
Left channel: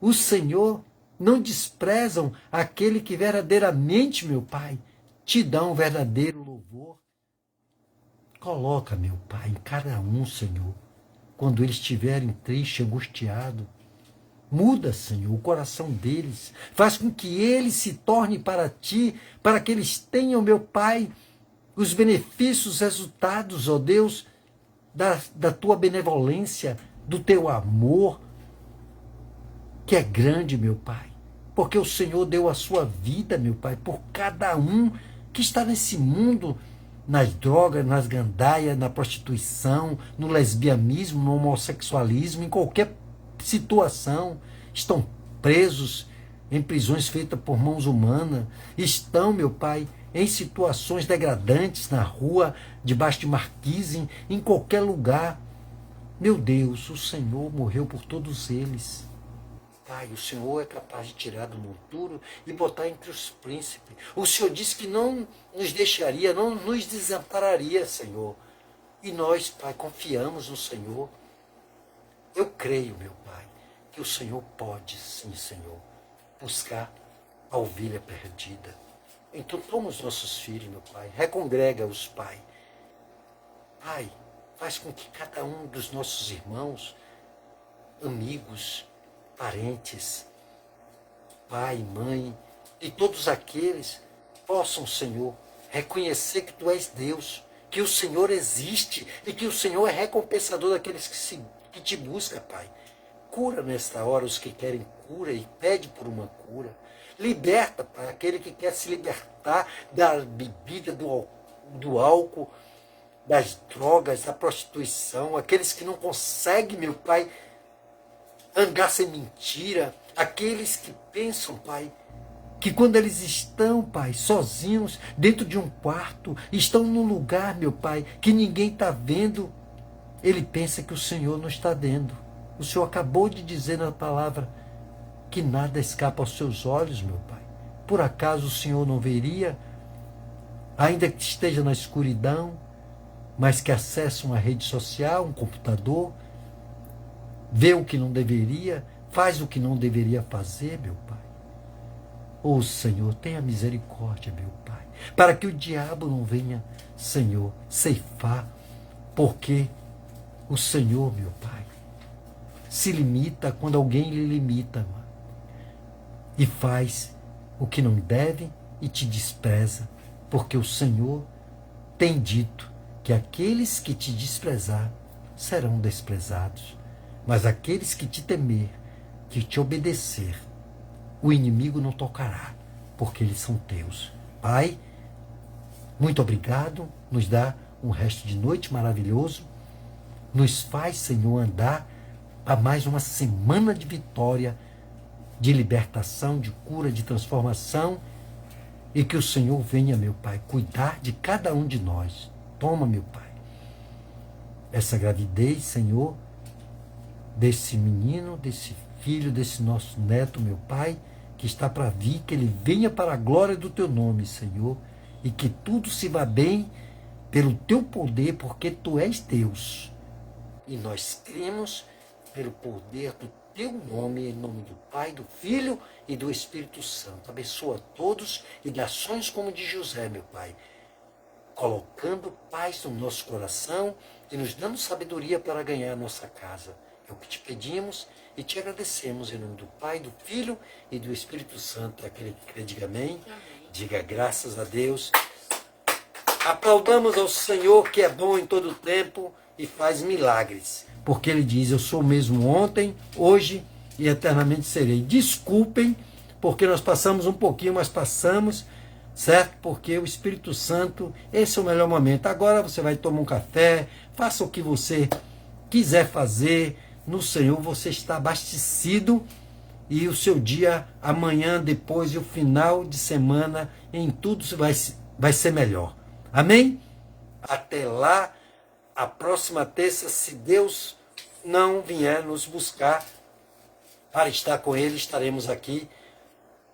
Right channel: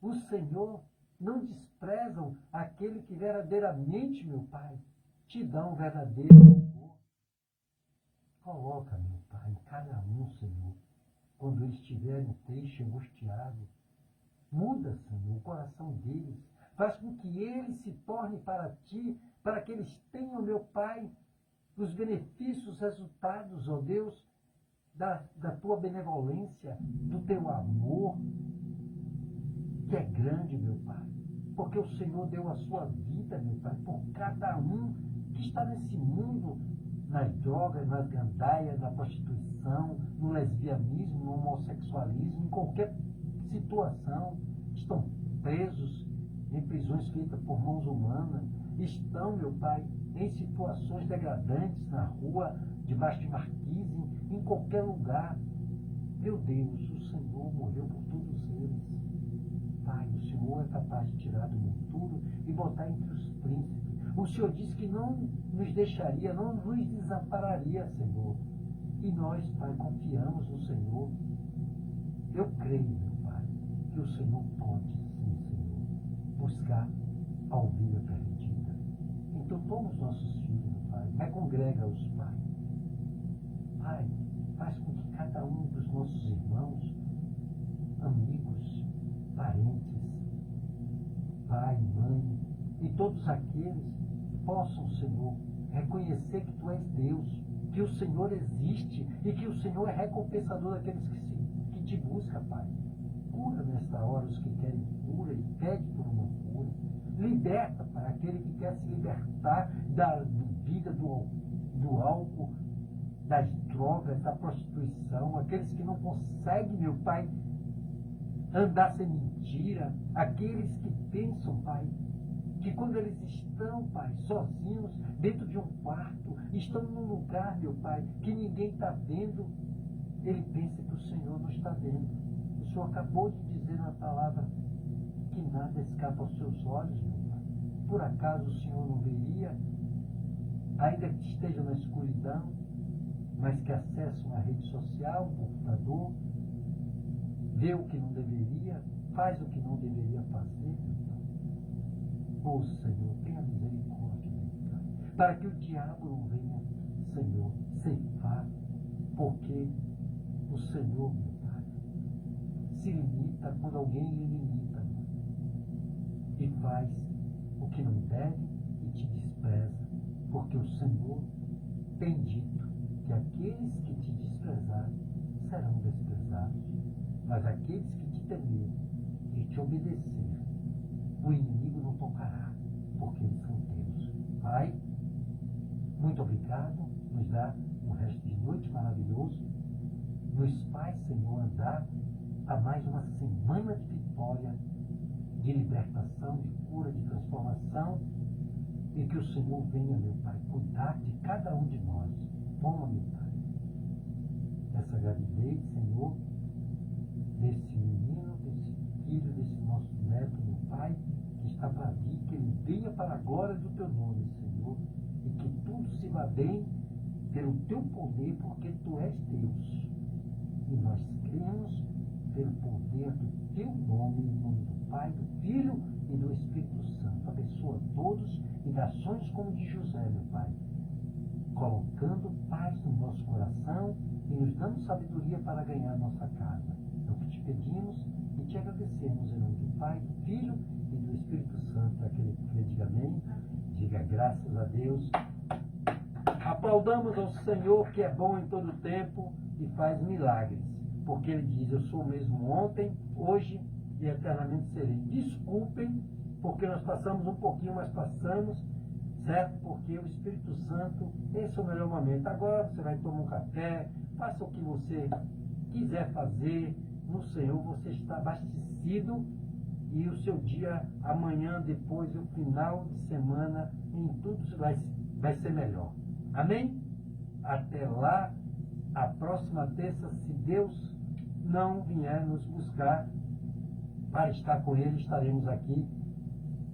O Senhor não desprezam aquele que verdadeiramente, meu Pai, te dá um verdadeiro louvor. Coloca, meu Pai, em cada um, Senhor, quando eles estiverem tristes, angustiados, muda, Senhor, o coração deles. Faz com que eles se tornem para ti, para que eles tenham, meu Pai, os benefícios, os resultados, ó Deus, da tua benevolência, do teu amor, que é grande, meu Pai. Porque o Senhor deu a sua vida, meu Pai, por cada um que está nesse mundo, nas drogas, nas gandaias, na prostituição, no lesbianismo, no homossexualismo, em qualquer situação. Estão presos em prisões feitas por mãos humanas. Estão, meu Pai, em situações degradantes, na rua, debaixo de marquise, em qualquer lugar. Meu Deus, o Senhor morreu por todos eles. Pai, o Senhor é capaz de tirar do monturo e botar entre os príncipes. O Senhor disse que não nos deixaria, não nos desampararia, Senhor. E nós, Pai, confiamos no Senhor. Eu creio, meu Pai, que o Senhor pode, sim, Senhor, buscar a ovelha perdida. Então toma os nossos filhos, meu Pai, recongrega-os, Pai. Pai, faz com que cada um dos nossos irmãos, amigos, parentes, pai, mãe, e todos aqueles possam, Senhor, reconhecer que Tu és Deus, que o Senhor existe e que o Senhor é recompensador daqueles que Te buscam, Pai. Cura nesta hora os que querem cura e pede por uma cura. Liberta, Pai, aquele que quer se libertar da bebida, do álcool, das drogas, da prostituição, aqueles que não conseguem, meu Pai, andar sem mentira, aqueles que pensam, Pai, que quando eles estão, Pai, sozinhos, dentro de um quarto, estão num lugar, meu Pai, que ninguém está vendo, ele pensa que o Senhor não está vendo. O Senhor acabou de dizer na palavra que nada escapa aos seus olhos, meu Pai. Por acaso o Senhor não veria, ainda que esteja na escuridão? mas que acessa uma rede social, um computador, vê o que não deveria, faz o que não deveria fazer, meu Pai. Ô Senhor, tenha misericórdia, meu Pai, para que o diabo não venha, Senhor, ceifar, porque o Senhor, meu Pai, se limita quando alguém lhe limita, mano, e faz o que não deve e te despreza, porque o Senhor tem dito que aqueles que te desprezar serão desprezados, mas aqueles que te temer, que te obedecer, o inimigo não tocará, porque eles são teus. Pai, muito obrigado, nos dá um resto de noite maravilhoso, nos faz, Senhor, andar a mais uma semana de vitória, de libertação, de cura, de transformação, e que o Senhor venha, meu Pai, cuidar de cada um de nós. Toma, meu Pai, essa gravidez, Senhor, desse menino, desse filho, desse nosso neto, meu Pai, que está para vir, que ele venha para a glória do Teu nome, Senhor, e que tudo se vá bem pelo Teu poder, porque Tu és Deus. E nós cremos pelo poder do Teu nome, em nome do Pai, do Filho e do Espírito Santo. Abençoa todos e dê ações como de José, meu Pai, colocando paz no nosso coração e nos dando sabedoria para ganhar a nossa casa. É o que te pedimos e te agradecemos em nome do Pai, do Filho e do Espírito Santo. Aquele que crê, diga amém. Diga graças a Deus. Aplaudamos ao Senhor, que é bom em todo tempo e faz milagres. Porque Ele diz, eu sou o mesmo ontem, hoje e eternamente serei. Desculpem, porque nós passamos um pouquinho, mas passamos, certo? Porque o Espírito Santo, esse é o melhor momento. Agora você vai tomar um café, faça o que você quiser fazer. No Senhor você está abastecido e o seu dia, amanhã, depois e o final de semana, em tudo vai ser melhor. Amém? Até lá, a próxima terça, se Deus não vier nos buscar para estar com Ele, estaremos aqui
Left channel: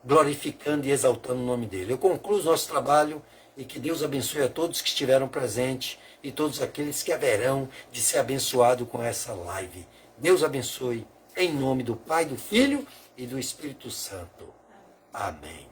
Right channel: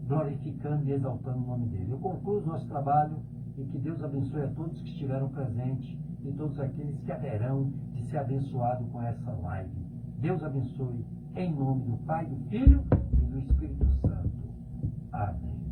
glorificando e exaltando o nome dEle. Eu concluo o nosso trabalho e que Deus abençoe a todos que estiveram presentes e todos aqueles que haverão de ser abençoados com essa live. Deus abençoe, em nome do Pai, do Filho e do Espírito Santo. Amém.